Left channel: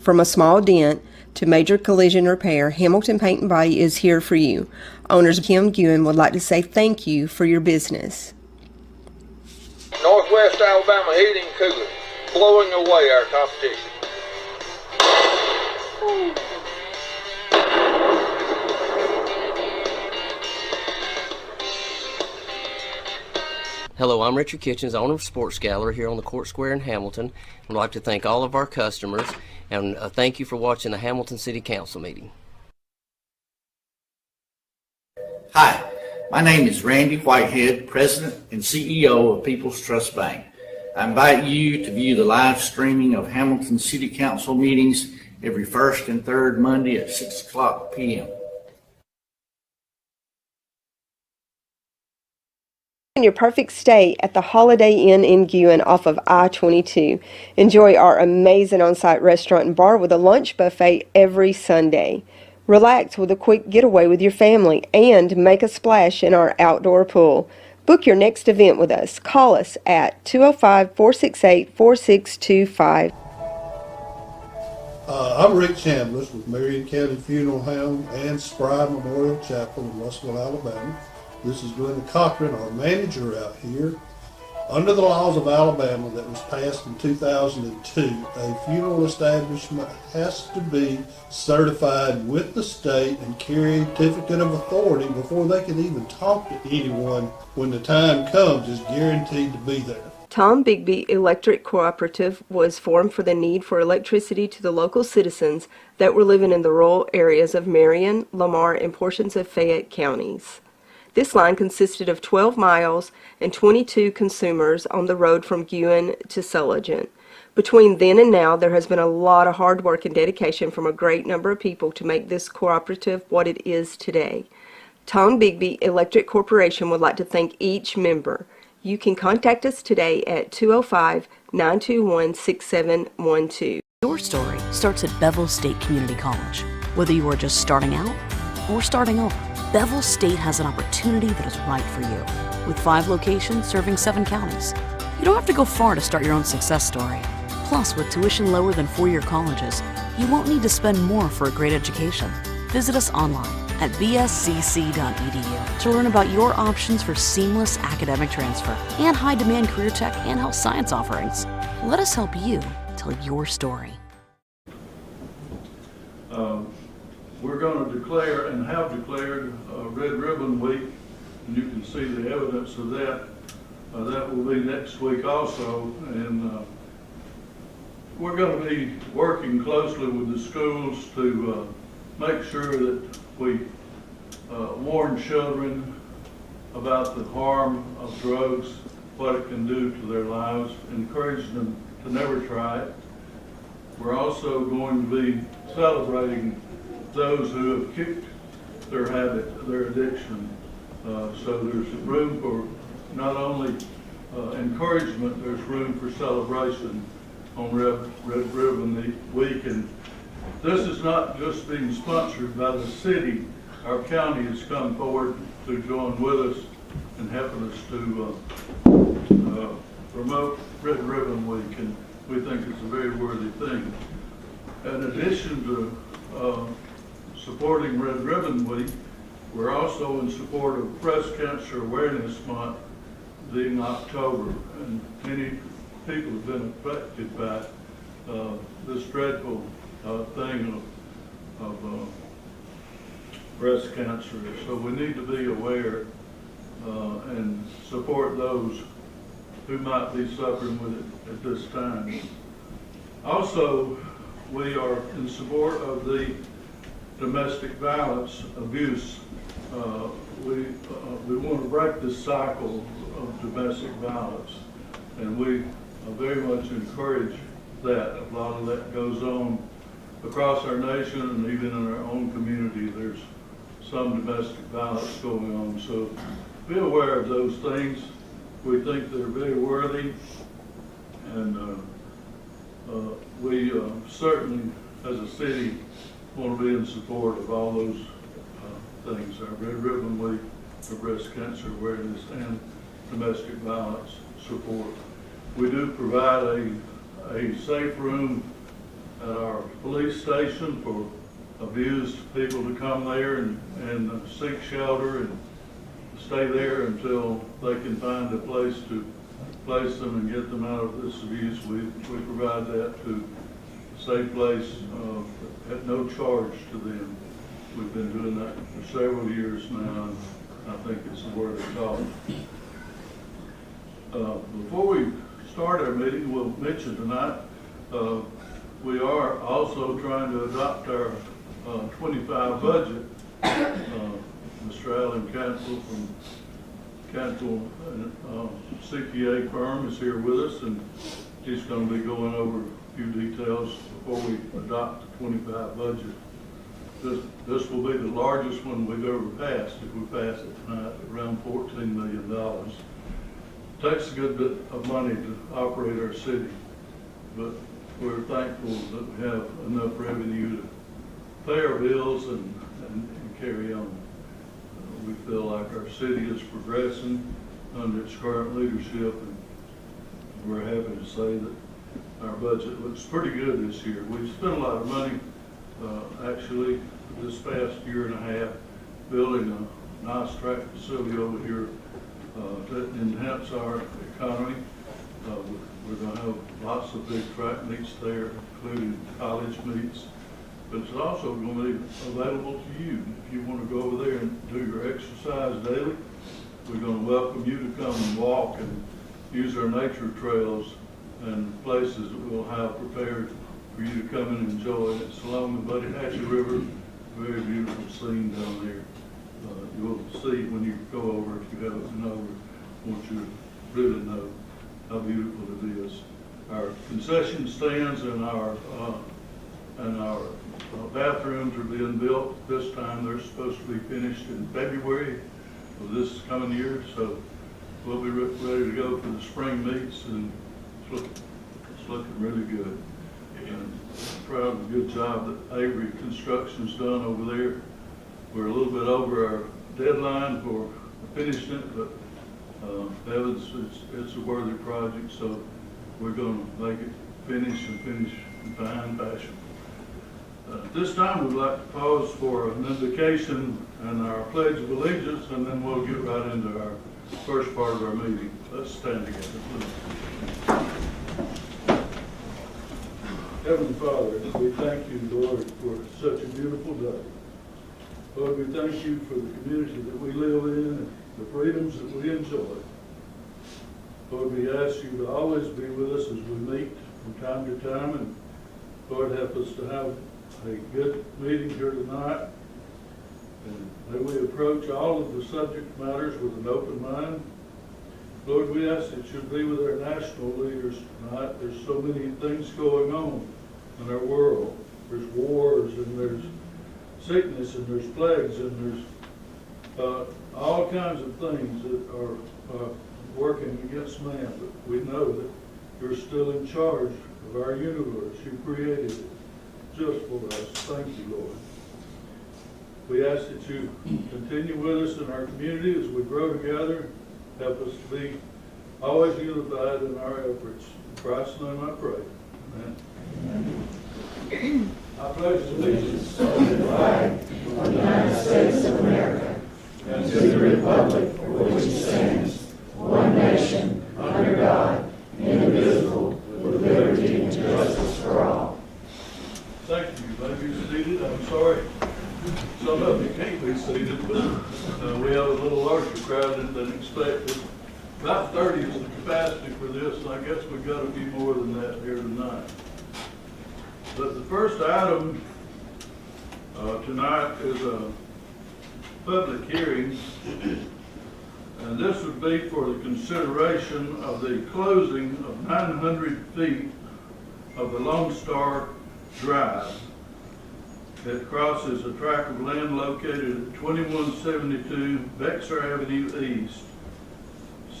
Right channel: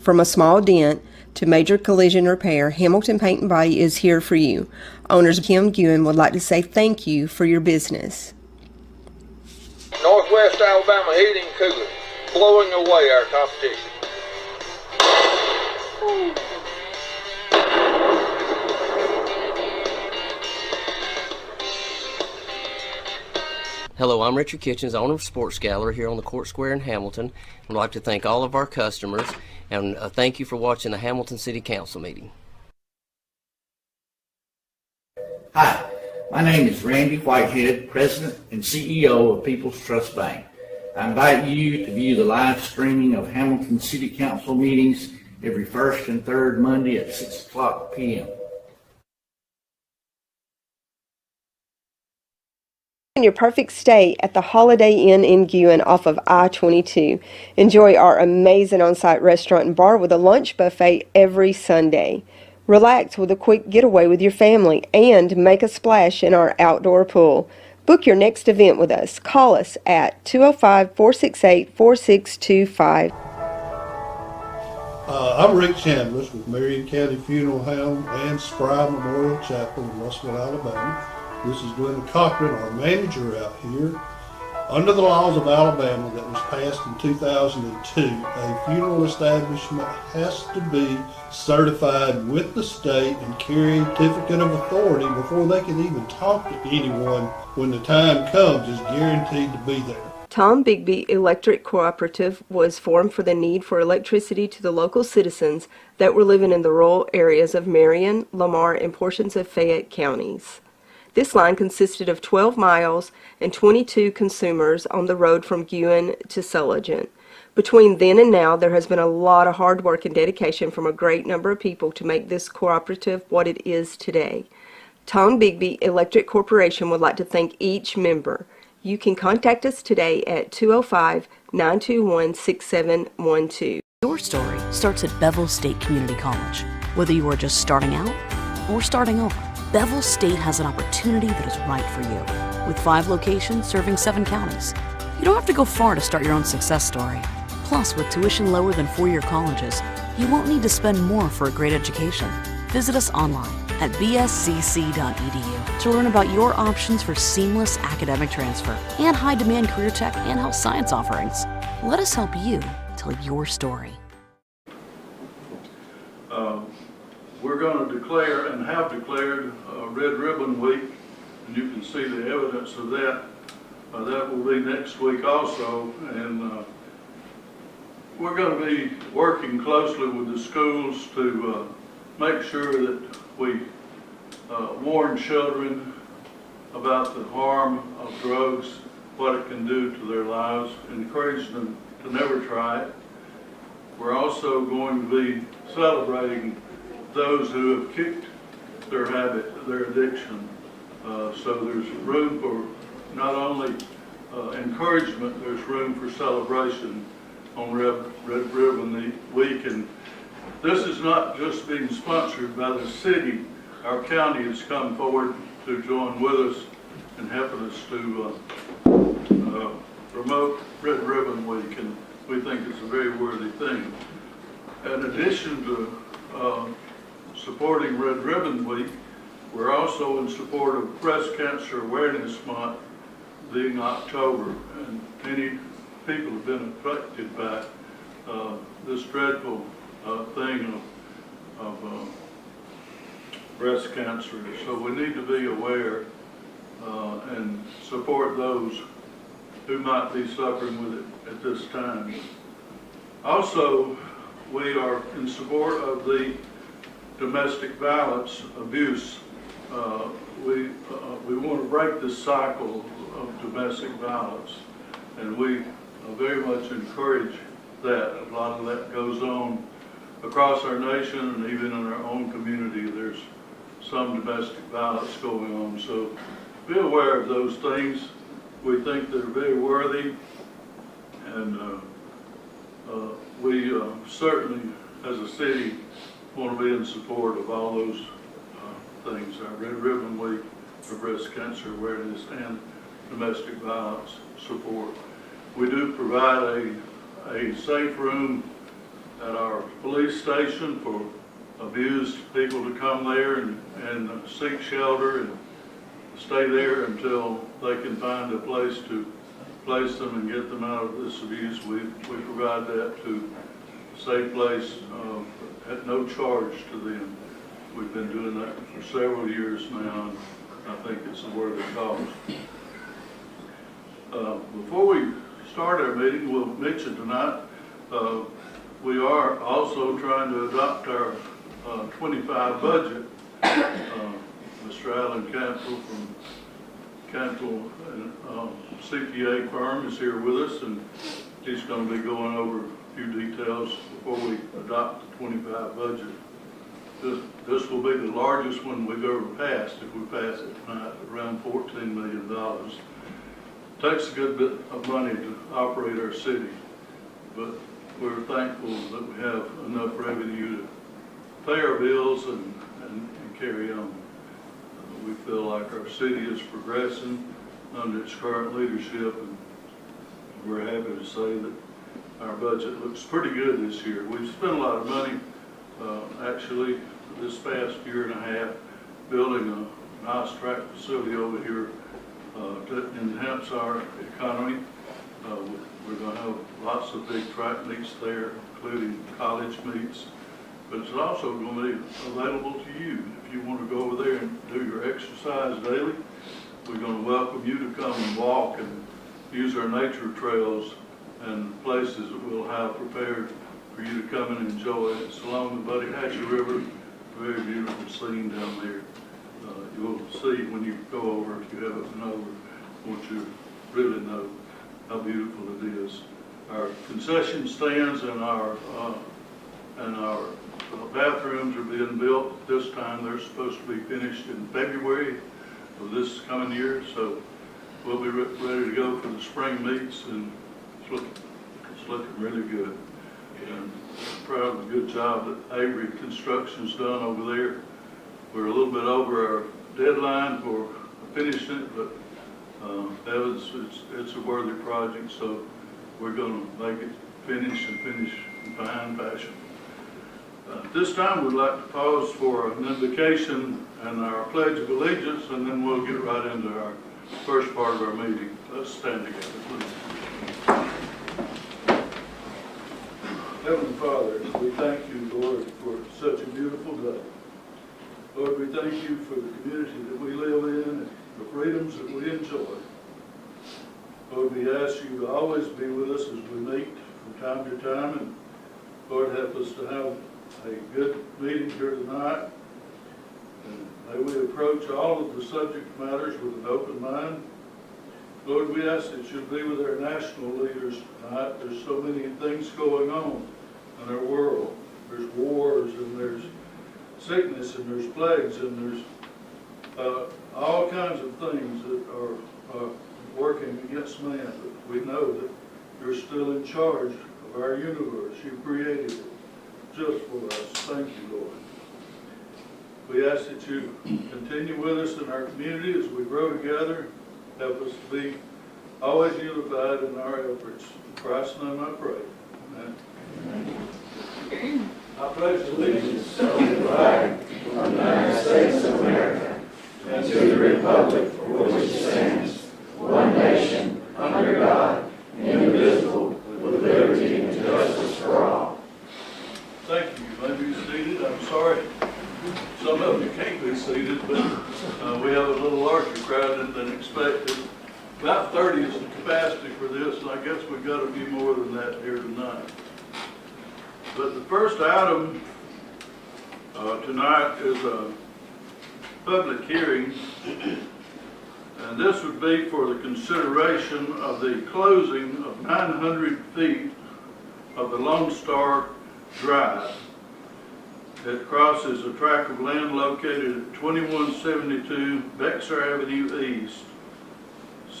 From a small dent to major collision repair, Hamilton Paint and Body is here for you. Owners Kim Guin would like to say thank you for your business. Northwest Alabama Heating and Cooling, blowing away our competition. Hello, I'm Richard Kitchens, owner of Sports Gallery here on the Court Square in Hamilton. I'd like to thank all of our customers and thank you for watching the Hamilton City Council meeting. Hi, my name is Randy Whitehead, President and CEO of People's Trust Bank. I invite you to view the live streaming of Hamilton City Council meetings every first and third Monday at 6 o'clock p.m. Your perfect stay at the Holiday Inn in Guin off of I-22. Enjoy our amazing on-site restaurant and bar with a lunch buffet every Sunday. Relax with a quick getaway with your family and make a splash in our outdoor pool. Book your next event with us. Call us at 205-468-4625. I'm Rick Chambliss with Marion County Funeral Home and Spry Memorial Chapel in Russellville, Alabama. This is Glenda Cochran, our manager out here. Under the laws of Alabama that was passed in 2002, a funeral establishment has to be certified with the state and carry a certificate of authority before they can even talk to anyone when the time comes is guaranteed to be there. Tom Bigby Electric Cooperative was formed for the need for electricity to the local citizens that were living in the rural areas of Marion, Lamar, and portions of Fayette counties. This line consisted of 12 miles and 22 consumers on the road from Guin to Sulligent. Between then and now, there has been a lot of hard work and dedication from a great number of people to make this cooperative what it is today. Tom Bigby Electric Corporation would like to thank each member. You can contact us today at 205-921-6712. Your story starts at Bevel State Community College. Whether you are just starting out or starting over, Bevel State has an opportunity that is right for you. With 5 locations serving 7 counties, you don't have to go far to start your own success story. Plus, with tuition lower than 4-year colleges, you won't need to spend more for a great education. Visit us online at bscc.edu to learn about your options for seamless academic transfer and high-demand career tech and health science offerings. Let us help you tell your story. We're going to declare and have declared Red Ribbon Week, and you can see the evidence of that. That will be next week also, and we're going to be working closely with the schools to make sure that we warn children about the harm of drugs, what it can do to their lives, encourage them to never try it. We're also going to be celebrating those who have kicked their habit, their addiction. So there's room for not only encouragement, there's room for celebration on Red Ribbon Week. And this is not just being sponsored by the city. Our county has come forward to join with us and helping us to promote Red Ribbon Week, and we think it's a very worthy thing. In addition to supporting Red Ribbon Week, we're also in support of Breast Cancer Awareness Month being October, and many people have been affected by this dreadful thing of breast cancer. So we need to be aware and support those who might be suffering with it at this time. Also, we are in support of the domestic violence abuse. We want to break this cycle of domestic violence, and we very much encourage that. A lot of that goes on across our nation, and even in our own community there's some domestic violence going on. So be aware of those things. We think they're very worthy, and we certainly as a city want to be in support of all those things. Our Red Ribbon Week for breast cancer awareness and domestic violence support. We do provide a safe room at our police station for abused people to come there and seek shelter and stay there until they can find a place to place them and get them out of this abuse. We provide that to a safe place at no charge to them. We've been doing that for several years now, and I think it's a worthy cause. Before we start our meeting, we'll mention tonight, we are also trying to adopt our 25 budget. Mr. Alan Cantle from Cantle CPA firm is here with us, and he's going to be going over a few details before we adopt the 25 budget. This will be the largest one we've ever passed if we pass it tonight, around $14 million. Takes a good bit of money to operate our city, but we're thankful that we have enough revenue to pay our bills and carry on. We feel like our city is progressing under its current leadership, and we're happy to say that our budget looks pretty good this year. We've spent a lot of money, actually, this past year and a half, building a nice track facility over here to enhance our economy. We're going to have lots of big track meets there, including college meets. But it's also going to be available to you. If you want to go over there and do your exercise daily, we're going to welcome you to come and walk and use our nature trails and places that we'll have prepared for you to come and enjoy. It's along the Buddy Hatchie River, very beautiful scene down there. You'll see when you go over, if you haven't been over, once you really know how beautiful it is. Our concession stands and our bathrooms are being built this time. They're supposed to be finished in February of this coming year, so we'll be ready to go for the spring meets, and it's looking really good. And I'm proud of the good job that Avery Construction's done over there. We're a little bit over our deadline for finishing it, but it's a worthy project, so we're going to make it finish in fine fashion. At this time, we'd like to pause for an invocation and our Pledge of Allegiance, and then we'll get right into our first part of our meeting. Let's stand together, please. Heavenly Father, we thank you, Lord, for such a beautiful day. Lord, we thank you for the community that we live in and the freedoms that we enjoy. Lord, we ask you to always be with us as we meet from time to time, and Lord, help us to have a good meeting here tonight. And may we approach all of the subject matters with an open mind. Lord, we ask that you be with our national leaders tonight. There's so many things going on in our world. There's wars, and there's sickness, and there's plagues, and there's all kinds of things that are working against man. But we know that you're still in charge of our universe. You created it just for us. Thank you, Lord. We ask that you continue with us in our community as we grow together. Help us to be always unified in our efforts. In Christ's name I pray. Amen. I pledge allegiance to the flag of the United States of America and to the republic for which it stands, one nation, under God, indivisible, with liberty and justice for all. Thank you. You may be seated. I'm sorry some of you can't be seated, but we have a little larger crowd than expected. About 30 is the capacity for this, and I guess we've got a few more than that here tonight. But the first item tonight is a public hearing, and this would be for the consideration of the closing of 900 feet of the Lone Star Drive. It crosses a tract of land located at 2172 Bexar Avenue East.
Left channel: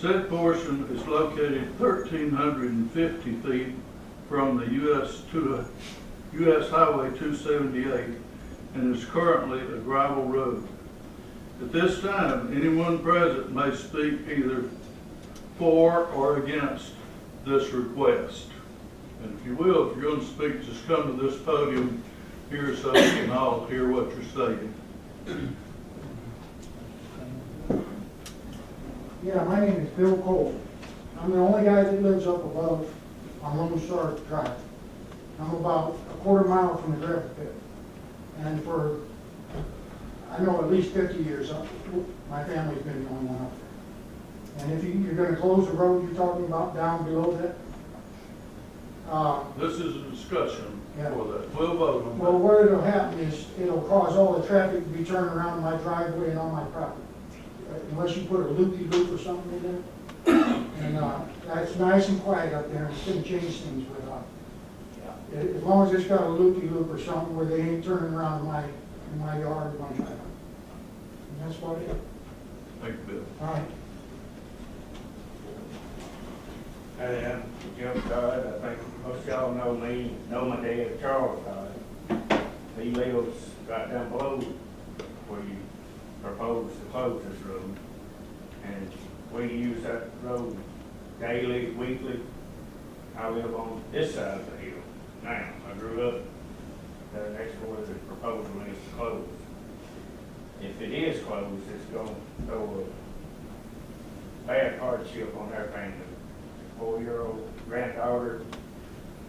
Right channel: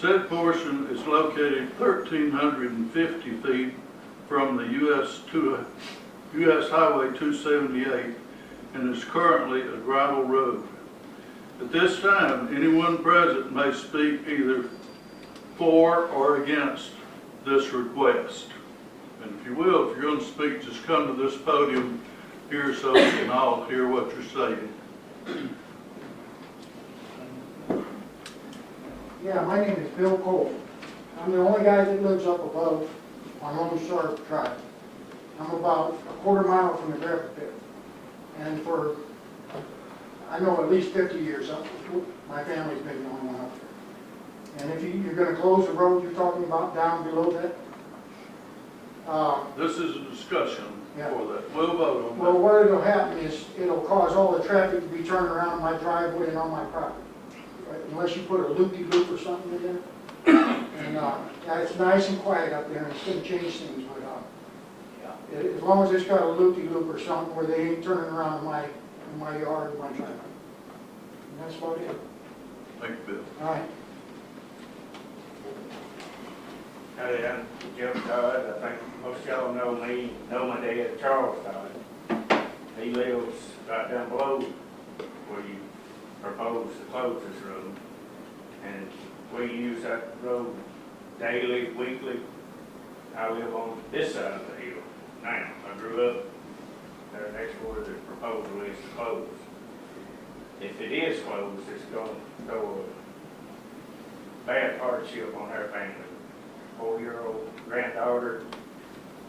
Said portion is located 1,350 feet from the U.S. Highway 278 and is currently a gravel road. At this time, anyone present may speak either for or against this request. And if you will, if you're going to speak, just come to this podium, hear something, and I'll hear what you're saying. Yeah, my name is Bill Cole. I'm the only guy that lives up above on Lone Star Drive. I'm about a quarter mile from the gravel pit. And for, I know at least 50 years, my family's been the only one up there. And if you're going to close the road you're talking about down below that, This is a discussion Yeah. for that. We'll vote on well, that. what it'll happen is it'll cause all the traffic to be turned around my driveway and on my property. Unless you put a loopy-loop or something in there. And yeah, it's nice and quiet up there, and it's going to change things, but as long as it's got a loopy-loop or something where they ain't turning around in my yard or my driveway. And that's about it. Thank you, Bill. All right. Hey, I'm Jim Dodd. I think most of y'all know me, know my dad, Charles Dodd. He lives right down below where you propose to close this road. And we use that road daily, weekly. I live on this side of the hill now. I grew up there next to where the proposal is to close. If it is closed, it's going to throw a bad hardship on our family. 4-year-old granddaughter,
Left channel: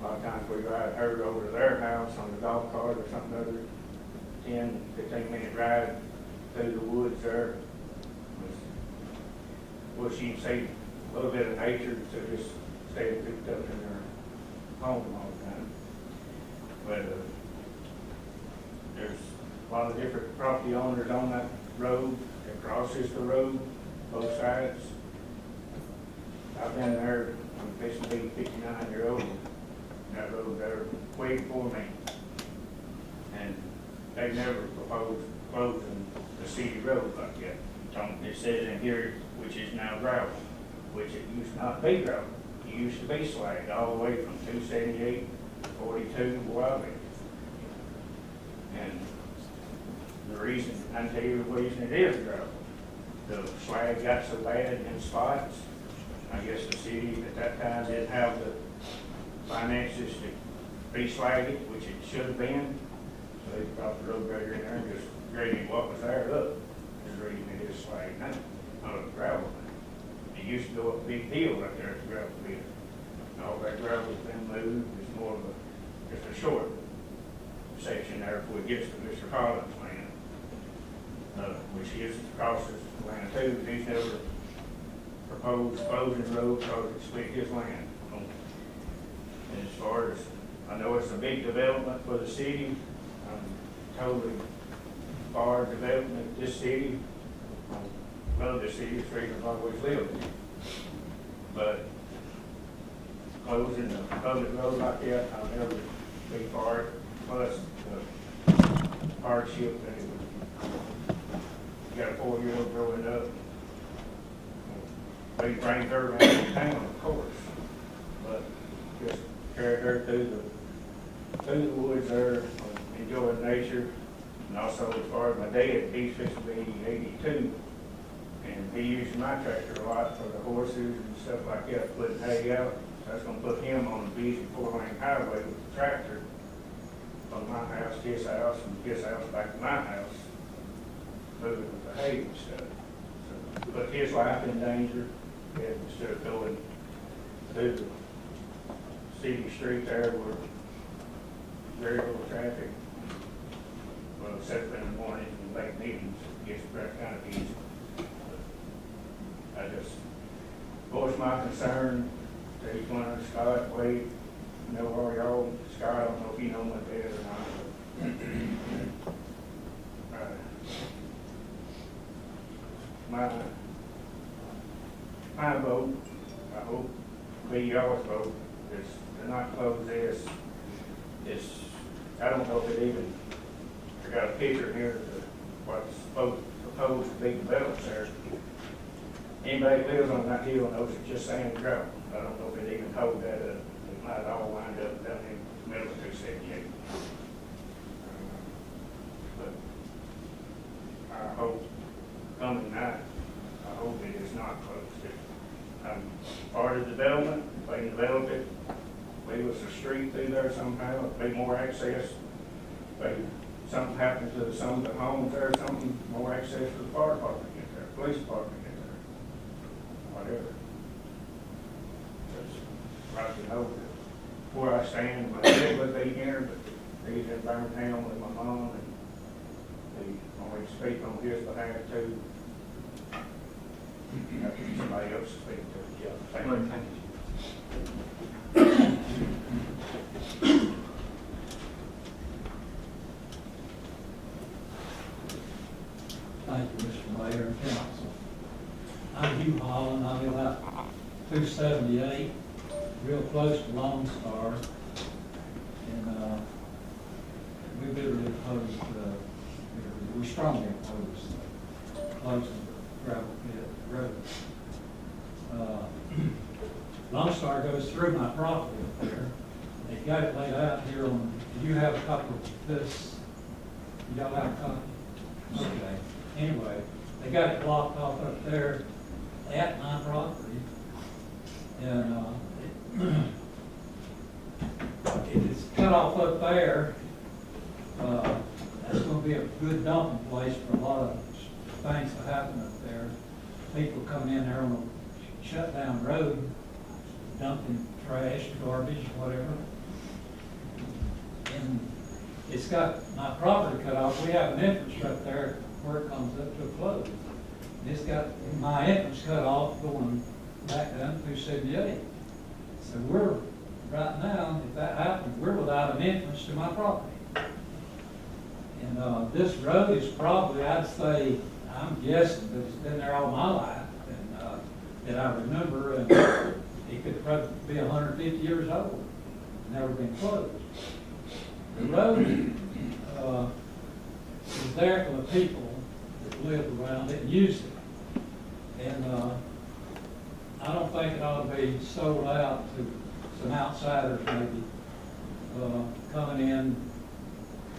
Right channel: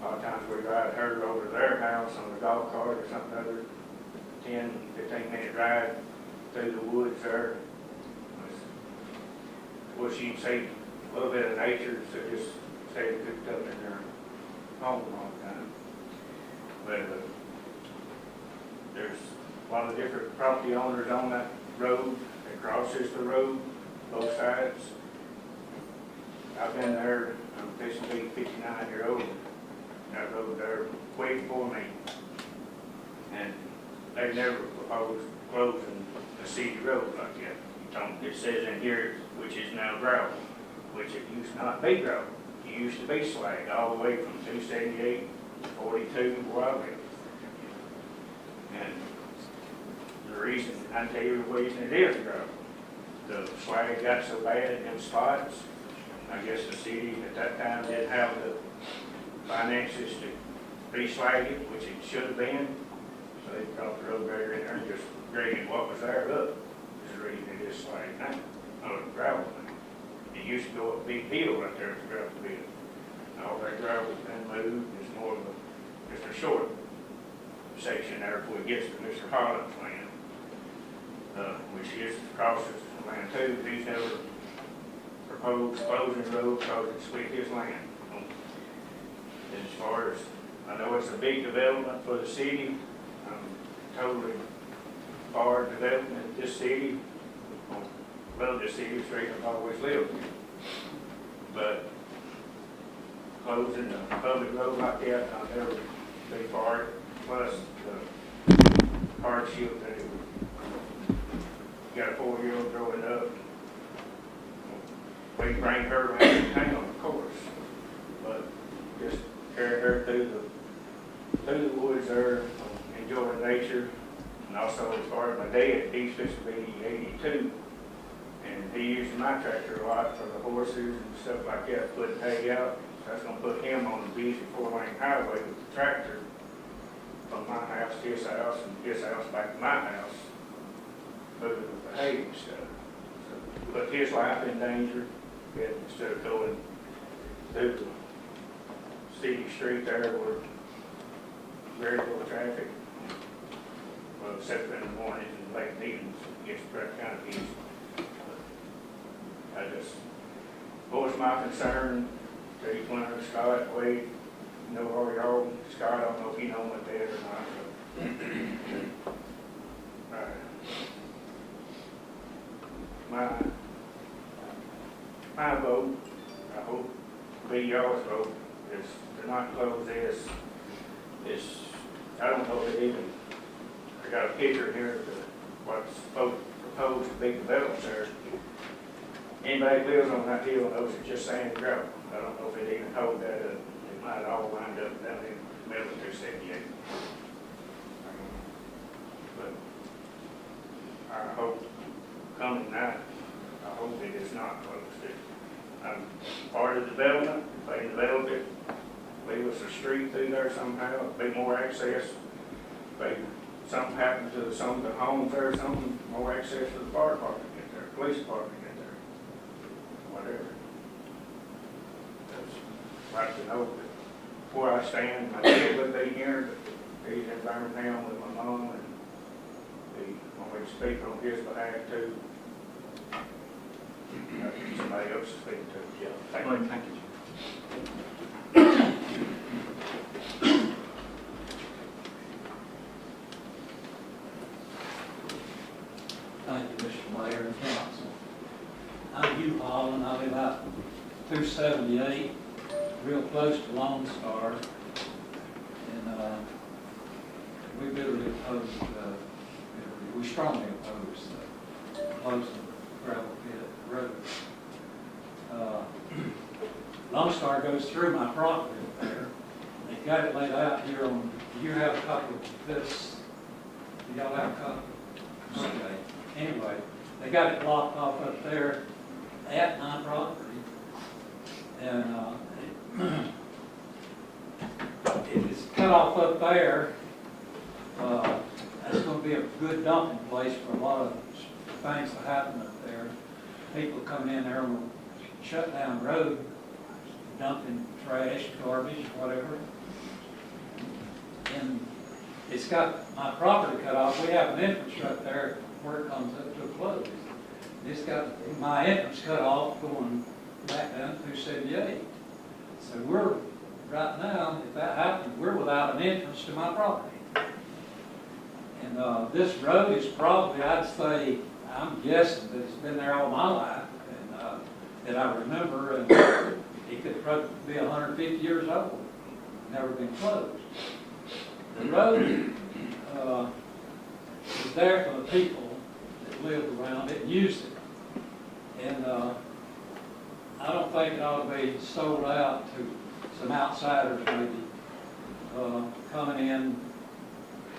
a lot of times we ride her over to their house on a golf cart or something other, 10, 15-minute drive through the woods there. Well, she can see a little bit of nature, so just stay cooped up in their home all the time. But there's a lot of different property owners on that road that crosses the road, both sides. I've been there, I'm fixing to be 59-year-old, that road there way before me. And they never proposed closing a city road like that. It says in here, which is now gravel, which it used not be gravel. It used to be slag all the way from 278 to 42 where I live. And the reason, I tell you the reason it is gravel. The slag got so bad in spots, I guess the city at that time didn't have the finances to re-slag it, which it should have been. So they dropped the road grader in there and just graded what was there up. This is the reason it is slag now, not gravel now. It used to go up a big hill right there for gravel pit. All that gravel's been moved. It's more of just a short section there before it gets to Mr. Holland's land, which is crosses land too. He's never proposed closing the road because it split his land. As far as, I know it's a big development for the city. I'm totally for development this city. Love this city, it's the reason I've always lived here. But closing a public road like that, I'll never be for it. Plus the hardship that it would, you got a 4-year-old growing up. We can bring her around town, of course, but just carry her through the woods there, enjoying nature. And also as far as my dad, he's fixing to be 82, and he uses my tractor a lot for the horses and stuff like that, putting hay out. That's going to put him on the busy 4-lane highway with the tractor from my house to his house and his house back to my house, moving with the hay and stuff. So, put his life in danger. Instead of going through the city street there where very little traffic, well, except in the mornings and late meetings, it gets kind of easy. But I just voice my concern to each one of Scott, Wade, know all y'all. Scott, I don't know if you know my dad or not, but my vote, I hope be y'all's vote, is to not close this. I don't know if it even, I got a picture here of what's proposed to be developed there. Anybody who lives on that hill knows it's just sand and gravel. I don't know if it even told that up. It might all wind up down in the middle of 278. But I hope coming night, I hope it is not closed. I'm part of the development. If they develop it, leave us a street through there somehow, be more access. If something happened to some of the homes there or something, more access for the fire department to get there, police department to get there, whatever. I'd like to know where I stand. My dad would be here, but he's in Birmingham with my mom, and he wanted to speak on his behalf too. Somebody else to speak to. Yeah, thank you. Thank you. Thank you, Mr. Mayor and Council. I'm Hugh Holland. I live out 278, real close to Lone Star. And we bitterly oppose we strongly oppose closing the gravel pit road. Lone Star goes through my property up there. They got it laid out here on, do you have a copy of this? Do y'all have a copy? Okay. Anyway, they got it blocked off up there at my property. And if it's cut off up there, that's going to be a good dumping place for a lot of things to happen up there. People come in there and will shut down the road, dumping trash, garbage, whatever. And it's got my property cut off. We have an entrance right there where it comes up to a close. And it's got my entrance cut off going back down to 278. So we're, right now, if that happens, we're without an entrance to my property. And this road is probably, I'd say, I'm guessing that it's been there all my life, and that I remember, and it could probably be 150 years old. Never been closed. The road was there for the people that lived around it and used it. And I don't think it ought to be sold out to some outsiders maybe coming in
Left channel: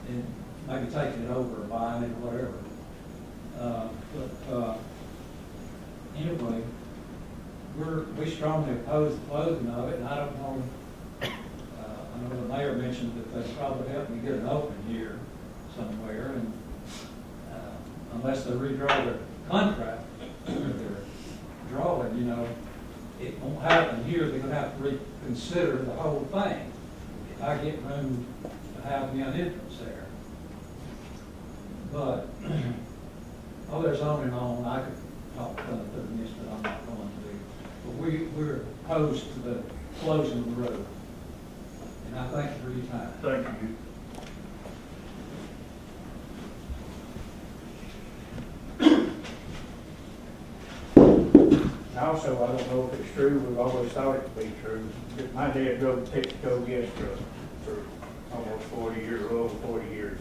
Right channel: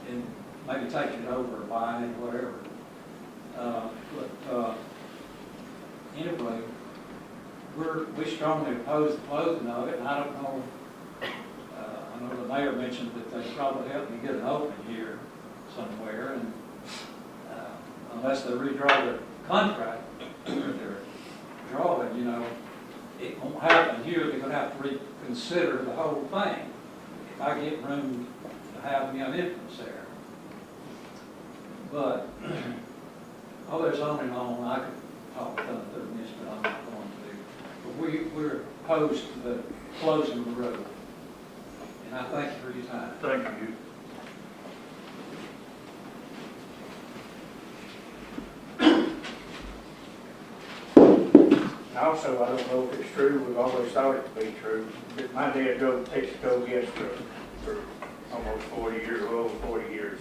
and maybe taking it over and buying it, whatever. But anyway, we strongly oppose the closing of it, and I don't know. I know the mayor mentioned that they probably helped me get an open here somewhere, and unless they redraw their contract that they're drawing, you know, it won't happen here. They're going to have to reconsider the whole thing if I get room to have me an entrance there. But there's on and on. I could talk for 30 minutes, but I'm not going to do. But we're opposed to the closing of the road. And I thank you for your time. Thank you. Also, I don't know if it's true, we've always thought it to be true. My dad drove Texaco yesterday for almost 40 years, well over 40 years.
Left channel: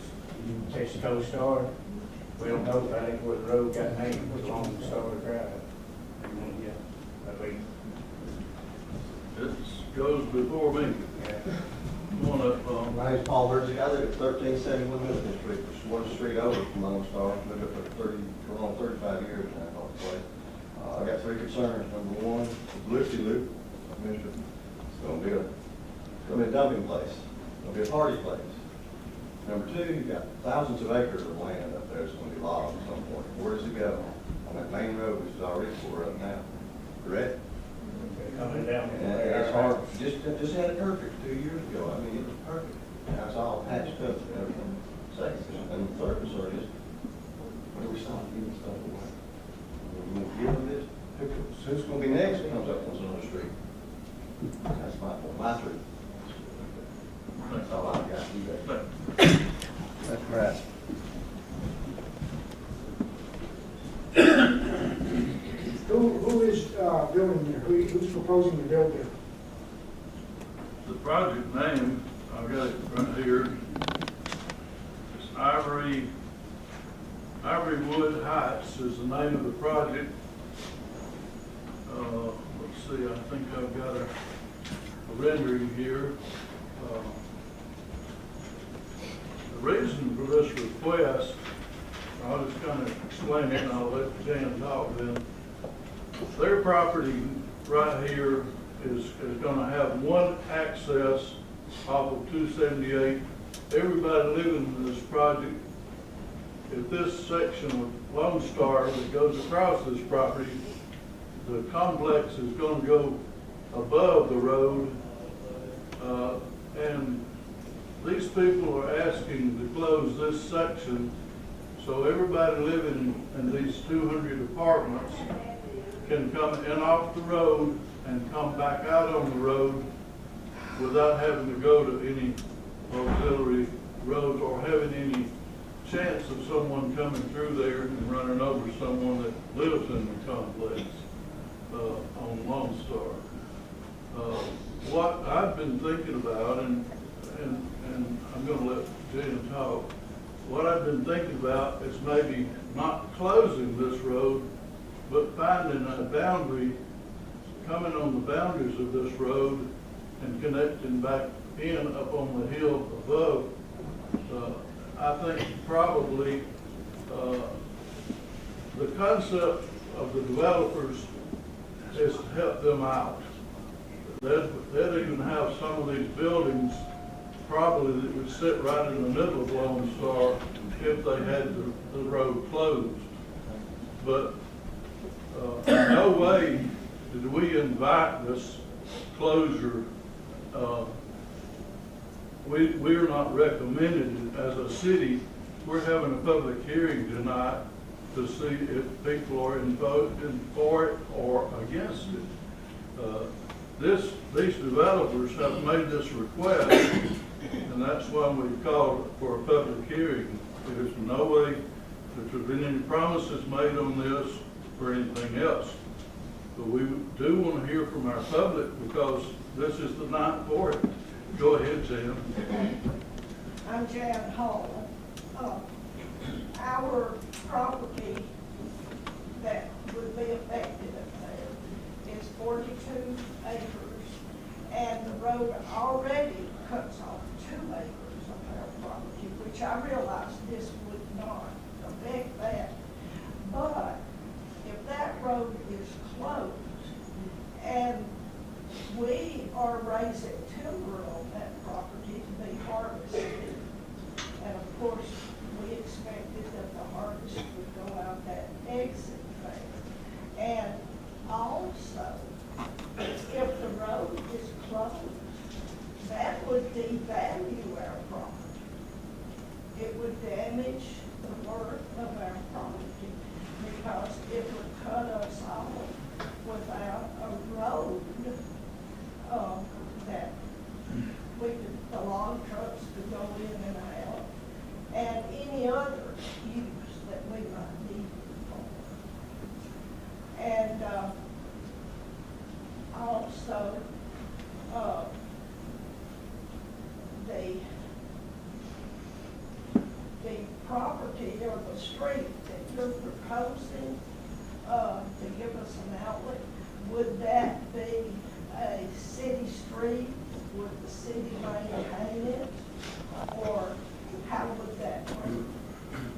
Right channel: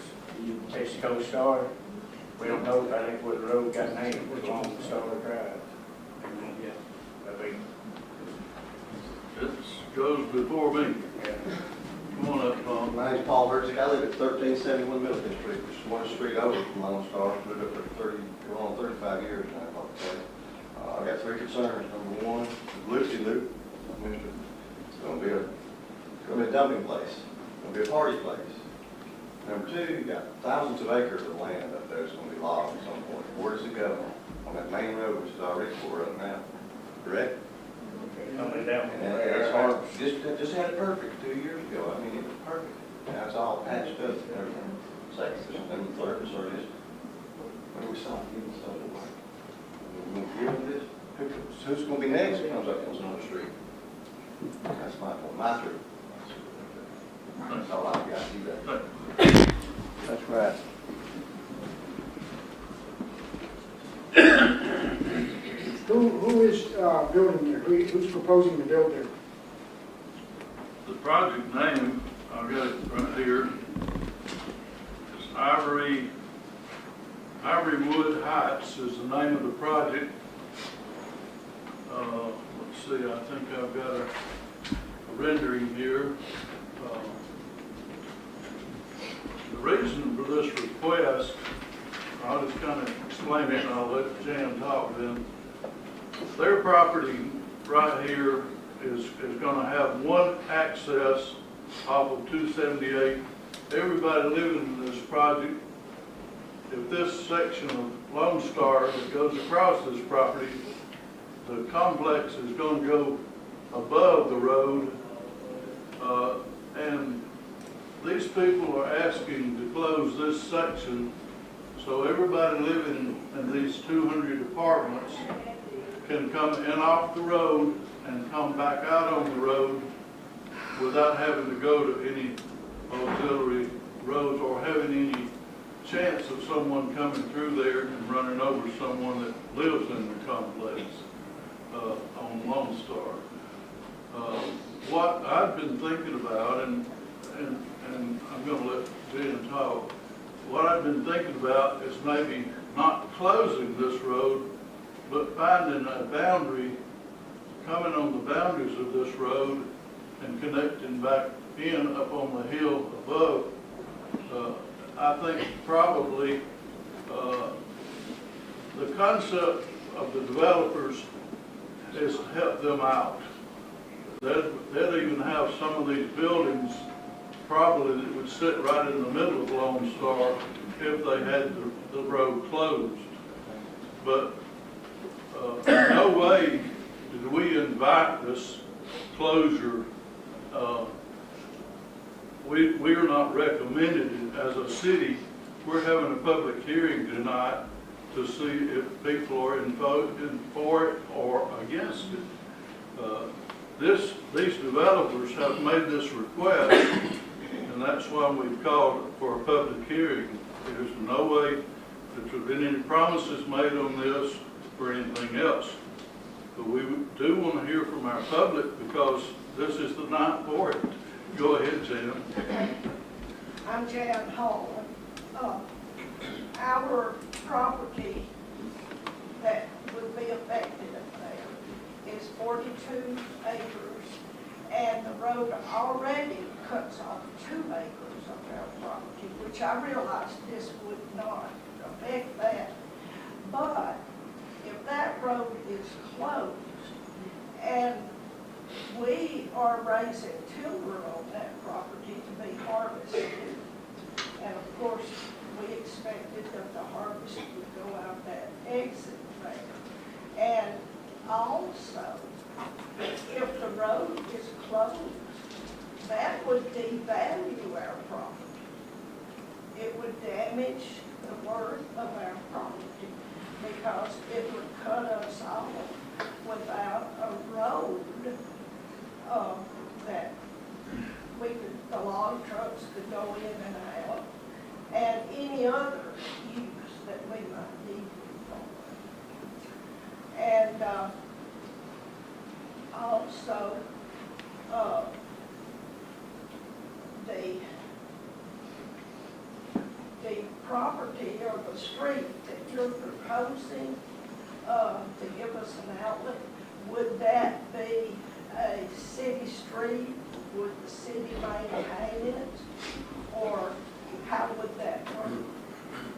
Texaco Star, we don't know if I think what the road got named, it was Lone Star Drive. It goes before me. Come on up, Tom. My name's Paul Herzig. I live at 1371 Milligan Street, which is one street over from Lone Star. I've lived up there going on 35 years now, I thought to say. I've got three concerns. Number one, publicity loop. It's going to be a dumping place. It's going to be a party place. Number two, you've got thousands of acres of land up there that's going to be logged at some point. Where does it go? On that main road, which is already tore up now. Correct? And it's hard. Just had it perfect 2 years ago. I mean, it was perfect. Now it's all patched up and everything. And the third concern is, where do we stop giving stuff away? We're going to give them this. Who's going to be next that comes up on the street? That's my three. That's all I've got to do that. That's right. Who is building there? Who's proposing to build there? The project name, I've got it right here, is Ivorywood Heights is the name of the project. Let's see, I think I've got a rendering here. The reason for this request, I'll just kind of explain it and I'll let Jan talk then. Their property right here is going to have one access off of 278. Everybody living in this project, if this section of Lone Star that goes across this property, the complex is going to go above the road, and these people are asking to close this section so everybody living in these 200 apartments can come in off the road and come back out on the road without having to go to any auxiliary roads or having any chance of someone coming through there and running over someone that lives in the complex on Lone Star. What I've been thinking about, and I'm going to let Jen talk, what I've been thinking about is maybe not closing this road, but finding a boundary, coming on the boundaries of this road and connecting back in up on the hill above. I think probably the concept of the developers is to help them out. They'd even have some of these buildings probably that would sit right in the middle of Lone Star if they had the road closed. But in no way did we invite this closure. We are not recommending it as a city. We're having a public hearing tonight to see if people are voting for it or against it. These developers have made this request, and that's why we've called for a public hearing. There's no way that there have been any promises made on this or anything else. But we do want to hear from our public because this is the night for it. Go ahead, Jan. I'm Jan Hall. Our property that would be affected up there is 42 acres, and the road already cuts off 2 acres of our property, which I realized this would not affect that. But if that road is closed and we are raising timber on that property to be harvested, and of course we expected that the harvest would go out that exit there. And also, if the road is closed, that would devalue our property. It would damage the worth of our property because it would cut us off without a road that the log trucks could go in and out, and any other use that we might need. And also, the property or the street that you're proposing to give us an outlet, would that be a city street? Would the city maintain it? Or how would that work?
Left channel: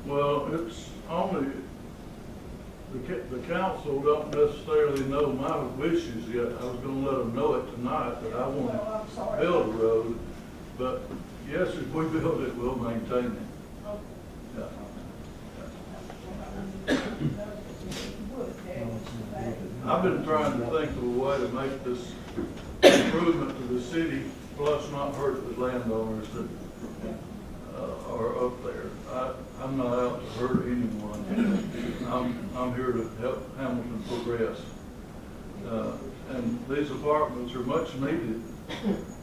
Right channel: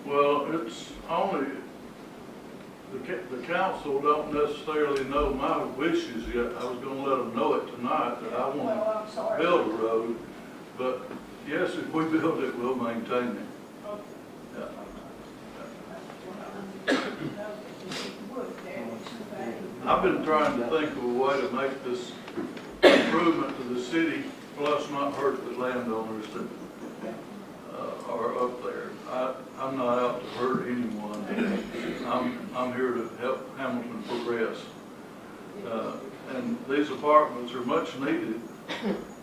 Well, it's only, the council don't necessarily know my wishes yet. I was going to let them know it tonight that I want to build a road. But yes, if we build it, we'll maintain it. Yeah. I've been trying to think of a way to make this improvement to the city, plus not hurt the landowners that are up there. I'm not out to hurt anyone. I'm here to help Hamilton progress. And these apartments are much needed.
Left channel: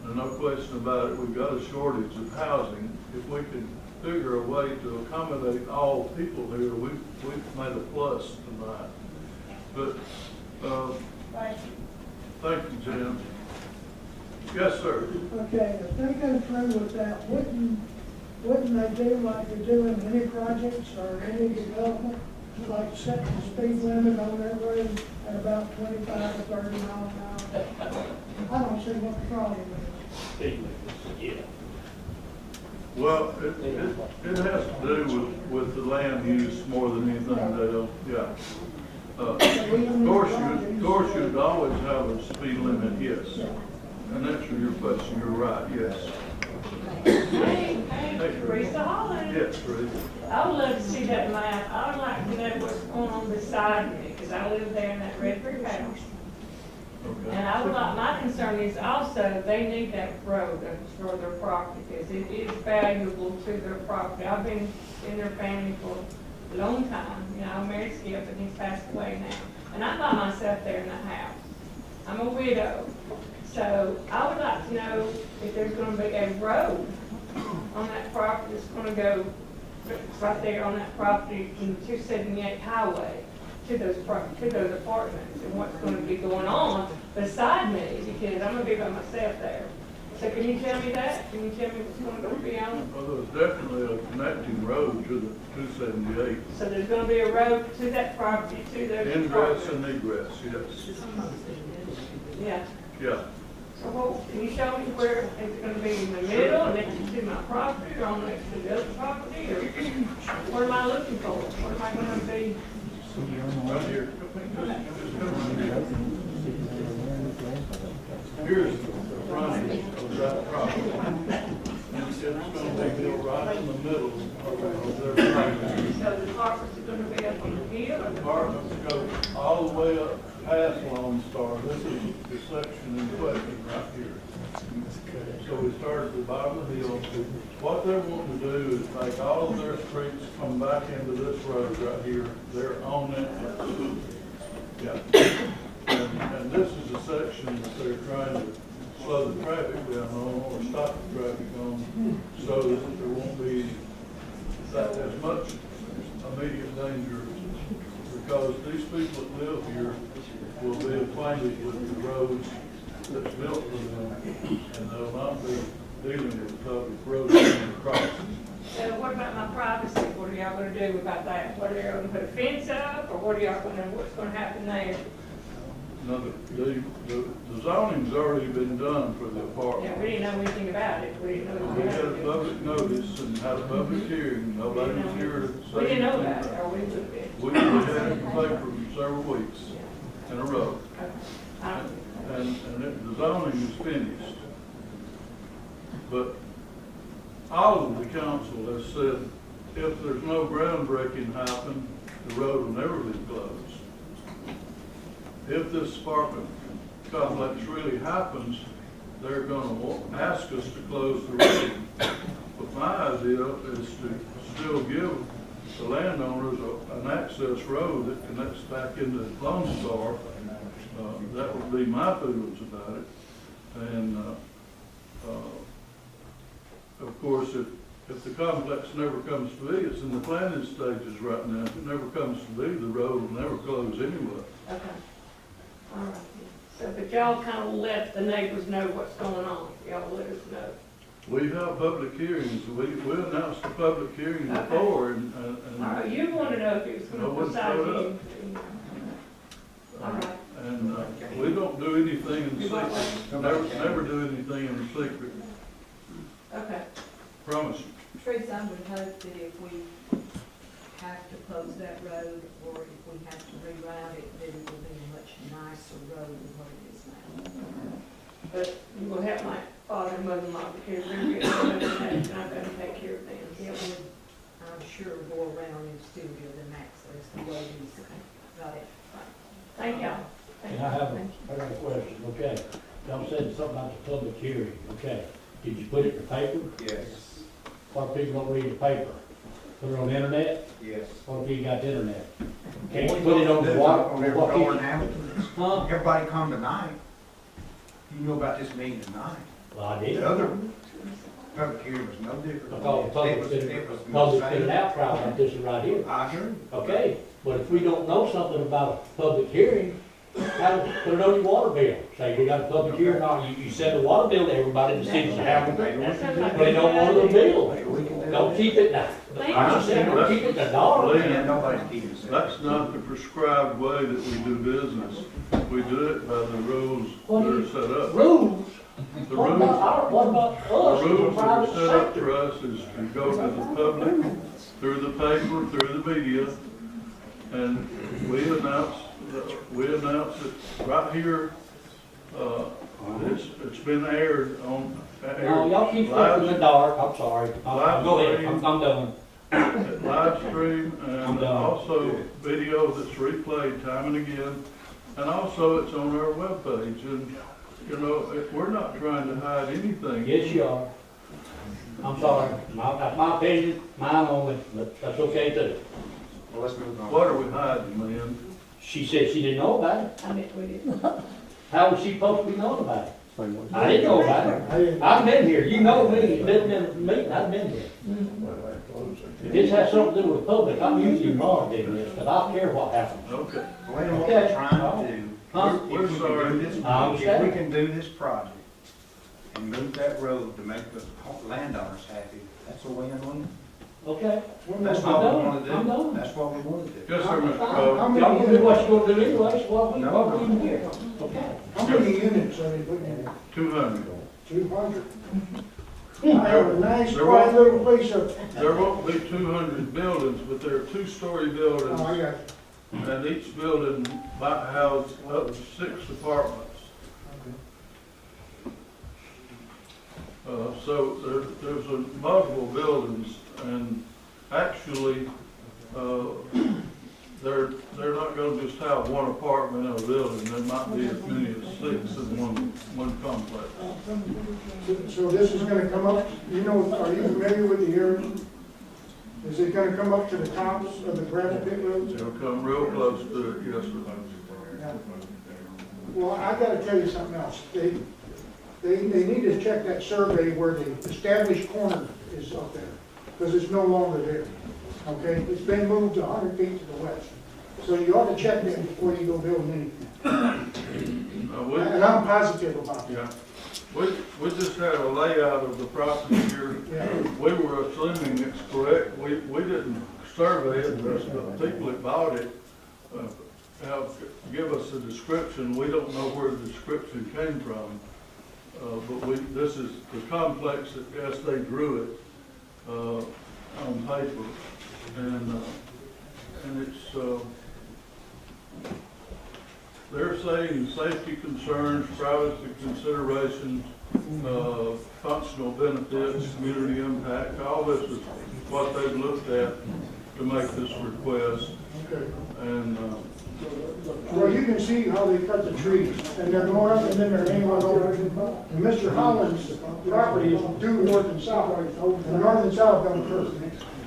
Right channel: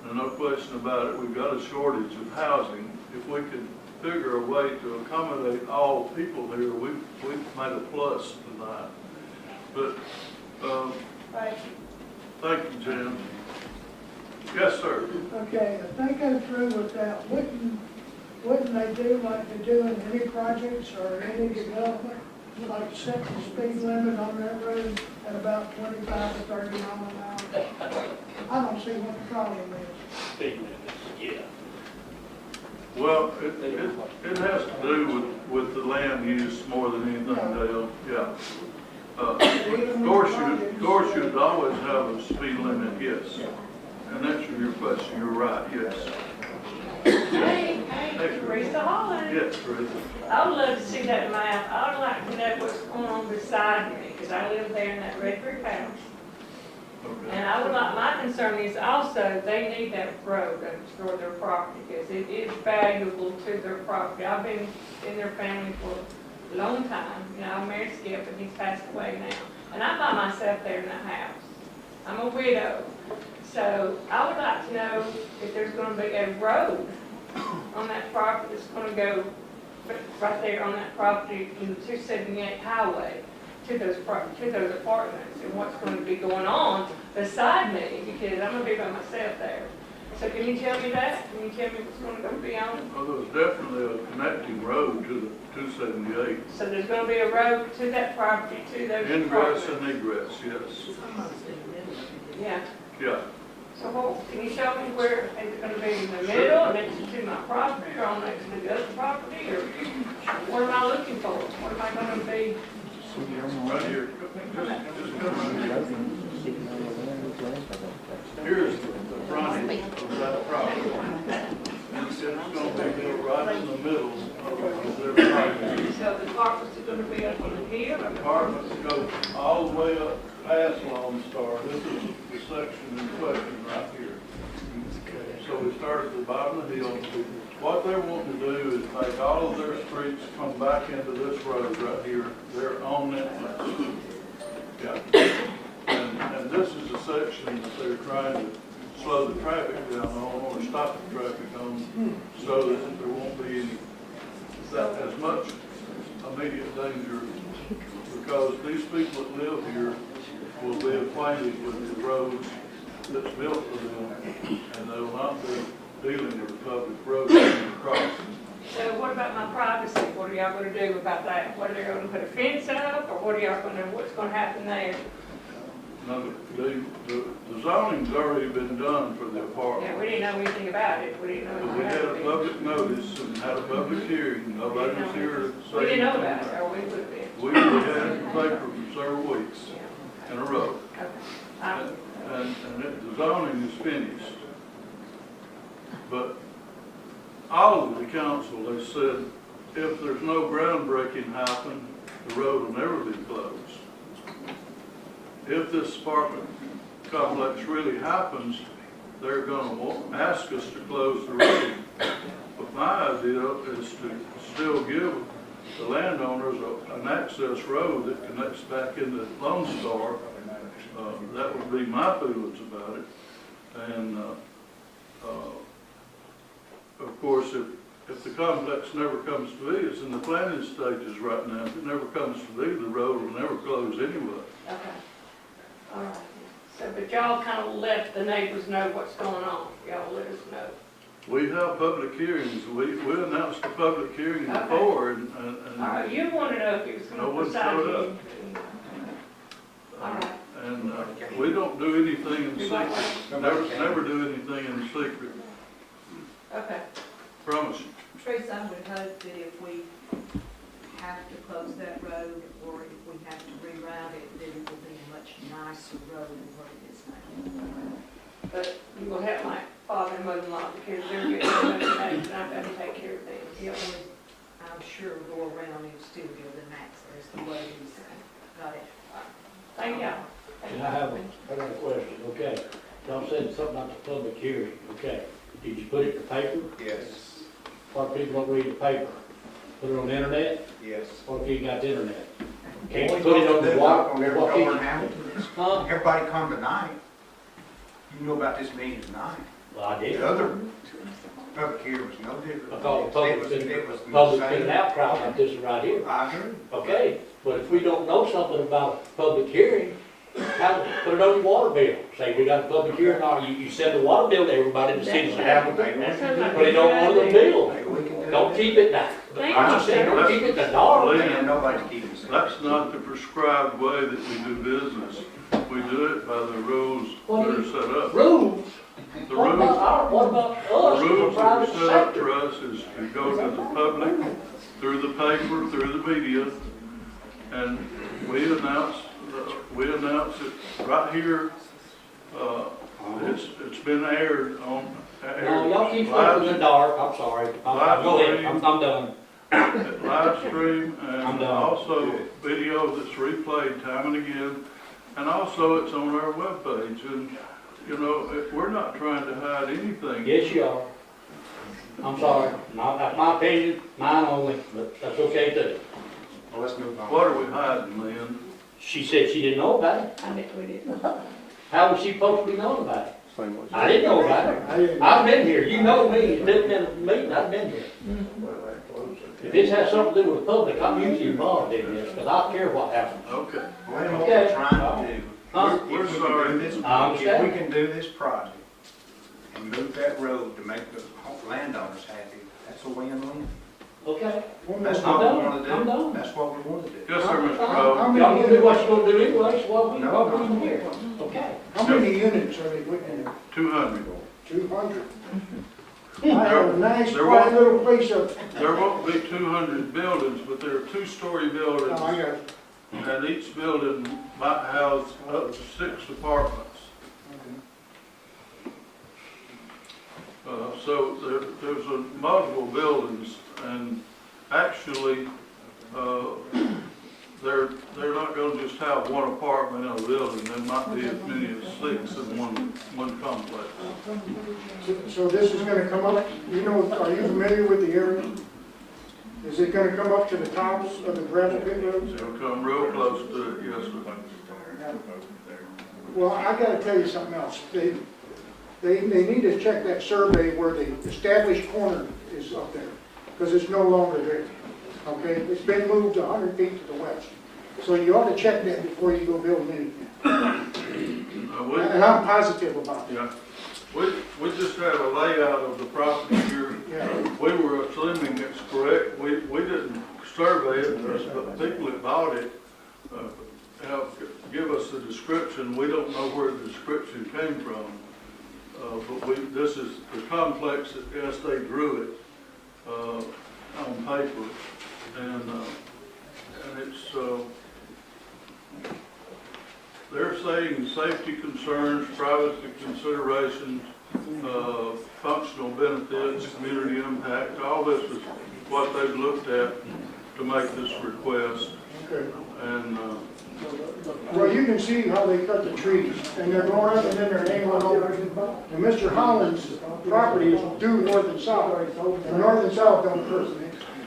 There's no question about it. We've got a shortage of housing. If we could figure a way to accommodate all people here, we've made a plus tonight. But thank you, Jen. Yes, sir. Okay, if they go through with that, wouldn't they do like they do in any projects or any development, like set the speed limit on that road at about 25 or 30 miles an hour? I don't see what the problem is. Speed limit, yeah. Well, it has to do with the land use more than anything, Dale. Yeah. Of course, you'd always have a speed limit, yes. And answer your question, you're right, yes. Hey, Teresa Holland. Yes, Teresa. I would love to see that map. I would like to know what's going on beside me, because I live there in that red brick house. Okay. And I would like, my concern is also, they need that road to destroy their property, because it is valuable to their property. I've been in their family for a long time. You know, I married Skip, but he's passed away now. And I'm by myself there in the house. I'm a widow. So I would like to know if there's gonna be a road on that property that's gonna go right there on that property from the 278 highway to those apartments, and what's gonna be going on beside me, because I'm gonna be by myself there. So can you tell me that? Can you tell me what's gonna be on? Well, there's definitely a connecting road to the 278. So there's gonna be a road to that property, to those Ingress apartments? and egress, yes. Yeah. Yeah. So can you show me where it's gonna be in the middle, next to my property, or on next to the other property, or what am I looking for? What am I gonna be? Right here. Just come right here. Here's the front of that property. It's gonna be right in the middle of their property. So the apartments are gonna be up on the hill? Apartments go all the way up past Lone Star. This is the section in question right here. So we start at the bottom of the hill. What they're wanting to do is make all of their streets come back into this road right here. They're on that place. Yeah. And this is a section that they're trying to slow the traffic down on or stop the traffic on so that there won't be as much immediate danger, because these people that live here will be acquainted with the roads that's built for them, and they will not be dealing with public roads crossing. So what about my privacy? What are y'all gonna do about that? What are they gonna put a fence up, or what's gonna happen there? Now, the zoning's already been done for the Yeah, apartment. we didn't know anything about it. We didn't know. We had a public notice and had a public hearing. Nobody was here to say We didn't know anything. about it, or we would be. We had it in the paper for several weeks in a row. And the zoning is finished. But all of the council has said, if there's no groundbreaking happen, the road will never be closed. If this apartment complex really happens, they're gonna ask us to close the road. But my idea is to still give the landowners an access road that connects back into Lone Star. That would be my feelings about it. And of course, if the complex never comes to be, it's in the planning stages right now. If it never comes to be, the road will never close anyway. Okay. All right. So, but y'all kind of let the neighbors know what's going on. Y'all let us know. We have public hearings. We announced the public hearing before, and All right, you want to know if it was going to decide you. All right. And we don't do anything in secret. Never do anything in secret. Okay. Promise you. Teresa, I would hope that if we have to close that road, or if we have to reroute it, then it will be a much nicer road than what it is now. But you will have my father and mother-in-law, because they're getting older, and I've got to take care of things. It would, I'm sure, go around and still be within access the way he's got it. Thank y'all. And I have a question, okay. Y'all said something about the public hearing, okay. Did you put it in the paper? Yes. What if people don't read the paper? Put it on the internet? Yes. What if you got the internet? Can't you put it on the wall? Huh? Everybody come tonight. You know about this meeting tonight. Well, I did. The other public hearing was no different. Because the It was the public's same. been an outcry like this right here. I agree. Okay, but if we don't know something about a public hearing, put it on your water bill. Say, we got a public hearing, or you send a water bill to everybody in the cities of Hamilton, put it on one of the bills. Don't keep it now. I'm saying, don't keep it the dollar. That's not the prescribed way that we do business. We do it by the rules that are set up. Rules? The What rules, about us? the rules that Private are set up sector? for us is to go to the public, through the paper, through the media, and we announce it right here. It's been aired on. No, y'all keep going in the dark, I'm sorry. Go ahead, I'm done. Live stream I'm and done. also video that's replayed time and again. And also it's on our webpage. And, you know, we're not trying to hide anything. Yes, you are. I'm sorry, that's my opinion, mine only, but that's okay too. Well, let's move on. What are we hiding, Lynn? She said she didn't know about it. I didn't, we didn't. How was she supposed to be known about it? I didn't know about it. I've been here, you know me, it's been in a meeting, I've been here. If this has something to do with the public, I'm usually involved in this, because I don't care what happens. Okay. Well, what Okay. we're trying to do, Huh? We're if we sorry. can do this, I understand. if we can do this project and move that road to make the landowners happy, that's a win-win. Okay? That's I'm what we done. want to I'm do. done. That's what we want to do. Yes, sir, Mr. How Crowe. many Y'all can do what units- you're gonna do anyway, so what we here. Okay. How many units are they putting in there? 200. 200. I have a nice There quiet won't- little place up. There won't be 200 buildings, but there are two-story buildings. Oh, I got it. And each building might house up to 6 apartments. So there's multiple buildings, and actually, they're not gonna just have one apartment in a building. There might be as many as 6 in one complex. So this is gonna come up, you know, are you familiar with the area? Is it gonna come up to the tops of the gravel pit roads? It'll come real close to it, yes, sir. Well, I gotta tell you something else. They need to check that survey where the established corner is up there, because it's no longer there. Okay, it's been moved 100 feet to the west. So you ought to check that before you go building anything. And I'm positive about that. Yeah, we just had a layout of the property here. Yeah. We were assuming it's correct. We didn't survey it, but the people that bought it, give us a description. We don't know where the description came from. But this is the complex that, yes, they drew it, on paper. And it's, they're saying safety concerns, privacy considerations, functional benefits, community impact, all this is what they've looked at to make this request. Okay. And, Well, you can see how they cut the trees, and they're going up and then they're hanging over. And Mr. Holland's property is due north and south, and north and south don't curve.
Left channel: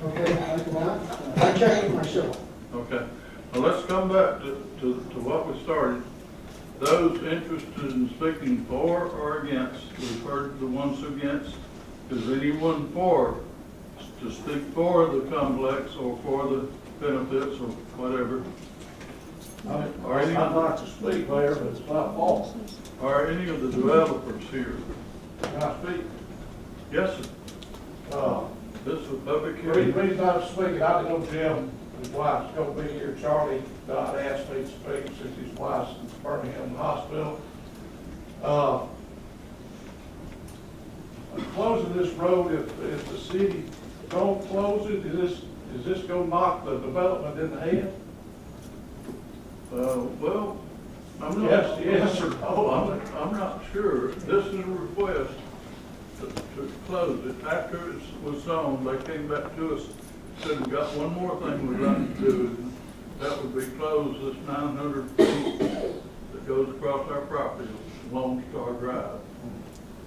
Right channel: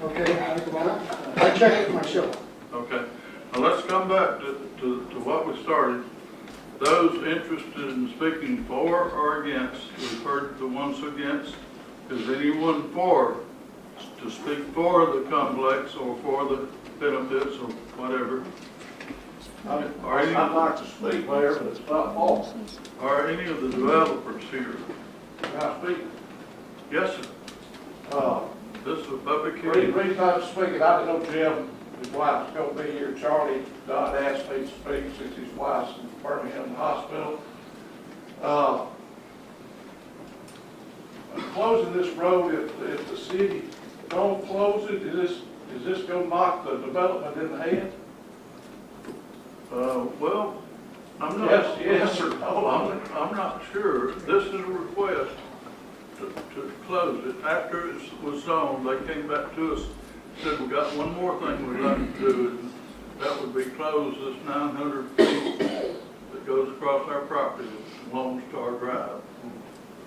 Okay? I checked it myself. okay, now let's come back to what we started. Those interested in speaking for or against, we've heard the ones against. Is anyone for, to speak for the complex or for the benefits or whatever? I'd like to speak there, but it's not false. Are any of the developers here? Can I speak? Yes, sir. This is a public The hearing. reason I'm speaking, I know Jim, his wife's gonna be here. Charlie Dodd asked me to speak since his wife's in Birmingham Hospital. Closing this road, if the city don't close it, is this gonna knock the development in the head? Well, I'm not. Yes or no? I'm not sure. This is a request to close it. After it was sown, they came back to us, said, we got one more thing we'd like to do, and that would be close this 900 feet that goes across our property, Lone Star Drive.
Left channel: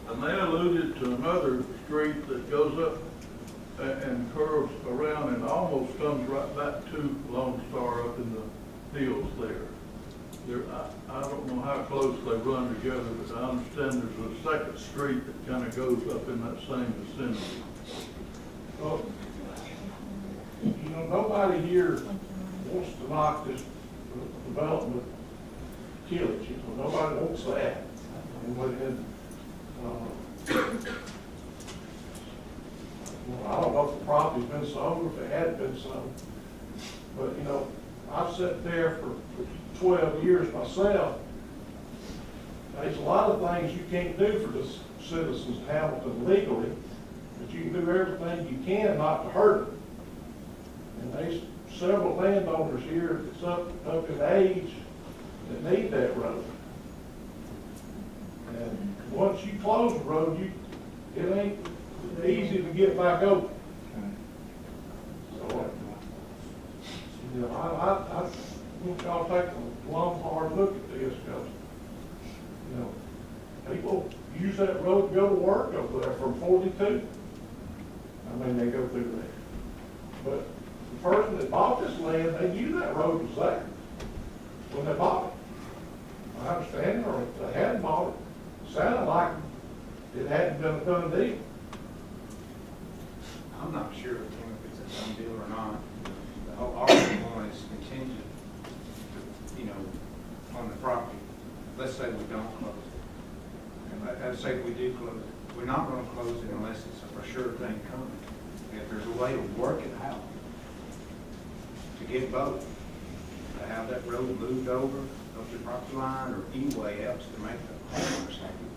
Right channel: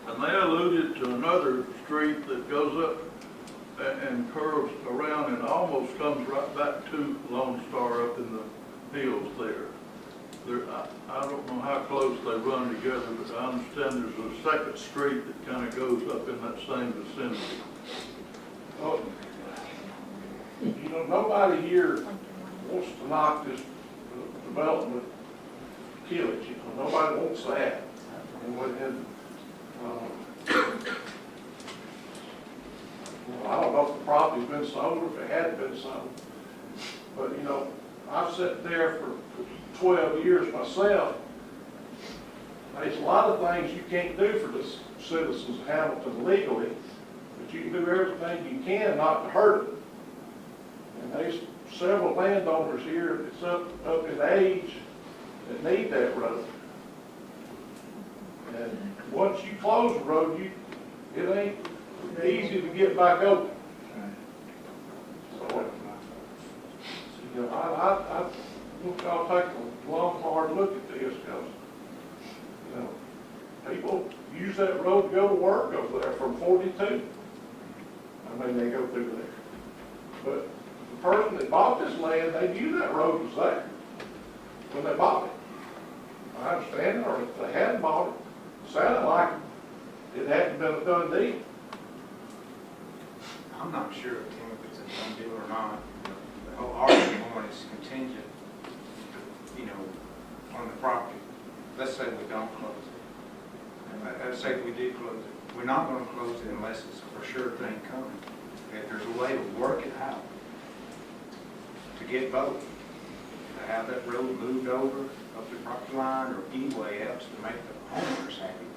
And they alluded to another street that goes up and curves around and almost comes right back to Lone Star up in the hills there. I don't know how close they run together, but I understand there's a second street that kind of goes up in that same vicinity. Well, you know, nobody here wants to knock this development, kill it. You know, nobody wants that. I don't know if the property's been sold or if it hadn't been sold. But, you know, I've sat there for 12 years myself. There's a lot of things you can't do for the citizens of Hamilton legally, but you can do everything you can not to hurt them. And there's several landowners here that's up in age that need that road. And once you close the road, it ain't easy to get back open. So, you know, I want y'all to take a long, hard look at this, because, you know, people use that road to go to work over there from 42. I mean, they go through there. But the person that bought this land, they knew that road was there when they bought it. I understand, or if they hadn't bought it, sounded like it hadn't been a done deal. I'm not sure, Tim, if it's a done deal or not. The whole argument point is contingent, you know, on the property. Let's say we don't close it. Let's say if we do close it. We're not going to close it unless it's a for sure thing coming. If there's a way to work it out, to get both, to have that road moved over up the property line or any way else to make the homeowners happy,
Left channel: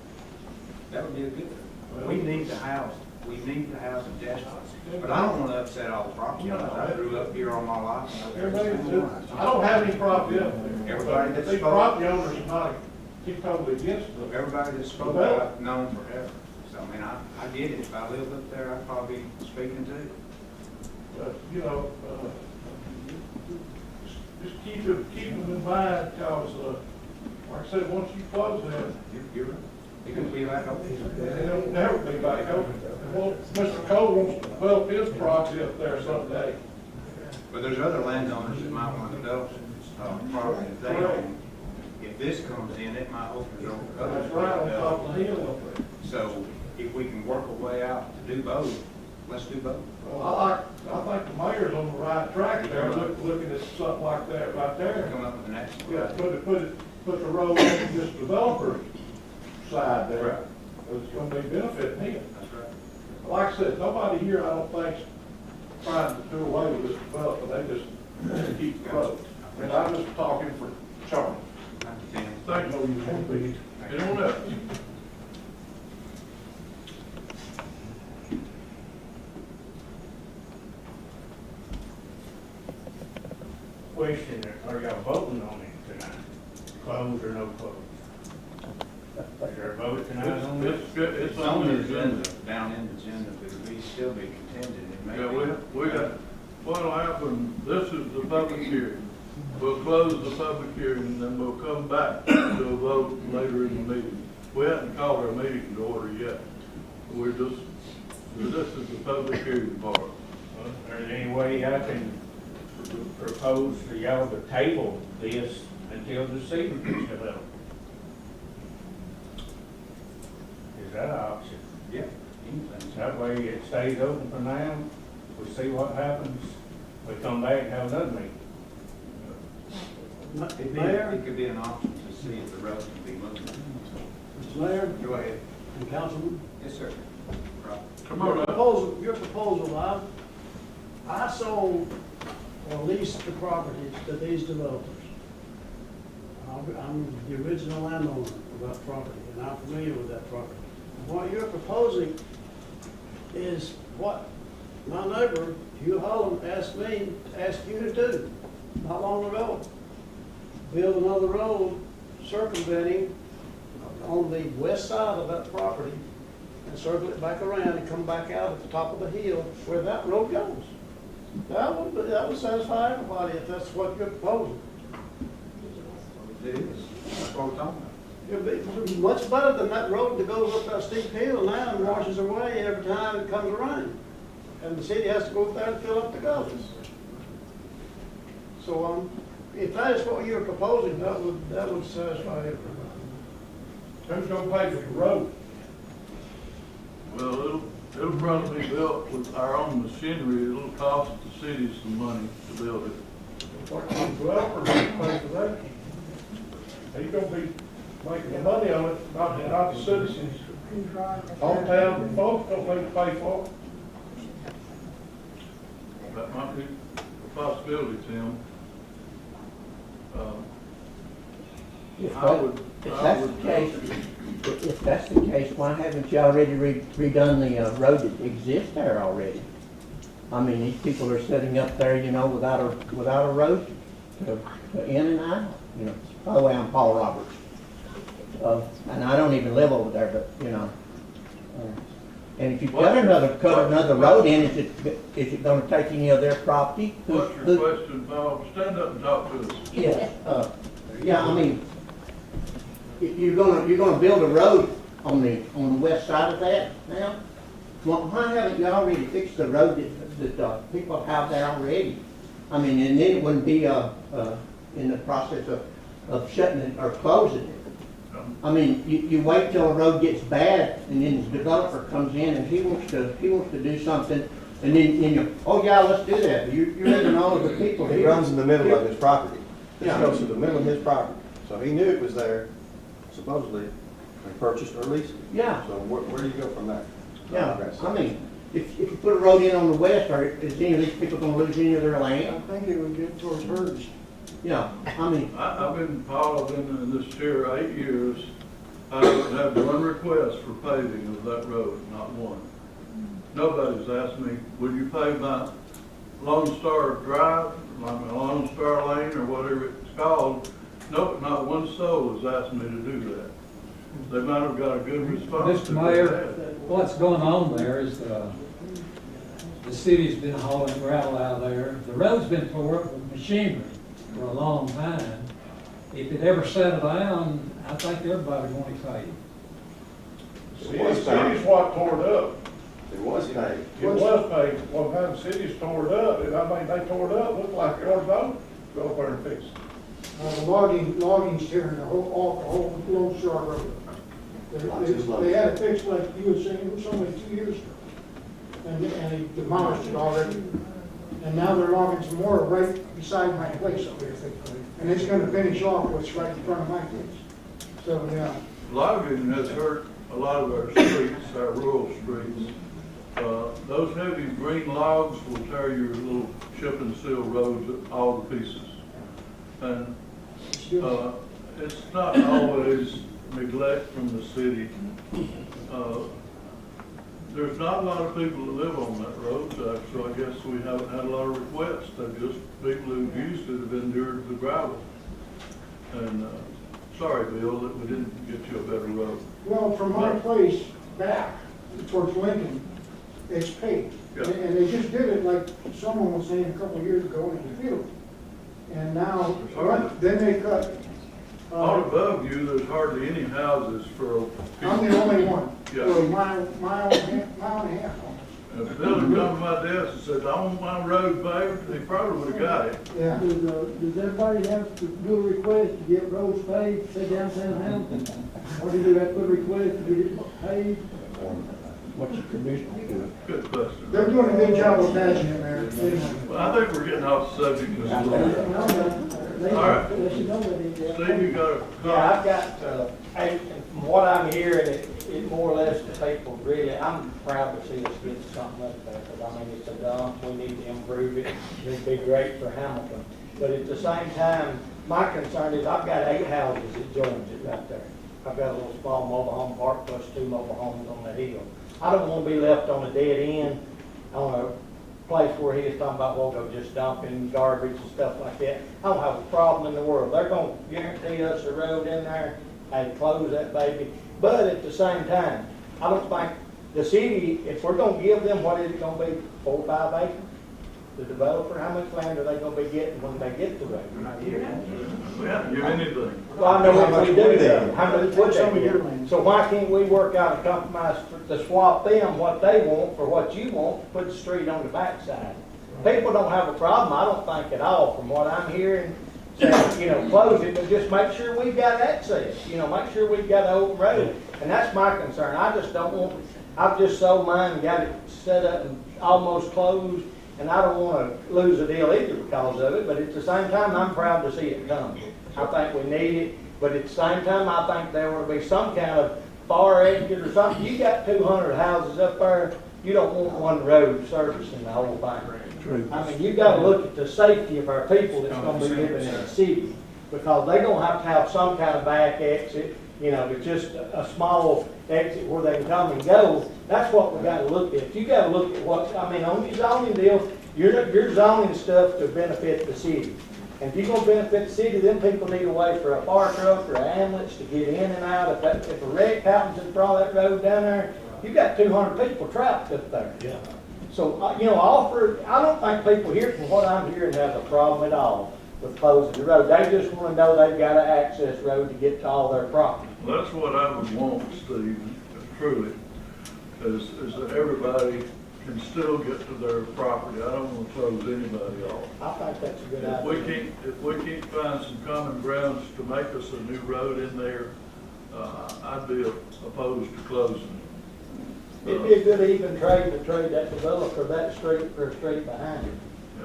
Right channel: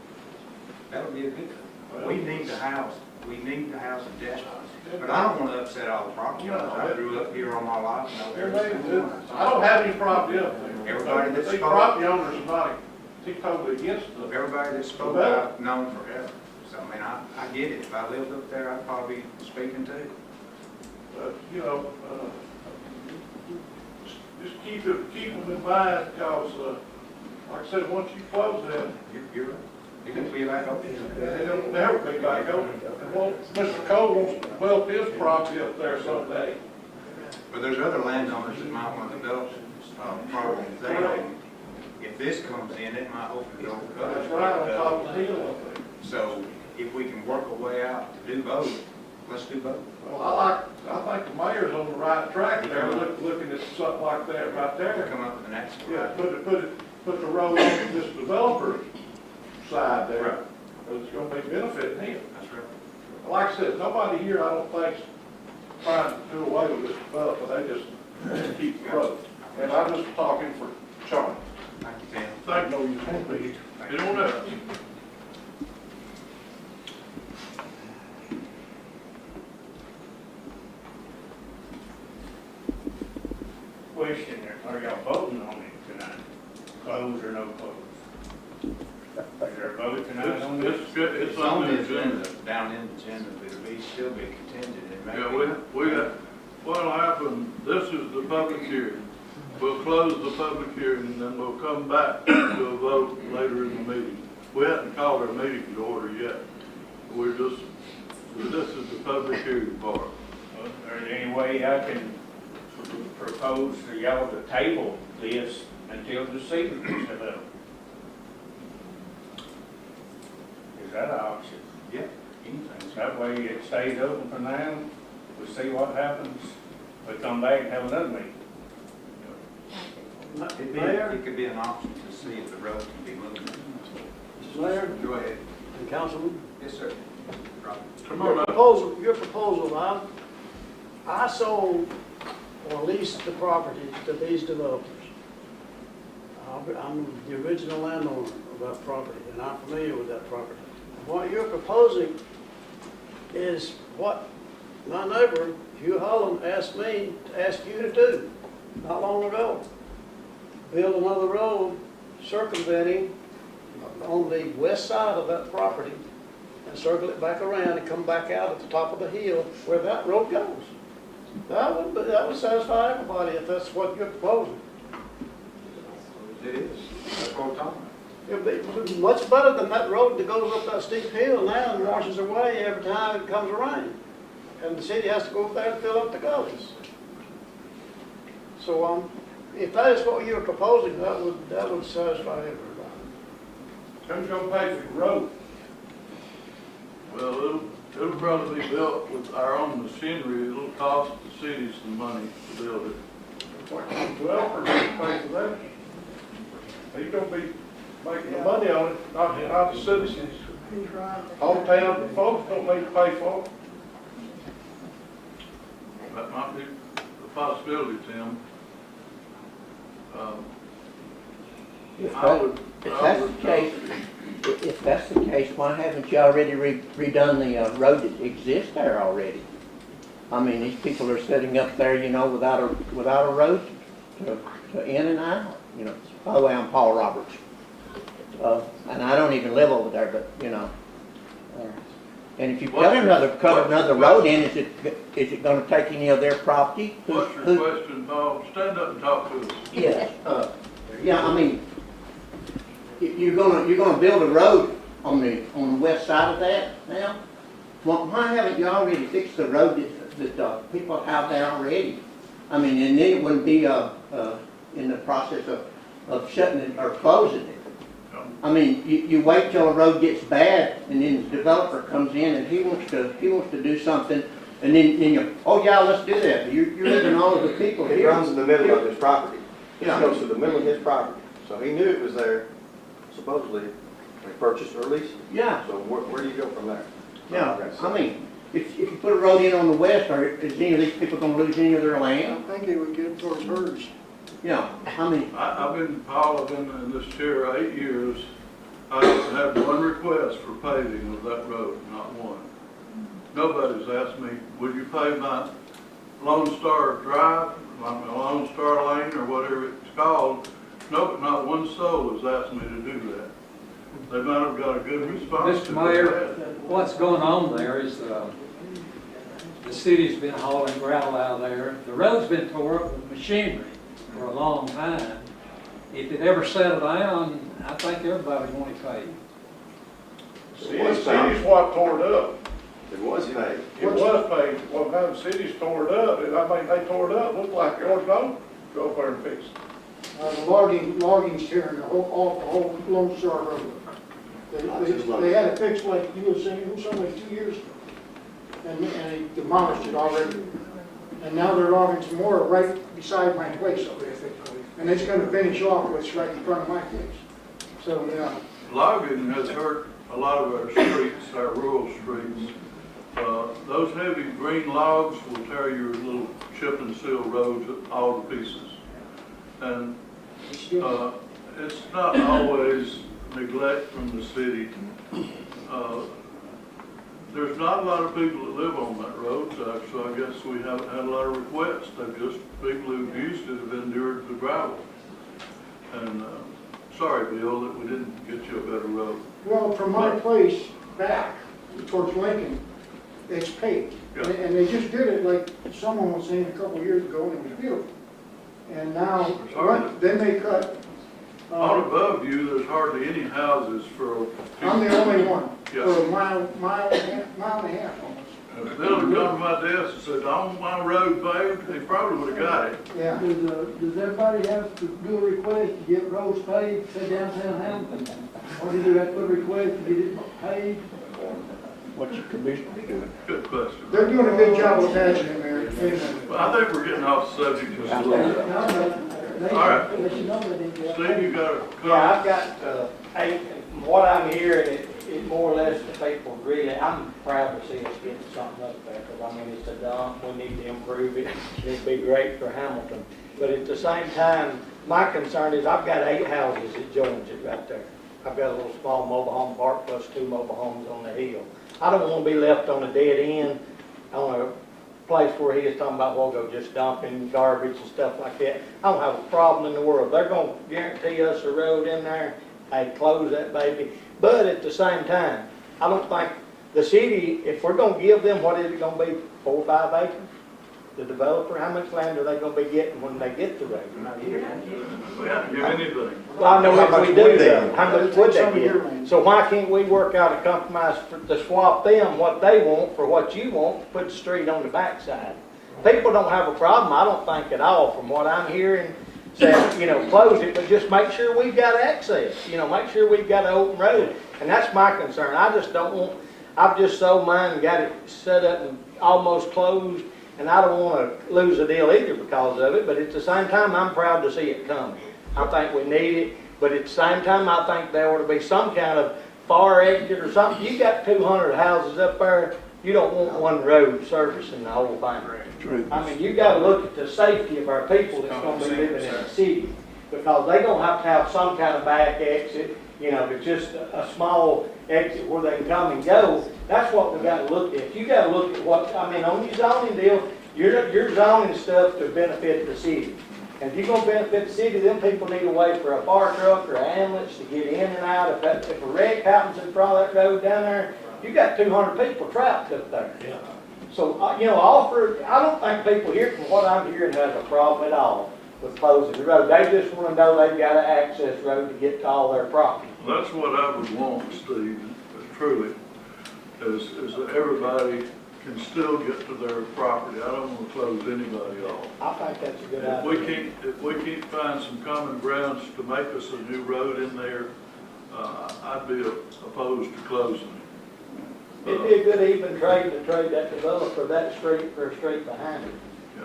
that would be a good thing. We need to house them desperately. But I don't want to upset all the property owners. I grew up here all my life. I don't have any property up there. Everybody that's these property owners are not totally against it. Everybody that spoke I've known forever. So, I mean, I get it. If I lived up there, I'd probably be speaking too. But, you know, just keep them in mind, because, like I said, once you close that, You're right. It can be back open. it'll never be back open. And Mr. Cole wants to develop his property up there someday. But there's other landowners that might want to develop property that they, if this comes in, it might open the door. That's right, on top of the hill up there. So if we can work a way out to do both, let's do both. Well, I think the mayor's on the right track there, looking at something like that right there. Come up with an action. Yeah, put the road on this developer side there. Right. It's gonna be benefiting him. That's right. Like I said, nobody here, I don't think's trying to do away with this development, they just keep the road. And I'm just talking for Charlie. Thank you, Tim. Thank you. Anyone else? Question, are y'all voting on it tonight? Close or no close? Is there a vote tonight on this? It's on the agenda, down in the agenda, but it'll still be contingent. It may Yeah, we got, what'll happen, this is the public hearing. We'll close the public hearing, and then we'll come back to a vote later in the meeting. We haven't called our meeting to order yet. This is the public hearing part. Is there any way I can propose for y'all to table this until the season is developed? Is that an option? Yeah, anything. That way it stays open for now, we see what happens, we come back and have another meeting. It could be an option to see if the road can be moved. Mr. Mayor Go ahead. and Councilman, Yes, sir. Robert. Come on up. your proposal, I sold or leased the property to these developers. I'm the original landowner of that property, and I'm familiar with that property. What you're proposing is what my neighbor, Hugh Holland, asked me to ask you to do not long ago. Build another road circumventing on the west side of that property and circle it back around and come back out at the top of the hill where that road goes. That would satisfy everybody if that's what you're proposing. It is. That's what we're talking about. It'd be much better than that road that goes up that steep hill now and washes away every time it comes around. And the city has to go up there and fill up the gullies. So, if that is what you're proposing, that would satisfy everybody. Who's gonna pay for the road? Well, it'll probably be built with our own machinery. It'll cost the city some money to build it. What kind of developer gonna pay for that? He's gonna be making the money on it, not the citizens. Hometown folks don't need to pay for it. That might be a possibility, Tim. If that's the case, why haven't you already redone the road that exists there already? I mean, these people are sitting up there, you know, without a road to in and out, you know. By the way, I'm Paul Roberts. And I don't even live over there, but cut another road in, is it gonna take any of their property? What's your question, Paul? Stand up and talk to us. Yes, yeah, I mean, if you're gonna build a road on the west side of that now, well, why haven't you already fixed the road that people have there already? I mean, and then it wouldn't be, in the process of shutting it or closing it. I mean, you wait till a road gets bad, and then the developer comes in and he wants to do something, and then you, oh yeah, let's do that. But you're leaving all of the people It here. runs in the middle of his property. It Yeah. goes through the middle of his property. So he knew it was there, supposedly, when he purchased or leased it. Yeah. So where do you go from there? Yeah, I mean, if you put a road in on the west, is any of these people gonna lose any of their I land? think it would get towards hers. Yeah, I mean, I've been in this chair 8 years. I haven't had one request for paving of that road, not one. Nobody's asked me, would you pave my Lone Star Drive, my Lone Star Lane, or whatever it's called? No, not one soul has asked me to do that. They might have got a good response. Mr. Mayor, what's going on there is the city's been hauling gravel out there. The road's been tore up with machinery for a long time. If it ever settled down, I think everybody would want to pay. City's what tore it up. It was paved. It was paved. One time cities tore it up, and I mean, they tore it up, looked like yours don't. Go up there and fix it. The logging's tearing the whole Lone Star Road. They had it fixed like you were saying, it was only 2 years ago. And they demolished it already. And now they're logging some more right beside my place over there. And it's gonna finish off what's right in front of my place. So, yeah. Logging has hurt a lot of our streets, our rural streets. Those heavy green logs will tear your little chip and seal roads all to pieces. And it's not always neglect from the city. There's not a lot of people that live on that road, so I guess we haven't had a lot of requests. They're just people who've used it have endured the gravel. And sorry, Bill, that we didn't get you a better road. Well, from my place back towards Lincoln, it's paved. Yeah. And they just did it, like someone was saying a couple of years ago, and it was beautiful. And now, then they cut. On above you, there's hardly any houses for. I'm the only one, Yeah. for a mile and a half. If Bill had come to my desk and said, I want my road paved, he probably would have got it. Yeah. Does everybody have to do a request to get roads paved, say downtown Hamilton? Or do you have to put a request to get it paved? what's the commissioner doing? Good question. They're doing a good job of patching it, Mayor. Well, I think we're getting off subject just a little bit. All right. Steve, you got a comment? Yeah, I've got 8, and from what I'm hearing, it more or less the people really, I'm proud to see us getting something up there, because I mean, it's a dump, we need to improve it, it'd be great for Hamilton. But at the same time, my concern is I've got 8 houses that joins it right there. I've got a little small mobile home park plus 2 mobile homes on the hill. I don't want to be left on a dead end, on a place where he is talking about, we'll go just dumping garbage and stuff like that. I don't have a problem in the world. They're going to guarantee us a road in there, hey, close that baby. But at the same time, I don't think the city, if we're going to give them, what is it going to be, 4 or 5 acres? The developer, how much land are they going to be getting when they get the road? We haven't given anything. Well, I know if we do that, how much would they get? So why can't we work out a compromise to swap them what they want for what you want, put the street on the backside? People don't have a problem, I don't think at all, from what I'm hearing, saying, you know, close it, but just make sure we've got access, you know, make sure we've got an open road. And that's my concern. I just don't want, I've just sold mine and got it set up and almost closed, and I don't want to lose a deal either because of it, but at the same time, I'm proud to see it come. I think we need it, but at the same time, I think there ought to be some kind of fire exit or something. You got 200 houses up there, you don't want one road servicing the whole thing. I mean, you got to look at the safety of our people that's going to be living in the city, because they're going to have some kind of back exit, you know, it's just a small exit where they can come and go. That's what we got to look at. You got to look at what, I mean, on your zoning deal, you're zoning stuff to benefit the city. And if you're going to benefit the city, then people need a way for a fire truck or an ambulance to get in and out. If a wreck happens in front of that road down there, You got 200 people trapped up there. Yeah. So, I don't think people here, from what I'm hearing, have a problem at all with closing the road. They just want to know they've got an access road to get to all their property. That's what I would want, Steve, truly, is that everybody can still get to their property. I don't want to close anybody off. I think that's a good If idea. we can't find some common grounds to make us a new road in there, I'd be opposed to closing it. It'd be a good even trade to trade that developer that street for a street behind him.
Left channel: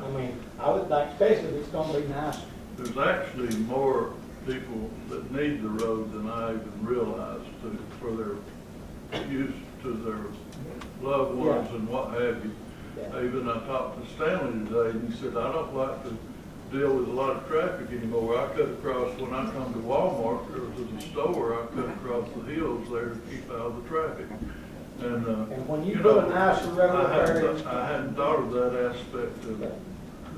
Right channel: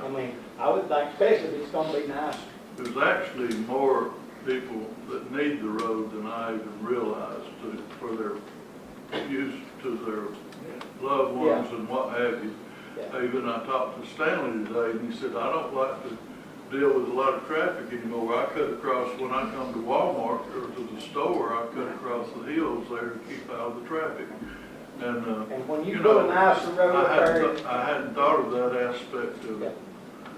I mean, I would think, especially if it's gonna be nice. There's actually more people that need the road than I even realized for their use to their loved ones and what have you. Even I talked to Stanley today, and he said, I don't like to deal with a lot of traffic anymore. I cut across, when I come to Walmart or to the store, I cut across the hills there to keep out of the traffic. And when you put a nicer road up there, I hadn't thought of that aspect of it.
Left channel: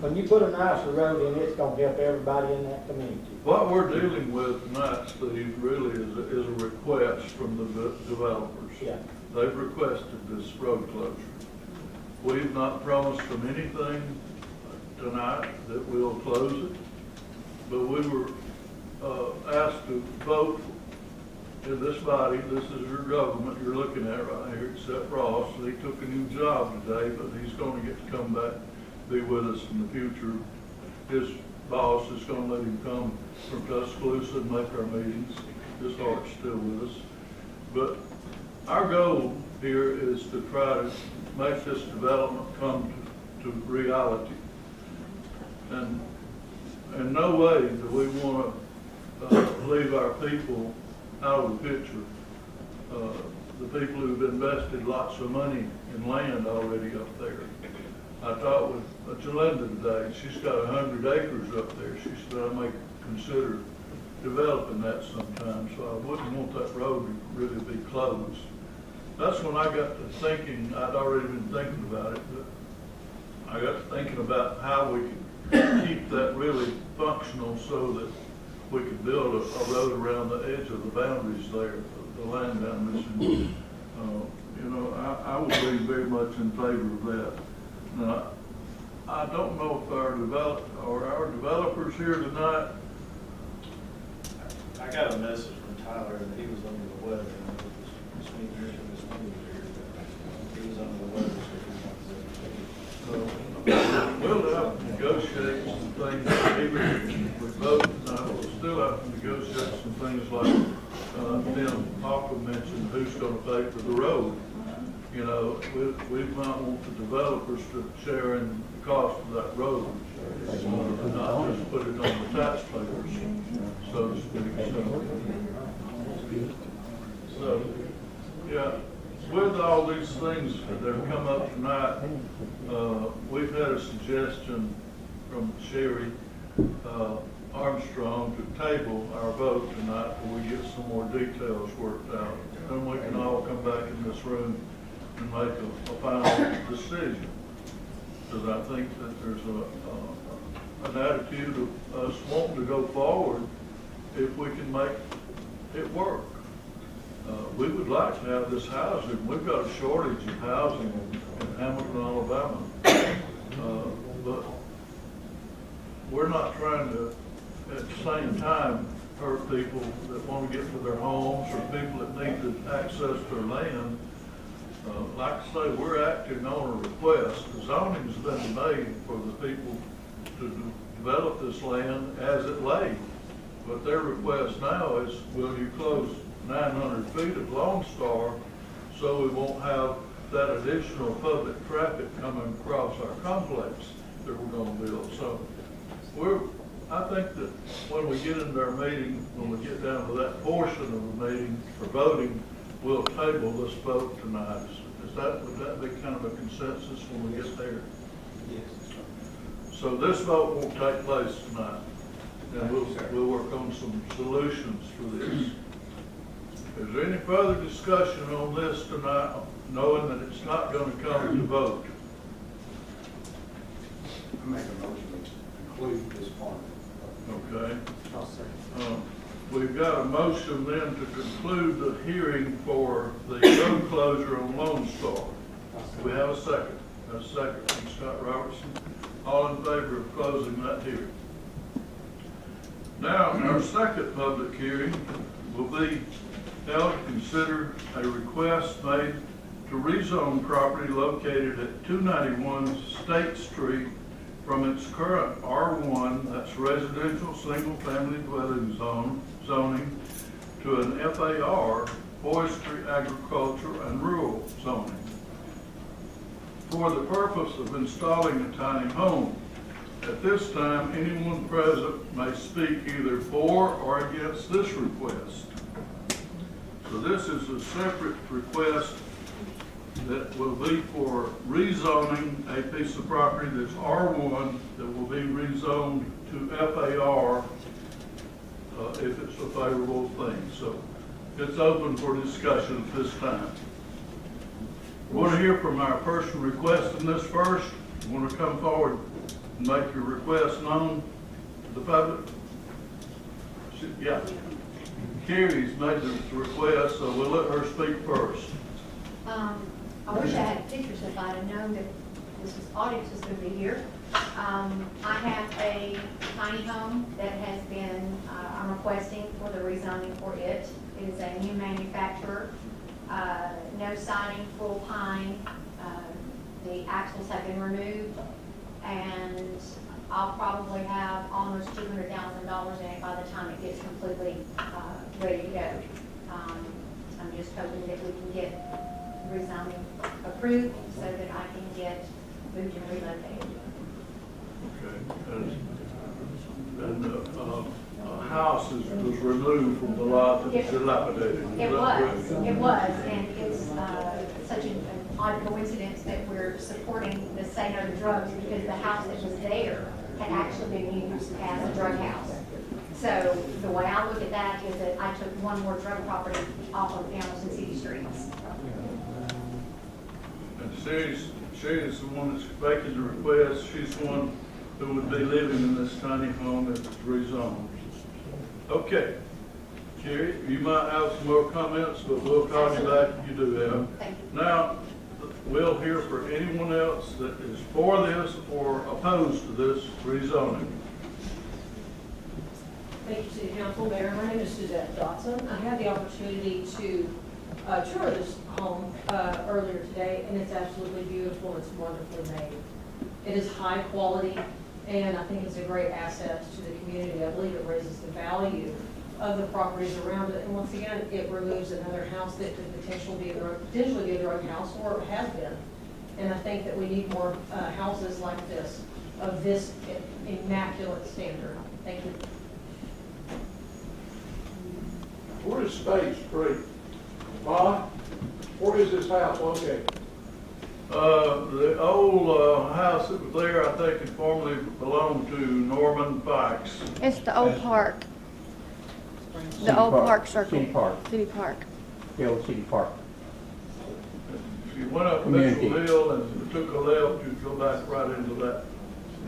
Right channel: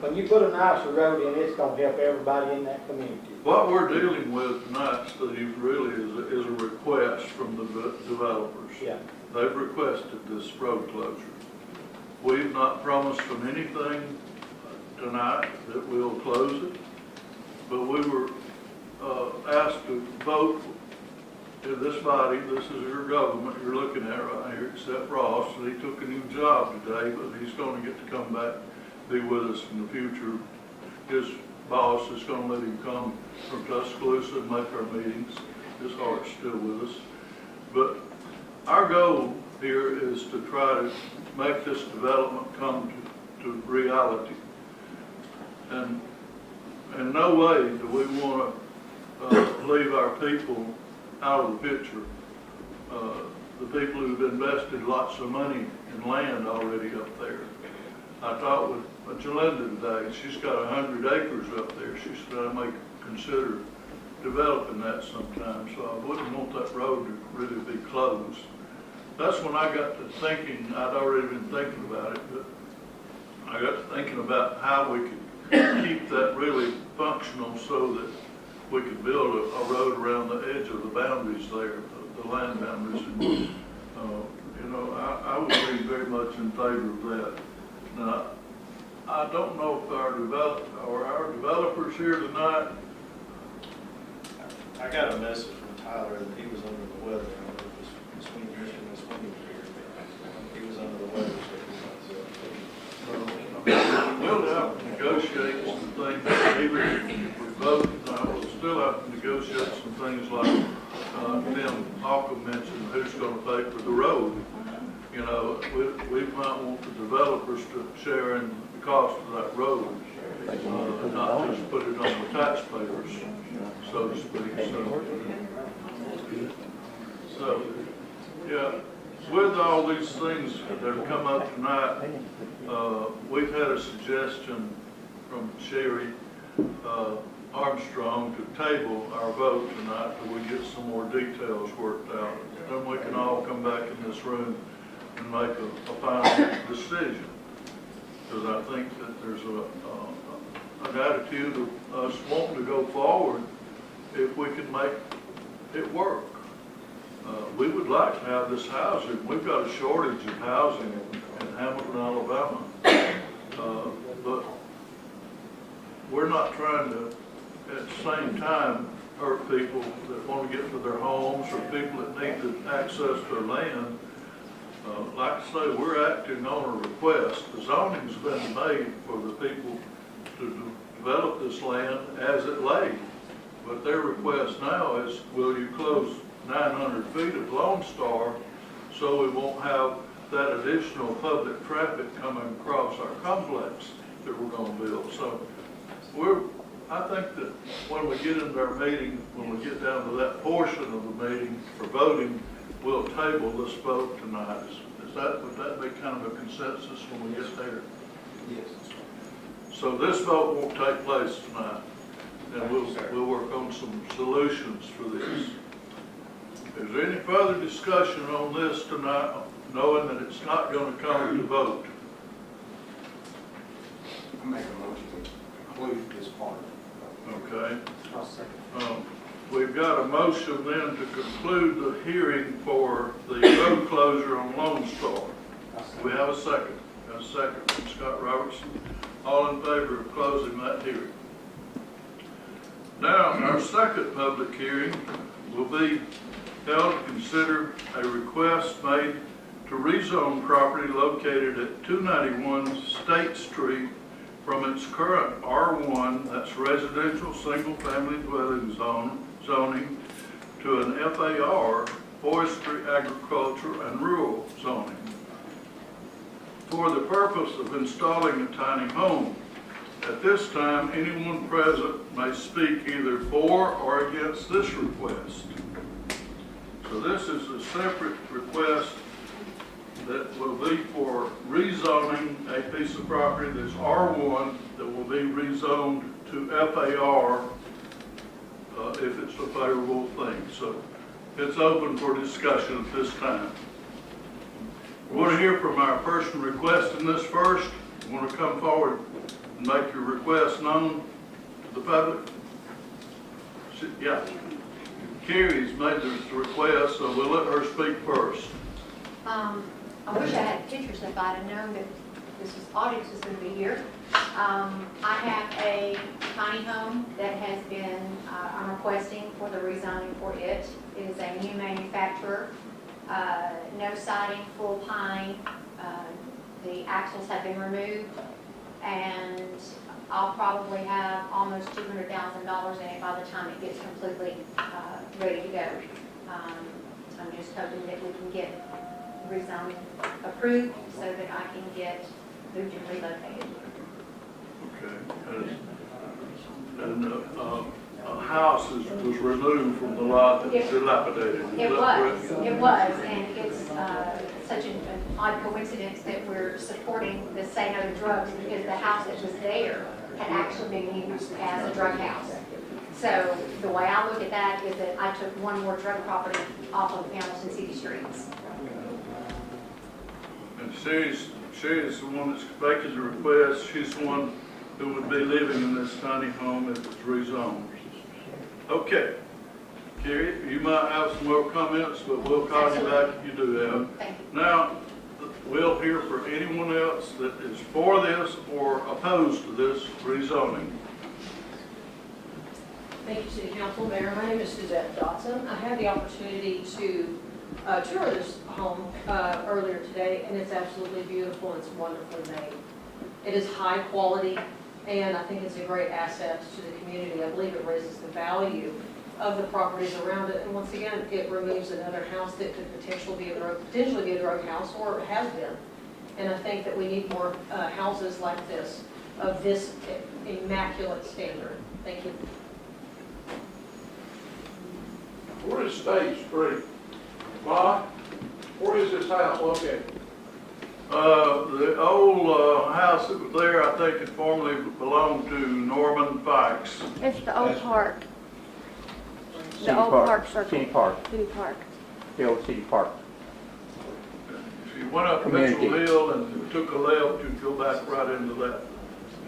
when you put a nicer road in, it's gonna help everybody in that community. What we're dealing with tonight, Steve, really is a request from the developers. Yeah. They've requested this road closure. We've not promised them anything tonight that we'll close it, but we were asked to vote in this body. This is your government you're looking at right here, except Ross. He took a new job today, but he's going to get to come back, be with us in the future. His boss is going to let him come from Tuscaloosa and make our meetings. His heart's still with us. But our goal here is to try to make this development come to reality. And in no way do we want to leave our people out of the picture. The people who've invested lots of money in land already up there. I talked with Jalinda today. She's got 100 acres up there. She said I may consider developing that sometime, so I wouldn't want that road to really be closed. That's when I got to thinking. I'd already been thinking about it, but I got to thinking about how we could keep that really functional so that we could build a road around the edge of the boundaries there, the land boundaries. And, I would be very much in favor of that. Now, I don't know if our developers here tonight. I got a message from Tyler that he was under the weather. I don't know if this meeting here. He was under the weather, so We'll have to negotiate some things, even with both, we'll still have to negotiate some things like, Tim Malcolm mentioned, who's gonna pay for the road. We might want the developers to share in the cost of that road, not just put it on the taxpayers, so to speak. So, yeah, with all these things that have come up tonight, we've had a suggestion from Sherry Armstrong to table our vote tonight till we get some more details worked out. Then we can all come back in this room and make a final decision. Because I think that there's an attitude of us wanting to go forward if we can make it work. We would like to have this housing. We've got a shortage of housing in Hamilton, Alabama. But we're not trying to, at the same time, hurt people that want to get to their homes or people that need to access their land. Like I say, we're acting on a request. The zoning's been made for the people to develop this land as it lay. But their request now is, will you close 900 feet of Lone Star so we won't have that additional public traffic coming across our complex that we're going to build. So I think that when we get into our meeting, when we get down to that portion of the meeting for voting, we'll table this vote tonight. Would that be kind of a consensus when we get there? Yes. So this vote won't take place tonight, and we'll work on some solutions for this. Is there any further discussion on this tonight, knowing that it's not going to come to vote? I make a motion to include this part. Okay. I'll second. We've got a motion then to conclude the hearing for the road foreclosure on Lone Star. Do we have a second? A second from Scott Robertson. All in favor of closing that hearing? Now, our second public hearing will be held to consider a request made to rezone property located at 291 State Street from its current R1, that's residential single-family dwelling zoning, to an FAR, forestry, agriculture, and rural zoning, for the purpose of installing a tiny home. At this time, anyone present may speak either for or against this request. So this is a separate request that will be for rezoning a piece of property that's R1 that will be rezoned to FAR if it's a favorable thing. So it's open for discussion at this time. We want to hear from our person requesting this first. You want to come forward and make your request known to the public? Yeah. Carrie's made this request, so we'll let her speak first. I wish I had pictures if I'd have known that audience was going to be here. I have a tiny home that has been, I'm requesting for the rezoning for it. It is a new manufacturer, no siding, full pine. The axles have been removed, and I'll probably have almost $200,000 in it by the time it gets completely ready to go. I'm just hoping that we can get rezoning approved so that I can get moved and relocated. Okay. And a house was removed from the lot that was dilapidated. It was, and it's such an odd coincidence that we're supporting the Say No to Drugs because the house that was there had actually been used as a drug house. So the way I look at that is that I took one more drug property off of Hamilton City streets. And she is the one that's making the request. She's the one who would be living in this tiny home if it's rezoned. Okay. Carrie, you might have some more comments, but we'll call you back if you do have. Now, we'll hear for anyone else that is for this or opposed to this rezoning. Thank you, City Council. Mayor, my name is Suzette Dotson. I had the opportunity to tour this home earlier today, and it's absolutely beautiful and it's wonderfully made. It is high quality, and I think it's a great asset to the community. I believe it raises the value of the properties around it, and once again, it removes another house that could potentially be a drug house, or has been. And I think that we need more houses like this, of this immaculate standard. Thank you. Where is State Street? Ma, where is this house located? The old house that was there, I think it formerly belonged to Norman Fikes. It's the old park. The old park circle. City Park. City Park. The old City Park. If you went up Mitchell Hill and took a left, you'd go back right into that.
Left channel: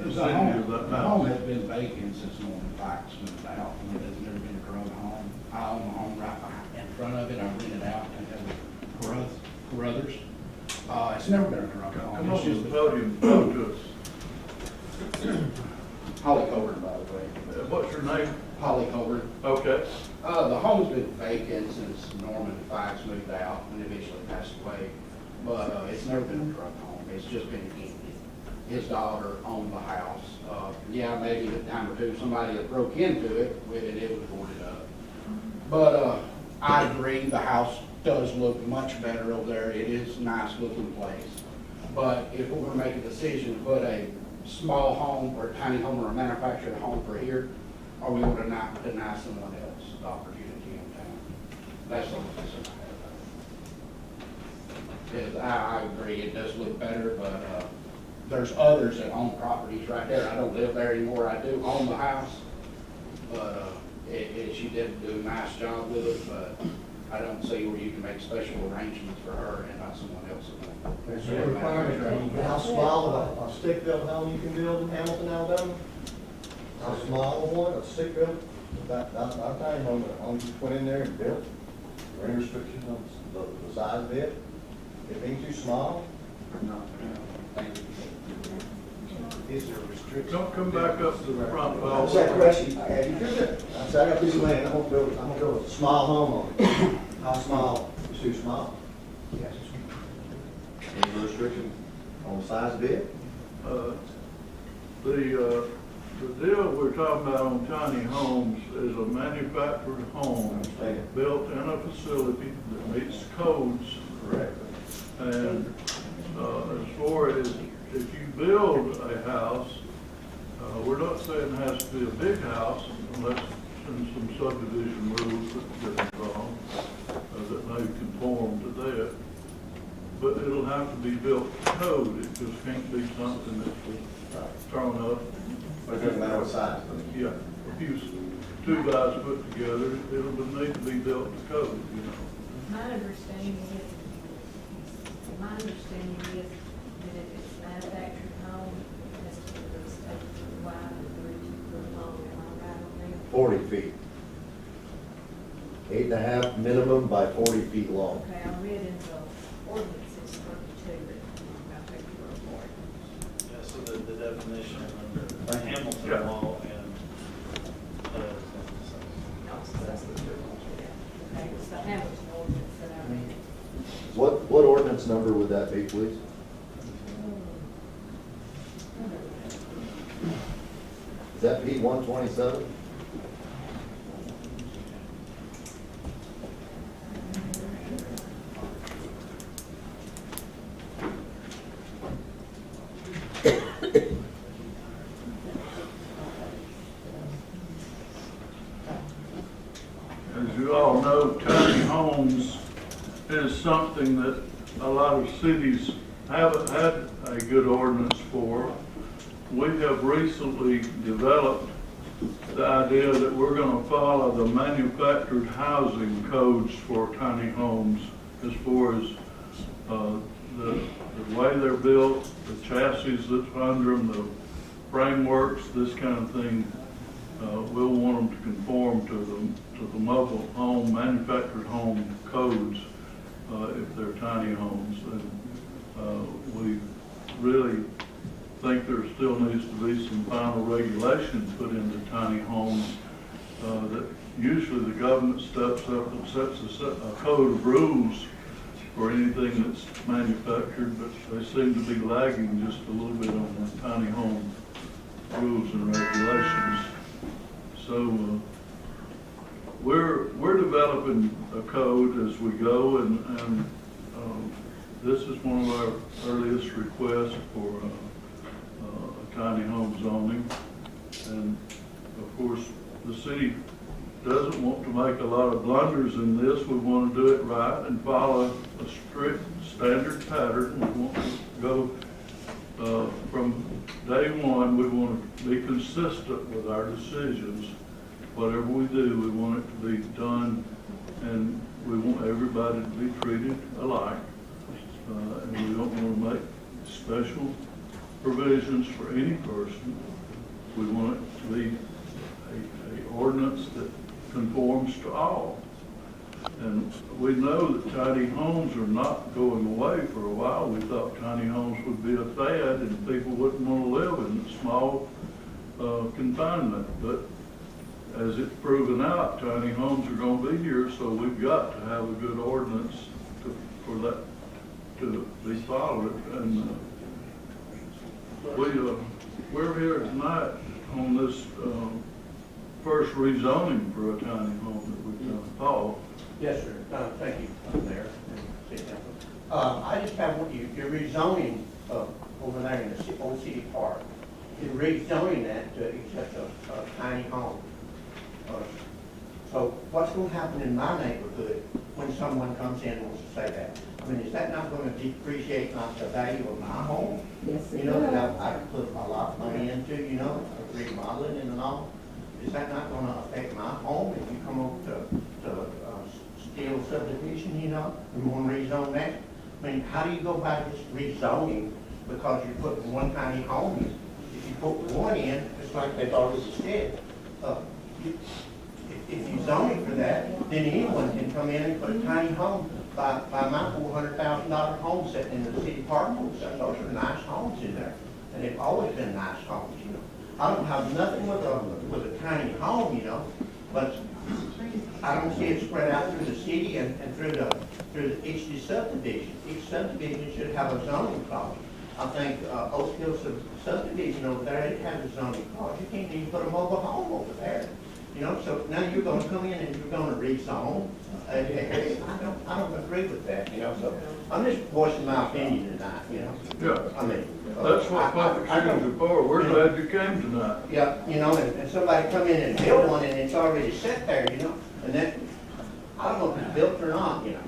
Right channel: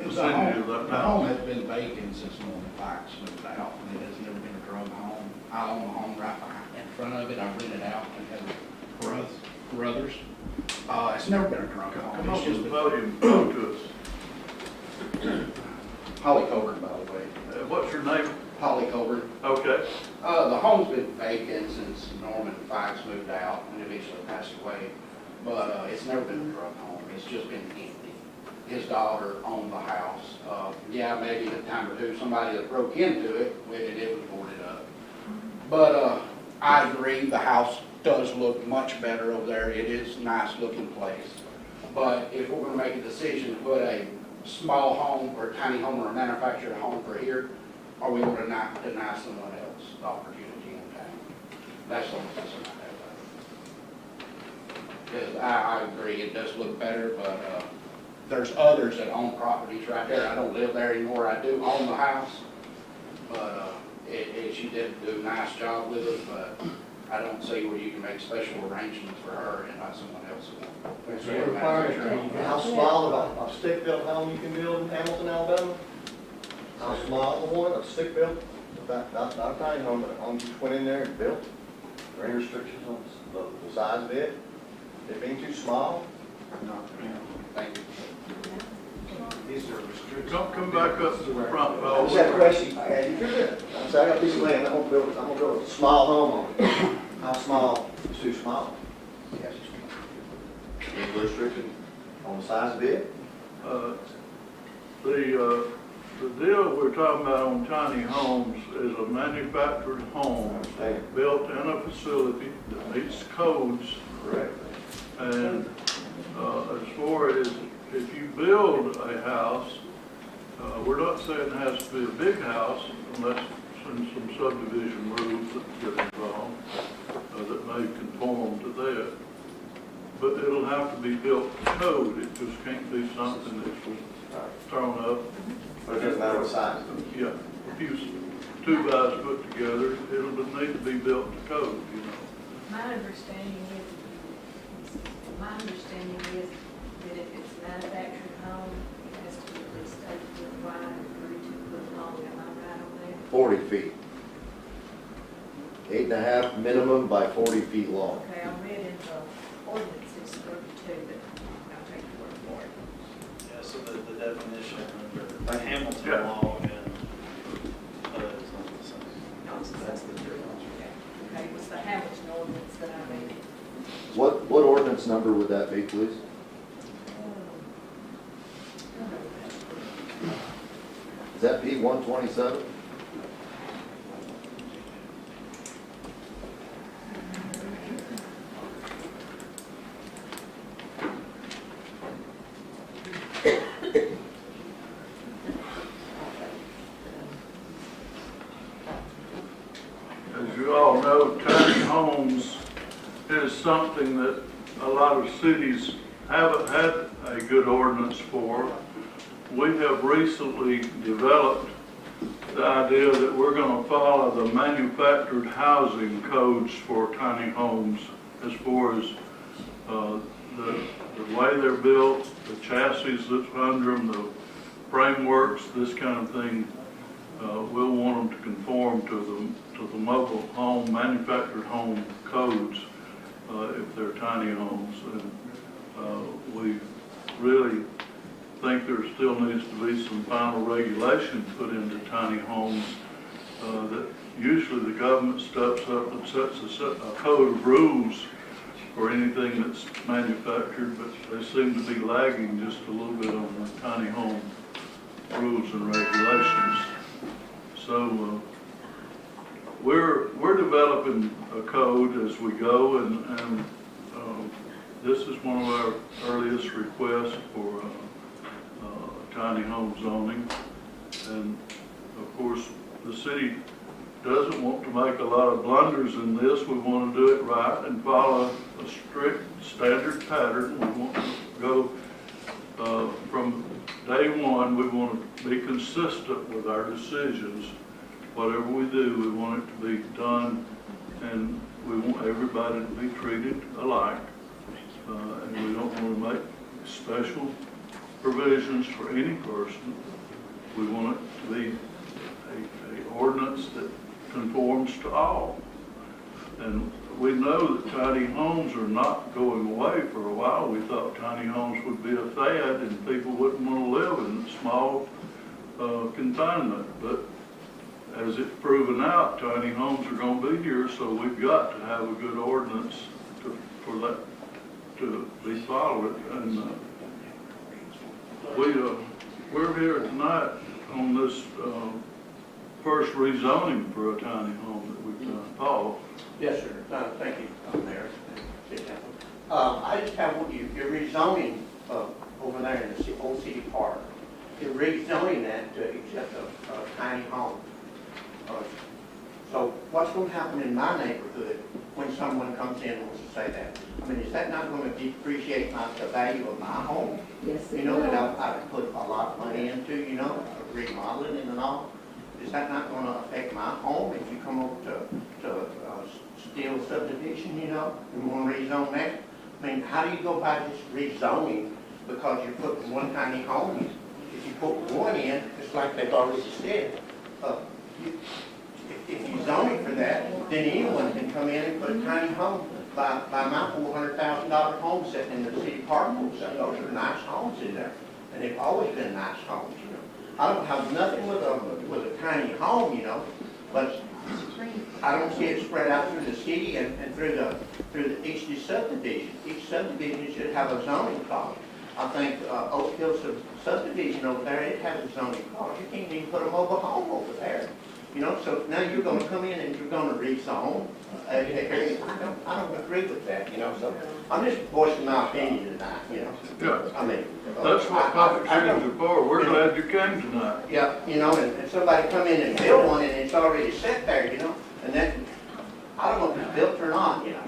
The home has been vacant since Norman Fikes moved out, and it has never been a drug home. I own a home right in front of it. I rent it out to Carruthers. It's never been a drug home. Come up to the podium and talk to us. Holly Colburn, by the way. What's your name? Holly Colburn. Okay. The home's been vacant since Norman Fikes moved out and eventually passed away. But it's never been a drug home. It's just been empty. His daughter owned the house. Yeah, maybe a time or two somebody that broke into it, it was boarded up. But I agree, the house does look much better over there. It is a nice looking place. But if we're going to make a decision to put a small home or a tiny home or a manufactured home for here, are we going to deny someone else the opportunity in town? That's the only decision I have. Because I agree, it does look better, but there's others that own properties right there. I don't live there anymore. I do own the house, but she did do a nice job with it, but I don't see where you can make special arrangements for her and not someone else. Is there a requirement how small of a stick-built home you can build in Hamilton, Alabama? How small of one, a stick-built? That's not a tiny home, but a home just went in there and built? Are there any restrictions on the size of it? small? Thank you. Is there restrictions? Don't come back up to the front. I just have a question. You're good. I said, I got a piece of land, I'm gonna build a small home on it. How small? It's too small. Any restrictions on the size of it? The deal we're talking about on tiny homes is a manufactured home built in a facility that meets codes. Correct. And as far as if you build a house, we're not saying it has to be a big house unless some subdivision rules that get involved that may conform to that. But it'll have to be built to code. It just can't be something that's thrown up. But it doesn't matter what size. Yeah, a few two guys put together, it'll need to be built to code, you know. My understanding is that if it's manufactured home, it has to be at least 8 foot wide and 32 foot long. Am I right on that? 40 feet. 8.5 minimum by 40 feet long. Okay, I read in the ordinances 32, but I'll take your word for it. Yeah, so the definition under the Hamilton Yeah. law and, that's the difference. Okay, it was the Hamilton ordinance that I read. What ordinance number would that be, please? Is that P 127? As you all know, tiny homes is something that a lot of cities haven't had a good ordinance for. We have recently developed the idea that we're going to follow the manufactured housing codes for tiny homes as far as the way they're built, the chassis that's under them, the frameworks, this kind of thing. We'll want them to conform to the mobile home, manufactured home codes if they're tiny homes. And we really think there still needs to be some final regulation put into tiny homes that usually the government steps up and sets a code of rules for anything that's manufactured, but they seem to be lagging just a little bit on the tiny home rules and regulations. So we're developing a code as we go, and this is one of our earliest requests for tiny home zoning. And of course, the city doesn't want to make a lot of blunders in this. We want to do it right and follow a strict standard pattern. We want to go from day one, we want to be consistent with our decisions. Whatever we do, we want it to be done, and we want everybody to be treated alike. And we don't want to make special provisions for any person. We want it to be an ordinance that conforms to all. And we know that tiny homes are not going away. For a while, we thought tiny homes would be a fad and people wouldn't want to live in small confinement. But as it's proven out, tiny homes are going to be here, so we've got to have a good ordinance for that to be followed. And we're here tonight on this first rezoning for a tiny home that we've done. Paul? Yes, sir. Thank you, Mayor. I just have, you're rezoning over there in the Old City Park. You're rezoning that to accept a tiny home. So what's going to happen in my neighborhood when someone comes in and wants to say that? I mean, is that not going to depreciate the value of my home? Yes, You know, that I've put a lot of money into, you know, remodeling and all. Is that not going to affect my home if you come over to Steel subdivision, you know, and want to rezone that? I mean, how do you go by this rezoning because you're putting one tiny home? If you put one in, it's like they've already said, if you zoning for that, then anyone can come in and put a tiny home. By my $400,000 home sitting in the always been nice homes, you know. I don't have nothing with a tiny home, you know, but I don't see it spread out through the city and through each subdivision. Each subdivision should have a zoning clause. I think Oak Hill subdivision over there, it has a zoning clause. You can't even put a mobile home over there. You know, so now you're gonna come in and you're gonna rezone an area. I don't agree with that, you know, so I'm just voicing my opinion tonight, you know. Yeah. I mean. That's what public hearings are for. We're glad you came tonight. Yeah, you know, and somebody come in and build one and it's already set there, you know, and that, I don't know if it's built or not, you know.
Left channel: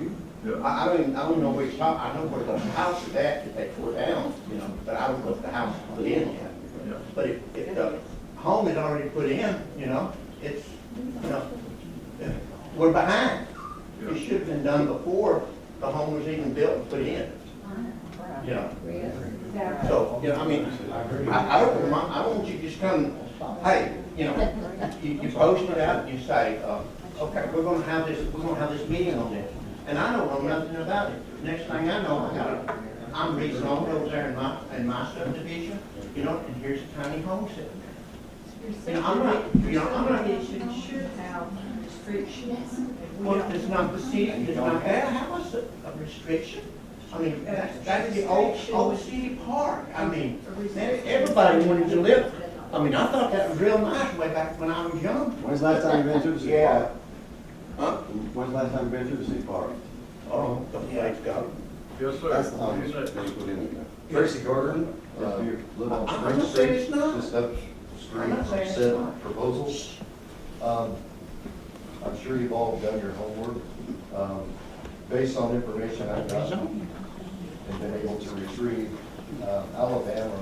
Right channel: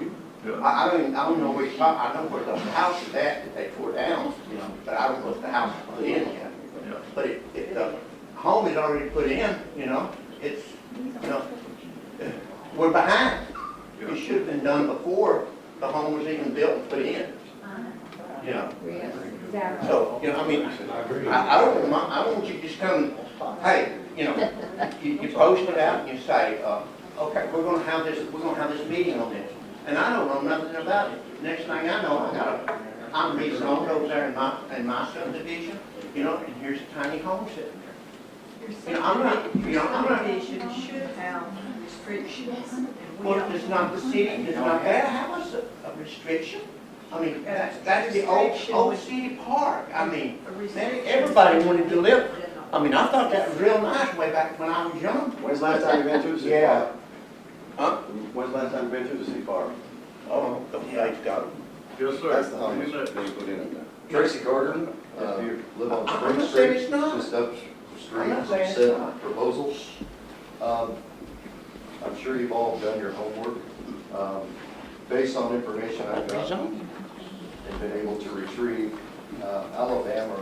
Yeah. I don't know where you're talking, I know where the house is at that they tore down, you know, but I don't know if the house is put in yet. Yeah. But if the home is already put in, you know, it's, you know, we're behind. It should have been done before the home was even built and put in. Yeah. So, you know, I mean, I don't want you to just come, hey, you know, you post it out and you say, okay, we're gonna have this meeting on this. And I don't know nothing about it. Next thing I know, I'm rezoned over there in my subdivision, you know, and here's a tiny home sitting there. You know, I'm not. Subdivision should have restrictions. Well, it's not the city, it's not that house a restriction. I mean, that's the old city park. I mean, everybody wanted to live. I mean, I thought that was real nice way back when I was young. When's the last time you been through the city Yeah. park? Huh? When's the last time you been through the city park? Oh, a couple days ago. Yes, sir. That's the home Isn't it? they put in there. Tracy Carter, live on I'm Spring not saying Street, it's not. just up I'm street not from saying it's said not. proposals. I'm sure you've all done your homework. Based on information I've gotten and been able to retrieve, Alabama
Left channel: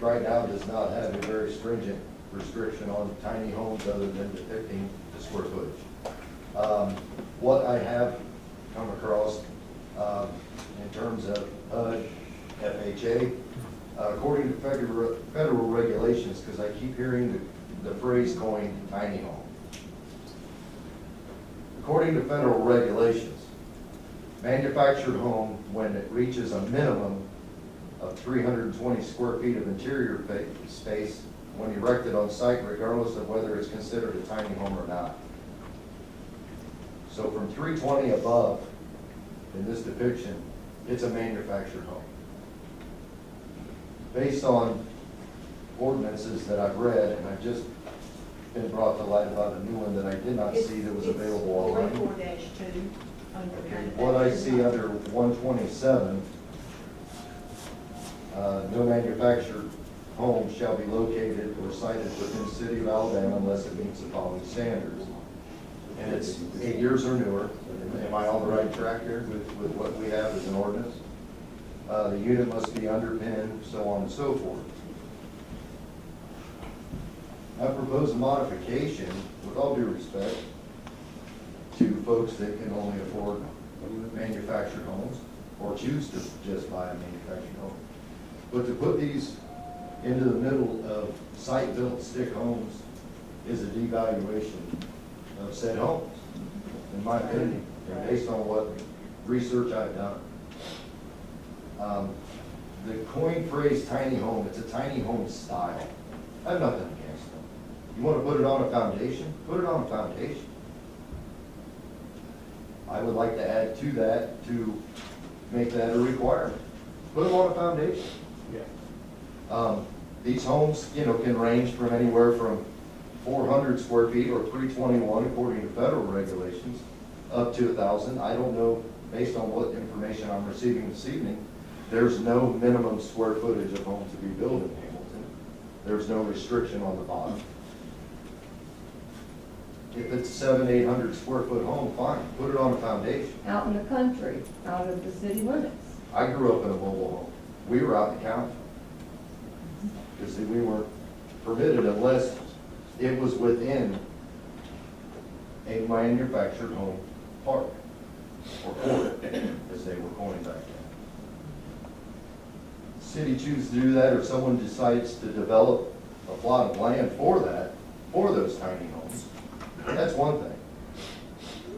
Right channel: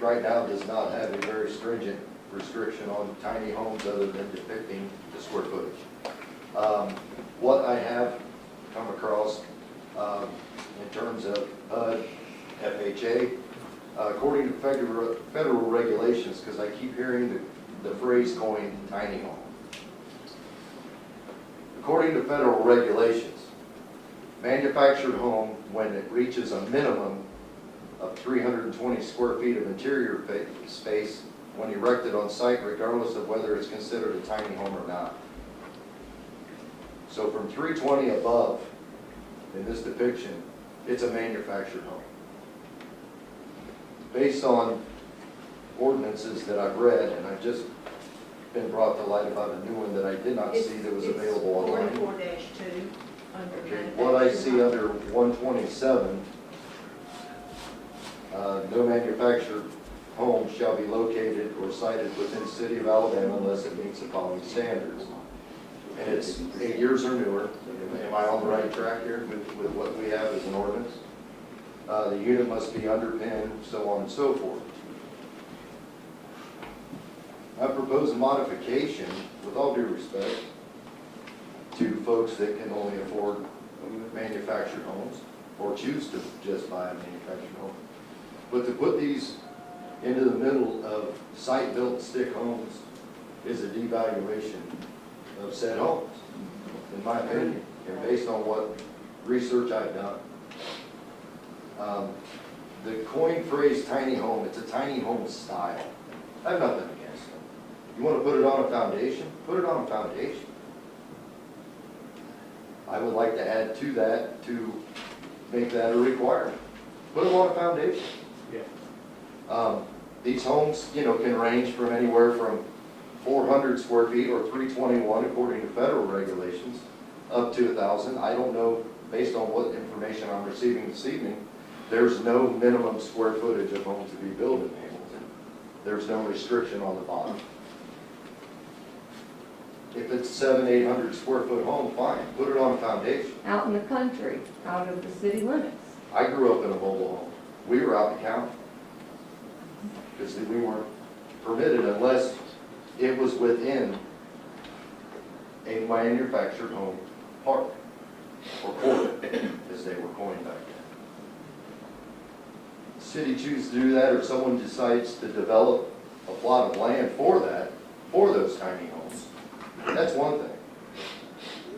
right now does not have a very stringent restriction on tiny homes other than depicting the square footage. What I have come across in terms of HUD, FHA, according to federal regulations, because I keep hearing the phrase coined tiny home. According to federal regulations, manufactured home, when it reaches a minimum of 320 square feet of interior space when erected on site, regardless of whether it's considered a tiny home or not. So from 320 above, in this depiction, it's a manufactured home. Based on ordinances that I've read, and I've just been brought to light about a new one that I did not see that was available online. It's 44-2 under. Okay, what I see under 127, no manufactured home shall be located or sited within the city of Alabama unless it meets the following standards. And it's 8 years or newer. Am I on the right track here with what we have as an ordinance? The unit must be underpinned, so on and so forth. I propose a modification, with all due respect, to folks that can only afford manufactured homes or choose to just buy a manufactured home. But to put these into the middle of site-built stick homes is a devaluation of said homes, in my opinion, and based on what research I've done. The coined phrase tiny home, it's a tiny home style. I have nothing against them. You want to put it on a foundation? Put it on a foundation. I would like to add to that to make that a requirement. Put them on a foundation. Yeah. These homes, you know, can range from anywhere from 400 square feet or 321 according to federal regulations, up to 1,000. I don't know, based on what information I'm receiving this evening, there's no minimum square footage of home to be built in Hamilton. There's no restriction on the bottom. If it's 700-800 square foot home, fine, put it on a foundation. Out in the country, out of the city limits. I grew up in a mobile home. We were out in the county. Because we weren't permitted unless it was within a manufactured home park, or quarter, as they were coined back then. The city chooses to do that, or someone decides to develop a plot of land for that, for those tiny homes, and that's one thing.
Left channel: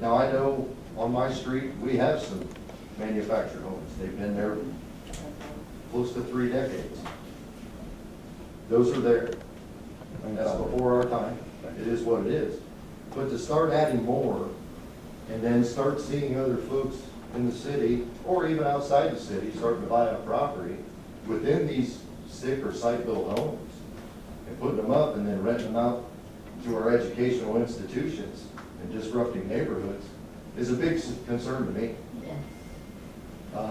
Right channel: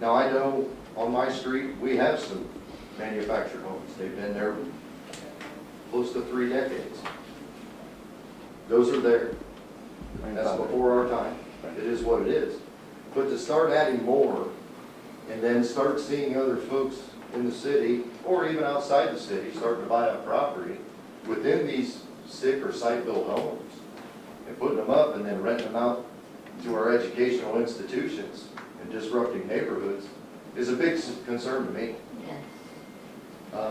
Now, I know on my street, we have some manufactured homes. They've been there close to 3 decades. Those are there. I mean, that's before our time. It is what it is. But to start adding more, and then start seeing other folks in the city, or even outside the city, starting to buy up property within these sick or site-built homes, and putting them up and then renting them out to our educational institutions and disrupting neighborhoods, is a big concern to me.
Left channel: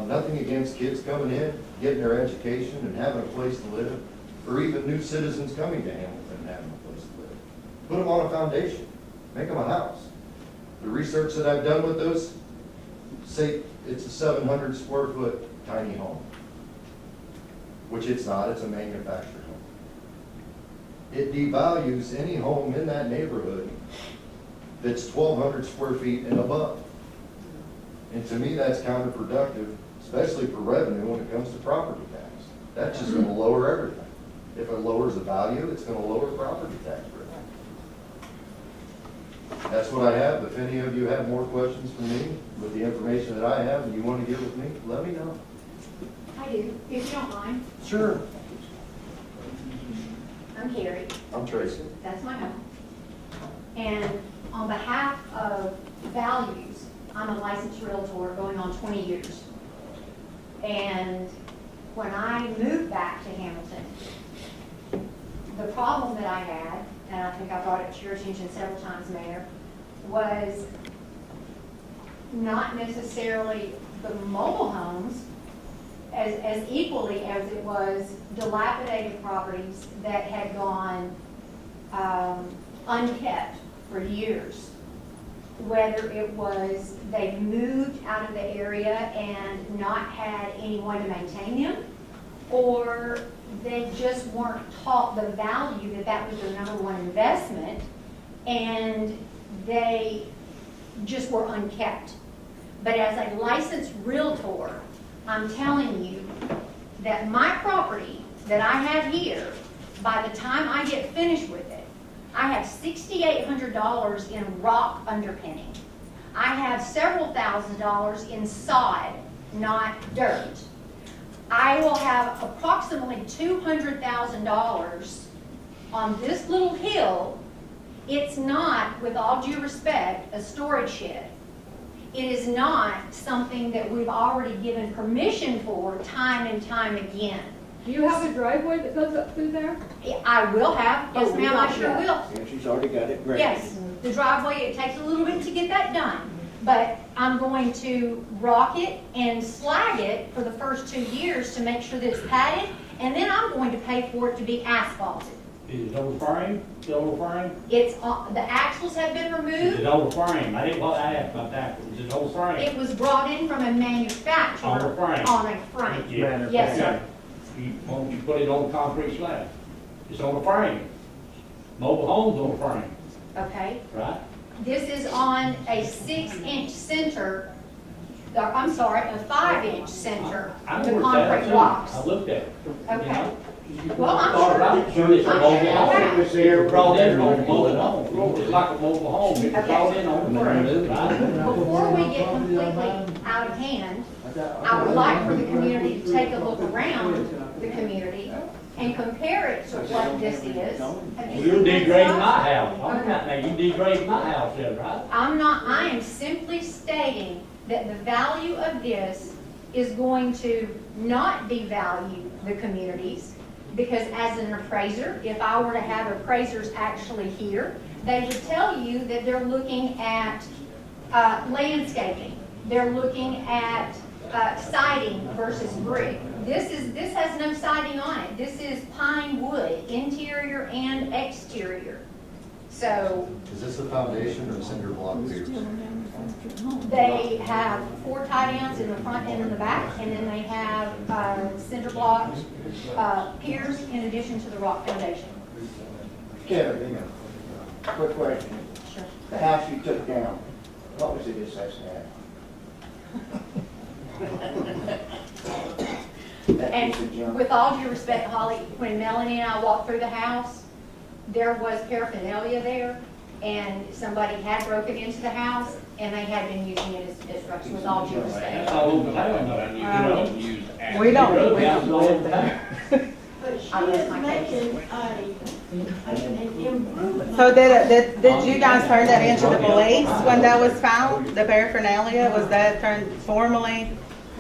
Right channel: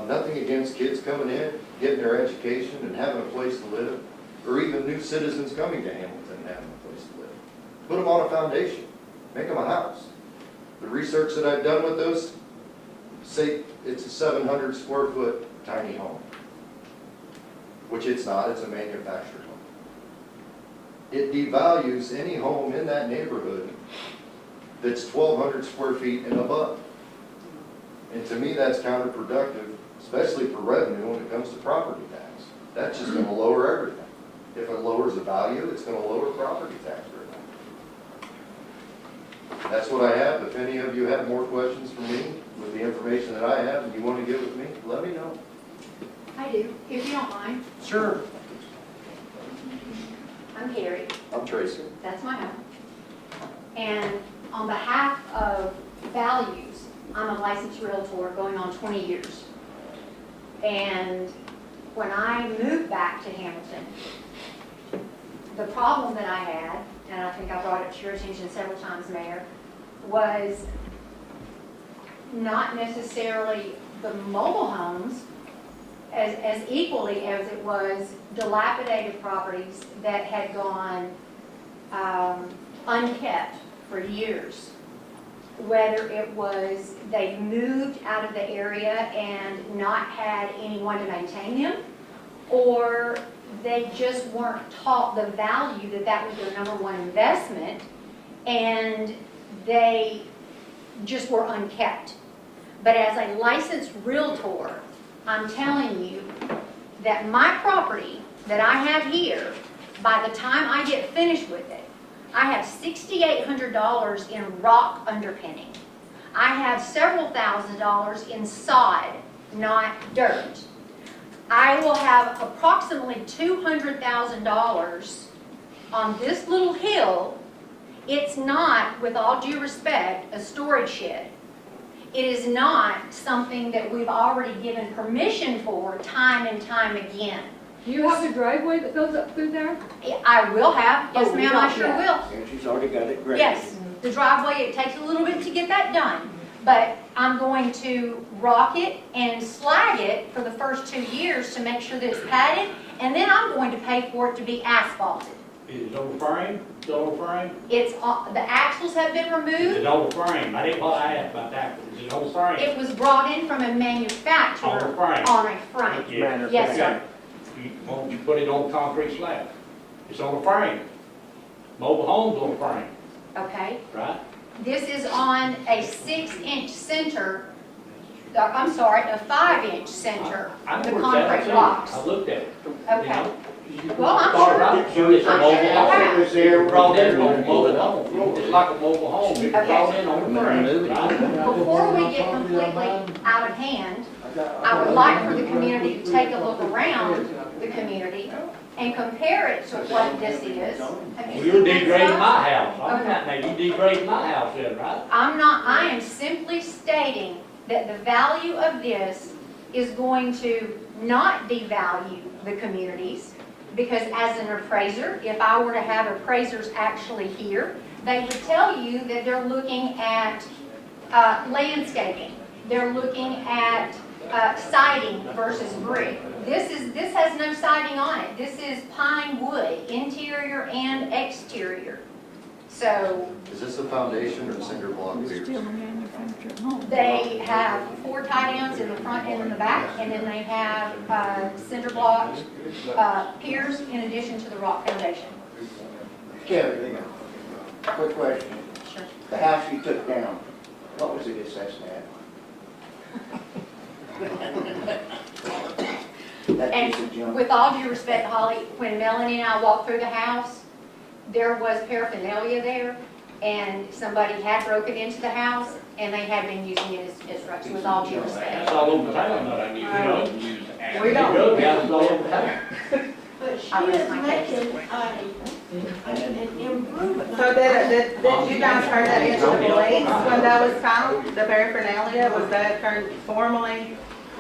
Nothing against kids coming in, getting their education and having a place to live, or even new citizens coming to Hamilton and having a place to live. Put them on a foundation, make them a house. The research that I've done with those say it's a 700 square foot tiny home, which it's not, it's a manufactured home. It devalues any home in that neighborhood that's 1,200 square feet and above. And to me, that's counterproductive, especially for revenue when it comes to property tax. That's just going to lower everything. If it lowers the value, it's going to lower property tax revenue. That's what I have. If any of you have more questions for me with the information that I have and you want to get with me, let me know. I do, if you don't mind. Sure. I'm Carrie. I'm Tracy. That's my home. And on behalf of Values, I'm a licensed realtor going on 20 years. And when I moved back to Hamilton, the problem that I had, and I think I brought it to your attention several times, Mayor, was not necessarily the mobile homes as equally as it was dilapidated properties that had gone unkept for years. Whether it was they've moved out of the area and not had anyone to maintain them, or they just weren't taught the value that that was their #1 investment, and they just were unkept. But as a licensed realtor, I'm telling you that my property that I have here, by the time I get finished with it, I have $6,800 in rock underpinning. I have several $1,000s in sod, not dirt. I will have approximately $200,000 on this little hill. It's not, with all due respect, a storage shed. It is not something that we've already given permission for time and time again. Do you have a driveway that goes up through there? I will have, yes Oh, ma'am, I sure yeah. will. And she's already got it graded. Yes, the driveway, it takes a little bit to get that done, but I'm going to rock it and slag it for the first 2 years to make sure that it's padded, and then I'm going to pay for it to be asphalted. Is it on the frame? Is it on the frame? It's, the axles have been Is removed. it on the frame? I didn't want to ask about that. Is it on the frame? It was brought in from a manufacturer. On the frame. On a frame. Thank you. Yes, sir. Why don't you put it on concrete slab? It's on the frame. Mobile homes on the frame, Okay. right? This is on a 6-inch center, I'm sorry, a 5-inch center, I the know where it's at. concrete blocks. I looked at it. Okay. You know? Well, I'm Thought sure- about it, sure it's a I'm mobile sure home. it It's brought in on a mobile home. It's like a mobile home. It's Okay. brought in on the frame, right? Before we get completely out of hand, I would like for the community to take a look around the community and compare it to what this is. Have you You're seen this degrading stuff? my house. I'm Okay. not, now you degrading my house then, right? I'm not, I am simply stating that the value of this is going to not devalue the communities, because as an appraiser, if I were to have appraisers actually here, they would tell you that they're looking at landscaping. They're looking at siding versus brick. This has no siding on it. This is pine wood, interior and exterior. So Is this a foundation or cinder block piers? they have 4 tie-downs in the front and in the back, and then they have cinder block piers in addition to the rock foundation. Kevin, quick question. The house you took down, what was the assessed at? And with all due respect, Holly, when Melanie and I walked through the house, there was paraphernalia there, and somebody had broken into the house, and they had been using it as drugs, with all due respect. That's all over town, though. You know? We don't live there. But she is making an improvement. So did you guys turn that into the police when that was found? The paraphernalia, was that formally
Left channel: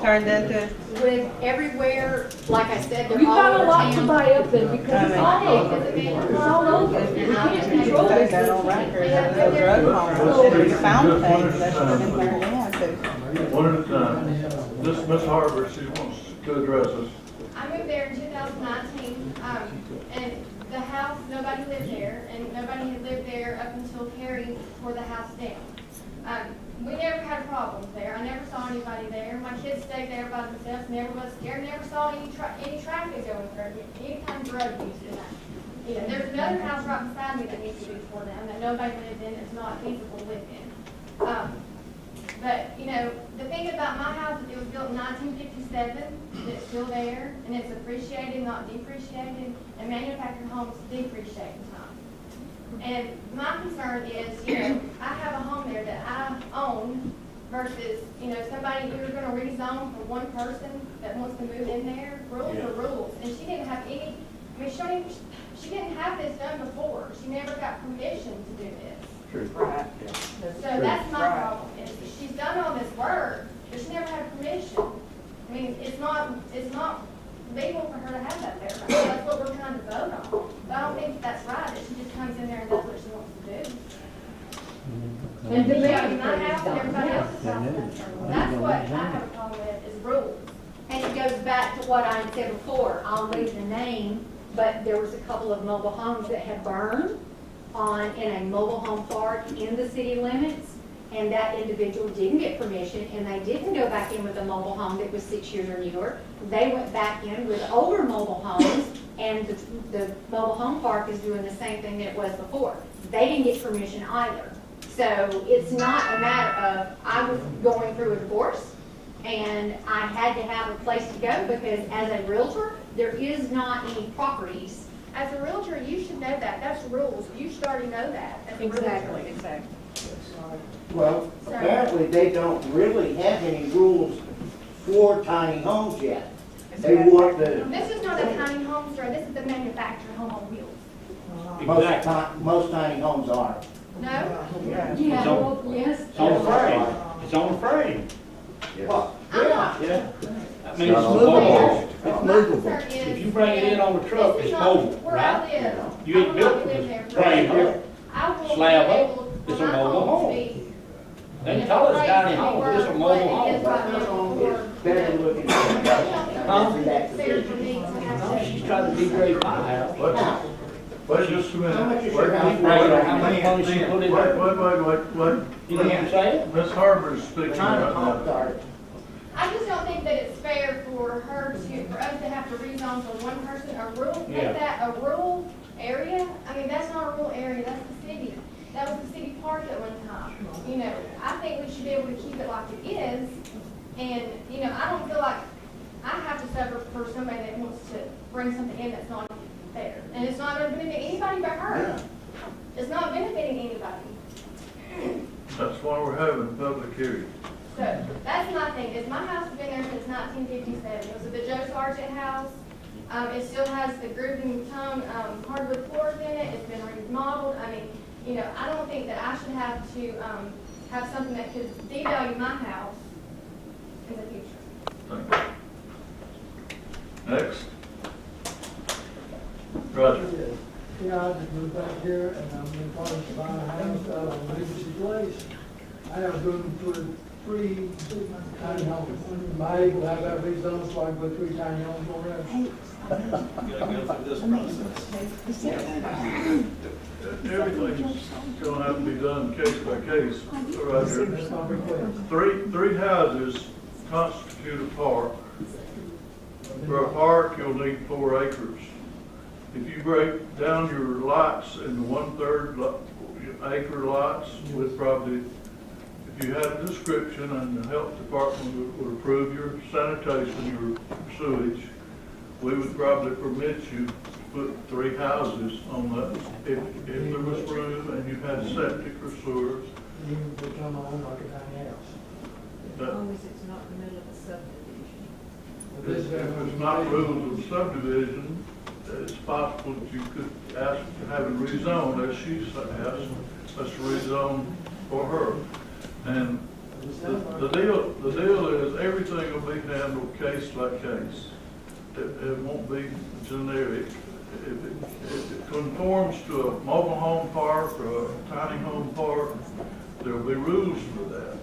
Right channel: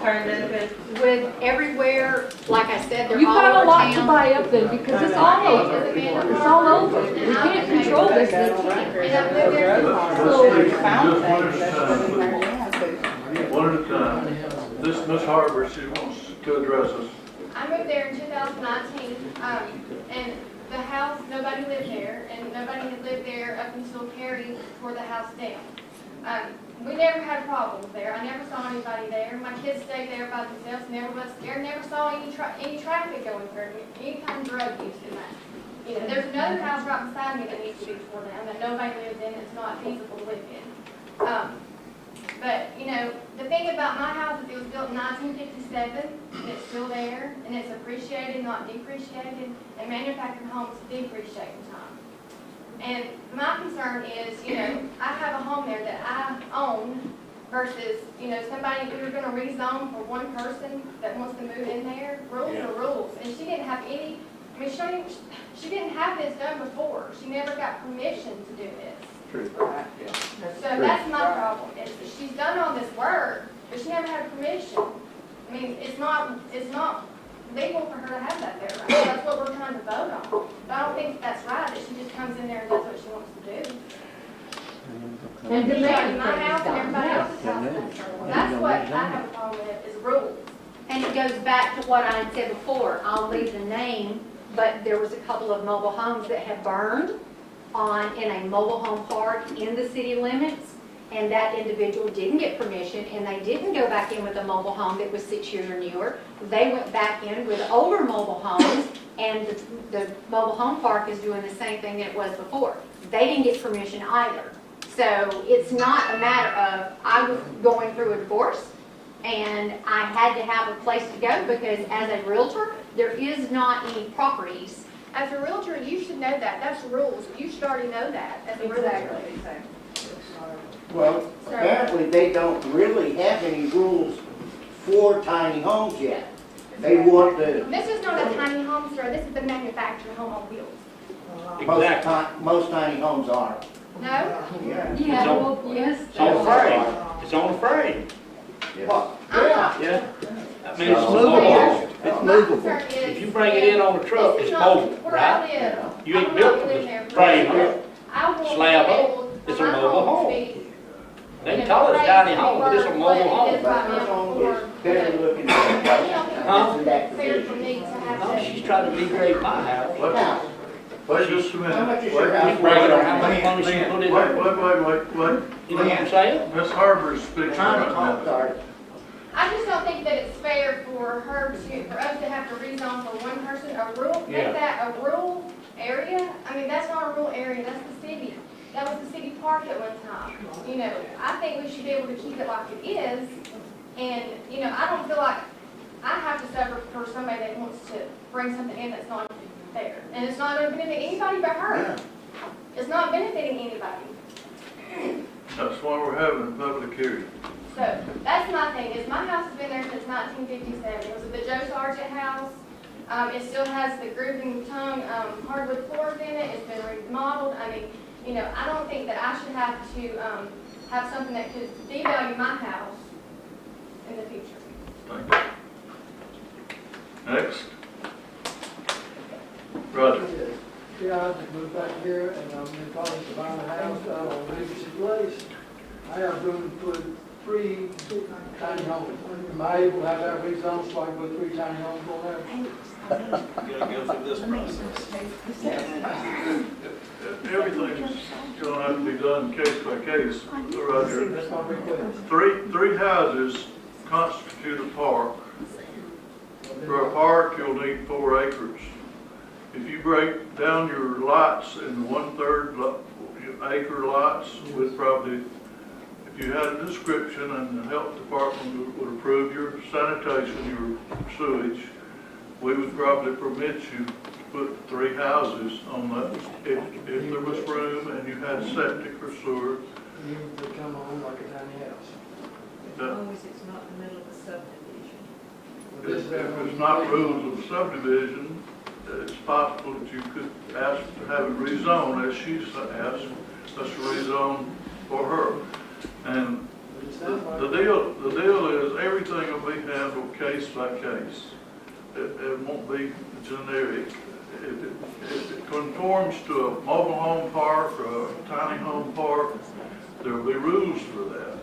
turned into? With everywhere, like I said, they're You've all got a over lot to town. buy up there because it's all over. We can't control Put this. that on record, there was a drug cartel, if you found things, that should have been turned in. One at a time. This is Ms. Harper, she wants to address us. I moved there in 2019, and the house, nobody lived there, and nobody had lived there up until Carrie tore the house down. We never had problems there. I never saw anybody there. My kids stayed there by themselves, never was scared, never saw any traffic going through. Anytime drug use in that. You know, there's another house right beside me that needs to be torn down that nobody lives in. It's not feasible to live in. But, you know, the thing about my house is it was built in 1957, and it's still there, and it's appreciated, not depreciated, and manufactured homes depreciate in time. And my concern is, you know, I have a home there that I own versus, you know, somebody, we were gonna rezone for one person that wants to move in there. Rules are rules, and she didn't have any, I mean, she didn't have this done before. She never got permission to do this. True. Right. Yeah. So that's my problem, is she's done all this work, but she never had permission. I mean, it's not legal for her to have that there. Right? That's what we're trying to vote on. But I don't think that's right, that she just comes in there and does what she wants to do. And in my house and everybody else's house. That's what I have a problem with, is rules. And it goes back to what I had said before, I'll leave the name, but there was a couple of mobile homes that had burned in a mobile home park in the city limits, and that individual didn't get permission, and they didn't go back in with a mobile home that was 6 years or newer. They went back in with older mobile homes, and the mobile home park is doing the same thing that it was before. They didn't get permission either. So it's not a matter of, I was going through a divorce, and I had to have a place to go, because as a realtor, there is not any properties. As a realtor, you should know that. That's rules. You should already know that as a realtor. Exactly. Well, apparently they don't really have any rules for tiny homes yet. They want the, This is not a tiny home, sir. This is a manufactured home on wheels. most tiny homes are. No? Yeah. Yeah, well, yes. It's on the frame. It's on the frame. Yeah. I mean, it's movable. It's movable. If you bring it in on the truck, it's mobile, right? You ain't built for this frame up, slab up. It's a mobile home. They can call it a tiny home, but it's a mobile home. Huh? No, she's trying to degrade my house. Wait just a minute. How much is Wait, your house? How much money she put in there? Wait. You know what I'm saying? Ms. Harper's speaking right now. I just don't think that it's fair for us to have to rezone for one person, make that a rural area. I mean, that's not a rural area, that's the city. That was the city park at one time. You know, I think we should be able to keep it like it is. And, you know, I don't feel like I have to suffer for somebody that wants to bring something in that's not fair. And it's not going to benefit anybody but her. It's not benefiting anybody. That's why we're having a public hearing. So that's my thing, is my house has been there since 1957. It was the Joe Sargent house. It still has the groove and tongue hardwood floors in it. It's been remodeled. I mean, you know, I don't think that I should have to have something that could devalue my house in the future. Thank you. Next. Roger. Yeah, I just moved back here and I'm in the process of buying a house out on Legacy Place. I have been put 3 tiny homes. Am I able to have that rezoned so I can put 3 tiny homes on there? You gotta go through this process. Everything's gonna have to be done case by case, Roger. Three houses constitute a park. For a park, you'll need 4 acres. If you break down your lots in 1/3 acre lots with probably, if you had a description and the health department would approve your sanitation, your sewage, we would probably permit you to put 3 houses on that if there was room and you had septic or sewer. You would become a home like a tiny house. As long as it's not in the middle of a subdivision. This if it's not rules of subdivision, it's possible that you could ask to have it rezoned, as she asked us to rezone for her. And the deal is everything will be handled case by case. It won't be generic. If it conforms to a mobile home park or a tiny home park, there'll be rules for that.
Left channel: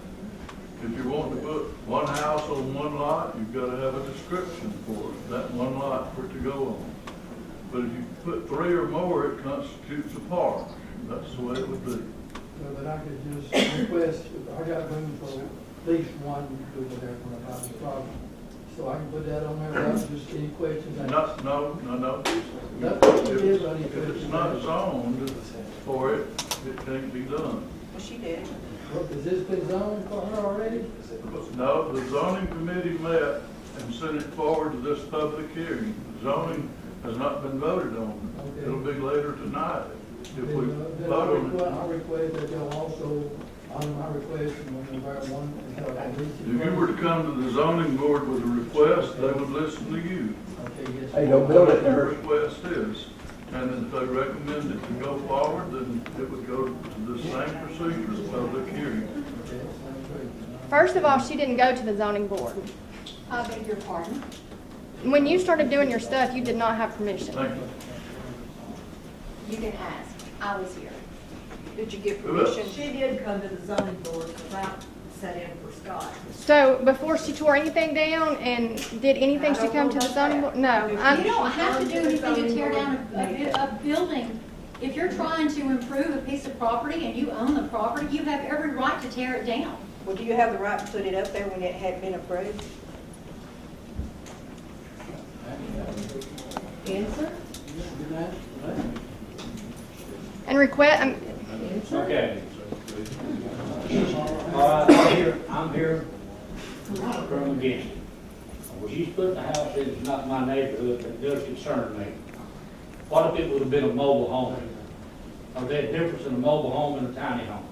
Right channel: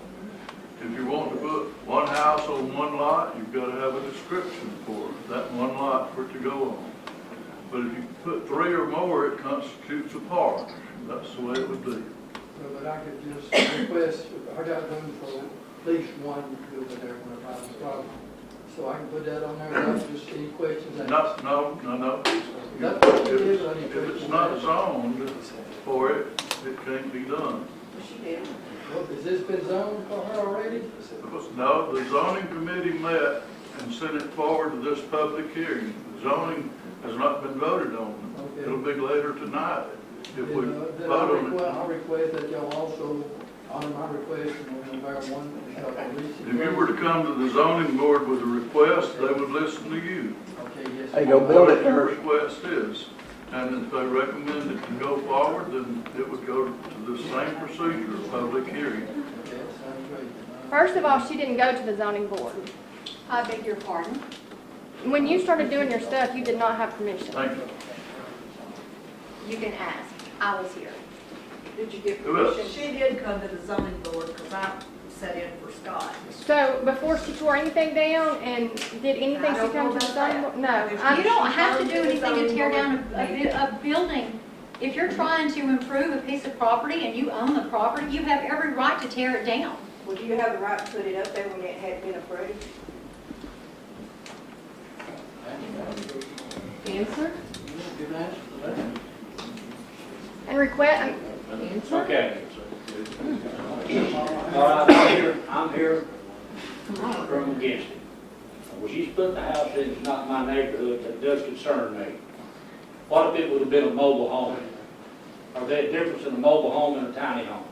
If you want to put one house on one lot, you've got to have a description for that one lot for it to go on. But if you put 3 or more, it constitutes a park. That's the way it would be. So that I could just request, I got room for at least one over there when I buy the property. So I can put that on there, that's just any questions. No. If it's not zoned for it, it can't be done. Well, she did. Well, has this been zoned for her already? No, the zoning committee met and sent it forward to this public hearing. The zoning has not been voted on. Okay. It'll be later tonight if we Then vote on it. I request that y'all also honor my request on November 1. If you were to come to the zoning board with a request, they would listen to you. Okay, yes. Hey, go build it Whatever first. your request is. And if they recommend it to go forward, then it would go to the same procedure, public hearing. Okay, that sounds great. First of all, she didn't go to the zoning board. I beg your pardon. When you started doing your stuff, you did not have permission. Thank you. You can ask. I was here. Did you get permission? She did come to the zoning board because I sat in for Scott. So before she tore anything down and did anything to come to the zoning board? No. You don't have to do anything to tear down a building. If you're trying to improve a piece of property and you own the property, you have every right to tear it down. Well, do you have the right to put it up there when it had been approved? Answer? And request, Okay. All right, I'm here from against it. Well, she's putting a house in, it's not my neighborhood, that does concern me. What if it would have been a mobile home? Are there a difference in a mobile home and a tiny home?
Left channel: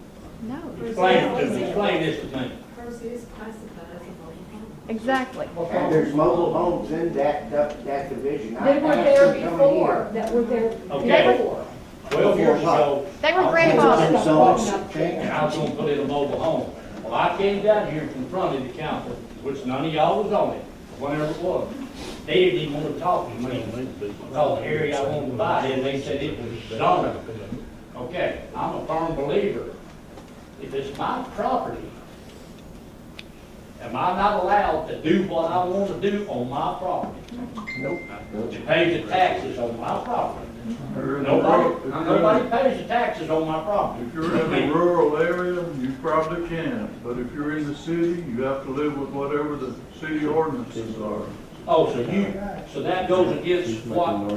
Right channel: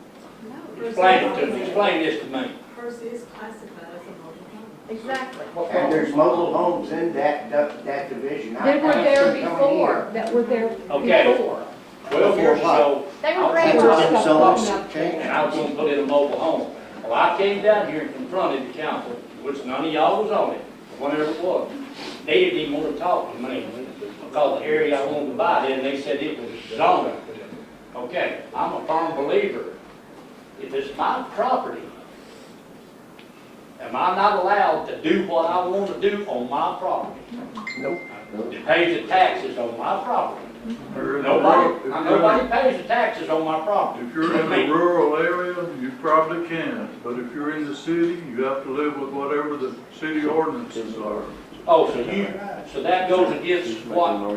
no. Explain it to me, explain this to me. Hers is classified as a mobile home. Exactly. And there's mobile homes in that division. They were there before, that were there Okay. before. 12 years ago, They were That's grandfathered. and I was gonna put in a mobile home. Well, I came down here and confronted the council, which none of y'all was on it, whenever it was. They didn't even wanna talk to me, because the area I wanted to buy in, they said it was zoned. Okay, I'm a firm believer, if it's my property, am I not allowed to do what I want to do on my property? Nope. To pay the taxes on my property? Nobody pays the taxes on my property. If you're in a rural area, you probably can, but if you're in the city, you have to live with whatever the city ordinances are. Oh, so that goes against what,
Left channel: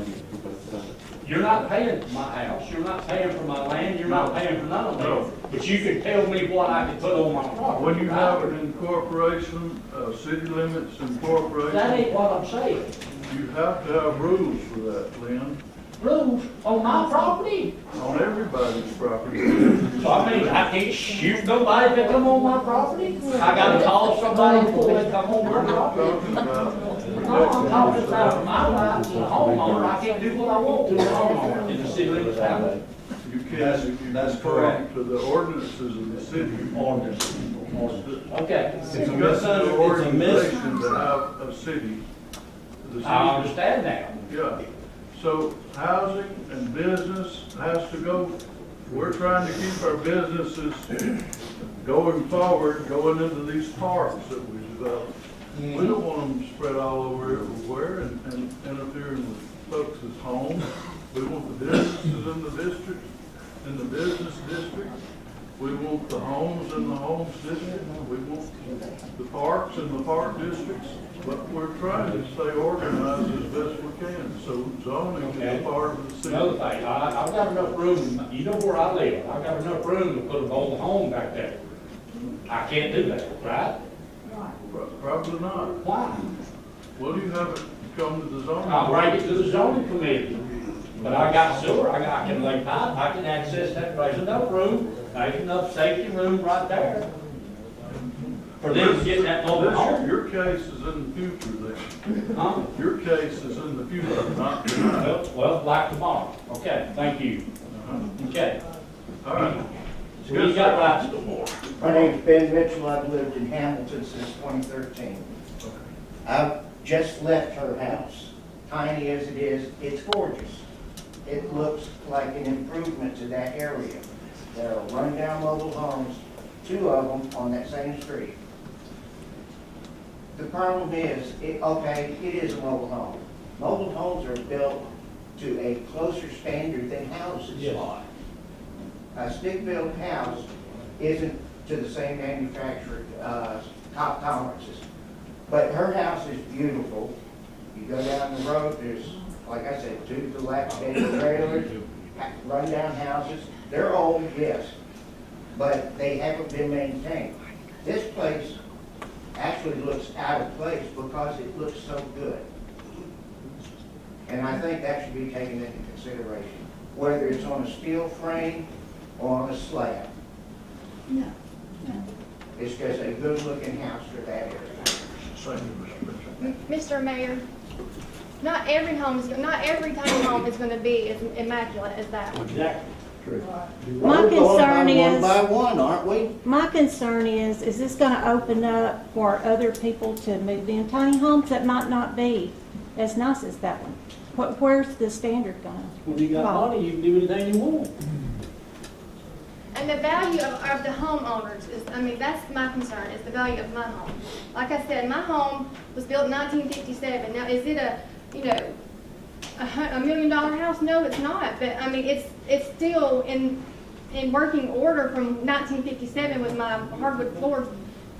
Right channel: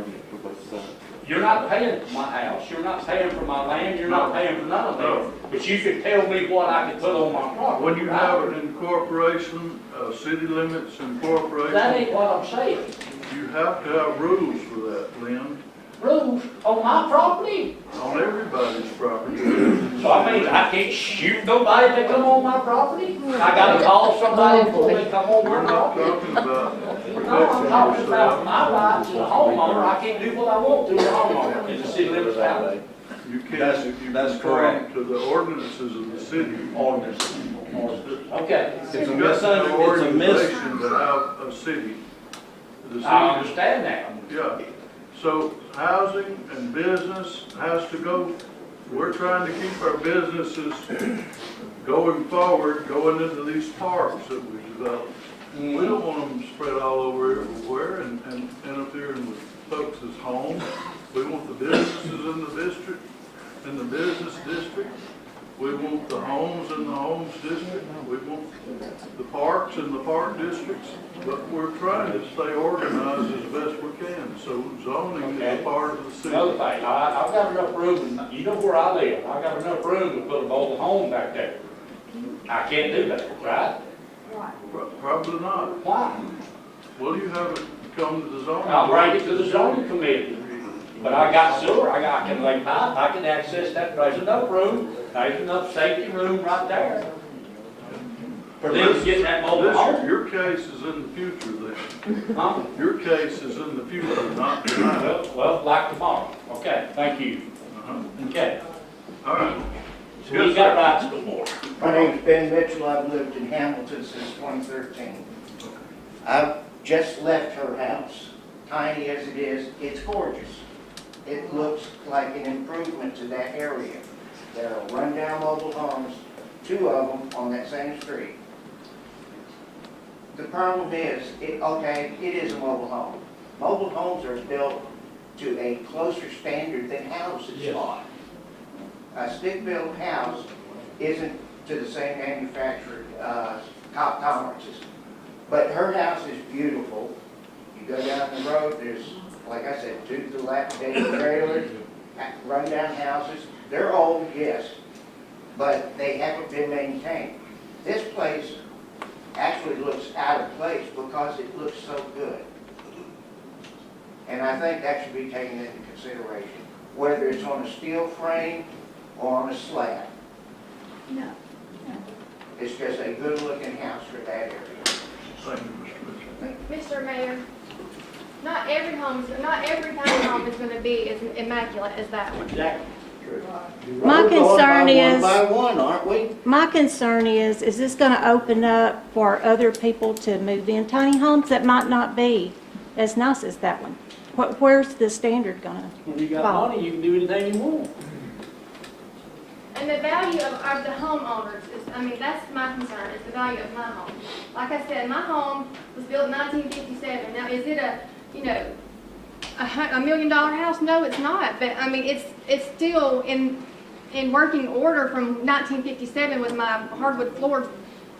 you're not paying for my house, you're not paying for my land, you're not paying for none of that. But you can tell me what I can put on my property. When you have an incorporation, city limits incorporation. That ain't what I'm saying. You have to have rules for that, Lynn, Rules on my property? on everybody's property. So I mean, I can't shoot nobody that come on my property? I gotta call somebody before they come on We're my not property? talking about No, I'm protecting talking about yourself. my rights as a homeowner, I can't do what I want to as a homeowner in the city limits town. You can't, That's- if you that's conform correct. to the ordinances of the city. Ordinance. Okay. You've got to have organizations that have a city. The city. I understand that. Yeah, so housing and business has to go, we're trying to keep our businesses going forward, going into these parks that we develop. We don't want them spread all over everywhere and interfering with folks' homes. We want the businesses in the business district. We want the homes in the homes district. We want the parks in the park districts. But we're trying to stay organized as best we can, so zoning is part of the city. Another thing, I've got enough room, you know where I live, I've got enough room to put a mobile home back there. I can't do that, right? Probably not. Why? What do you have it come to the zoning? I'll bring it to the zoning committee. But I got sewer, I can lay pipe, I can access that, there's enough room, there's enough safety room right there. For them to get that mobile home. Your case is in the future then. Huh? Your case is in the future, not tonight. Well, like tomorrow. Okay, thank you. Okay. All right. So we got rights before. My name's Ben Mitchell. I've lived in Hamilton since 2013. I've just left her house. Tiny as it is, it's gorgeous. It looks like an improvement to that area. There are rundown mobile homes, 2 of them on that same street. The problem is, okay, it is a mobile home. Mobile homes are built to a closer standard than houses are. A stick-built house isn't to the same manufacturer, top tolerances. But her house is beautiful. You go down the road, there's, like I said, 2 dilapidated trailers, rundown houses. They're old, yes, but they haven't been maintained. This place actually looks out of place because it looks so good. And I think that should be taken into consideration, whether it's on a steel frame or on a slab. No. It's just a good-looking house for that area. Mr. Mayor, not every tiny home is gonna be as immaculate as that one. Exactly. My We're going concern by is- one by one, aren't we? My concern is this gonna open up for other people to move in tiny homes that might not be as nice as that one? Where's the standard gonna When you got fall? money, you can do anything you want. And the value of the homeowners is, I mean, that's my concern, is the value of my home. Like I said, my home was built in 1957. Now, is it a $1 million house? No, it's not. But I mean, it's still in working order from 1957 with my hardwood floors.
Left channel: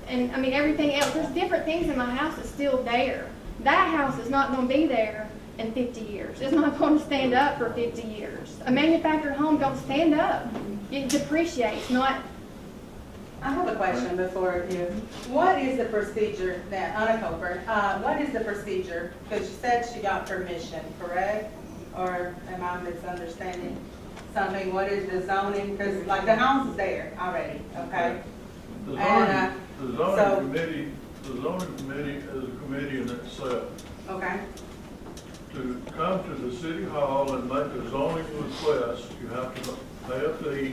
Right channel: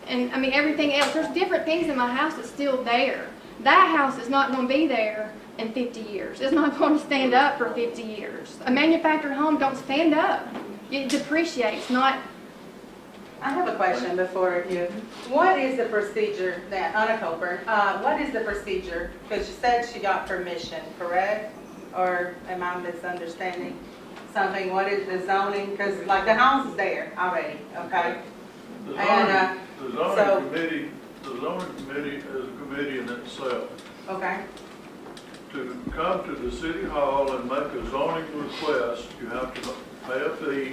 And I mean, everything else, there's different things in my house that's still there. That house is not going to be there in 50 years. It's not going to stand up for 50 years. A manufactured home don't stand up. It depreciates, not. I have a question before you. What is the procedure that, Anna Coburn, what is the procedure? Because you said she got permission, correct? Or am I misunderstanding something? What is the zoning? Because like the house is there already, okay? The So- zoning committee is a committee in itself. Okay. To come to the city hall and make a zoning request, you have to pay a fee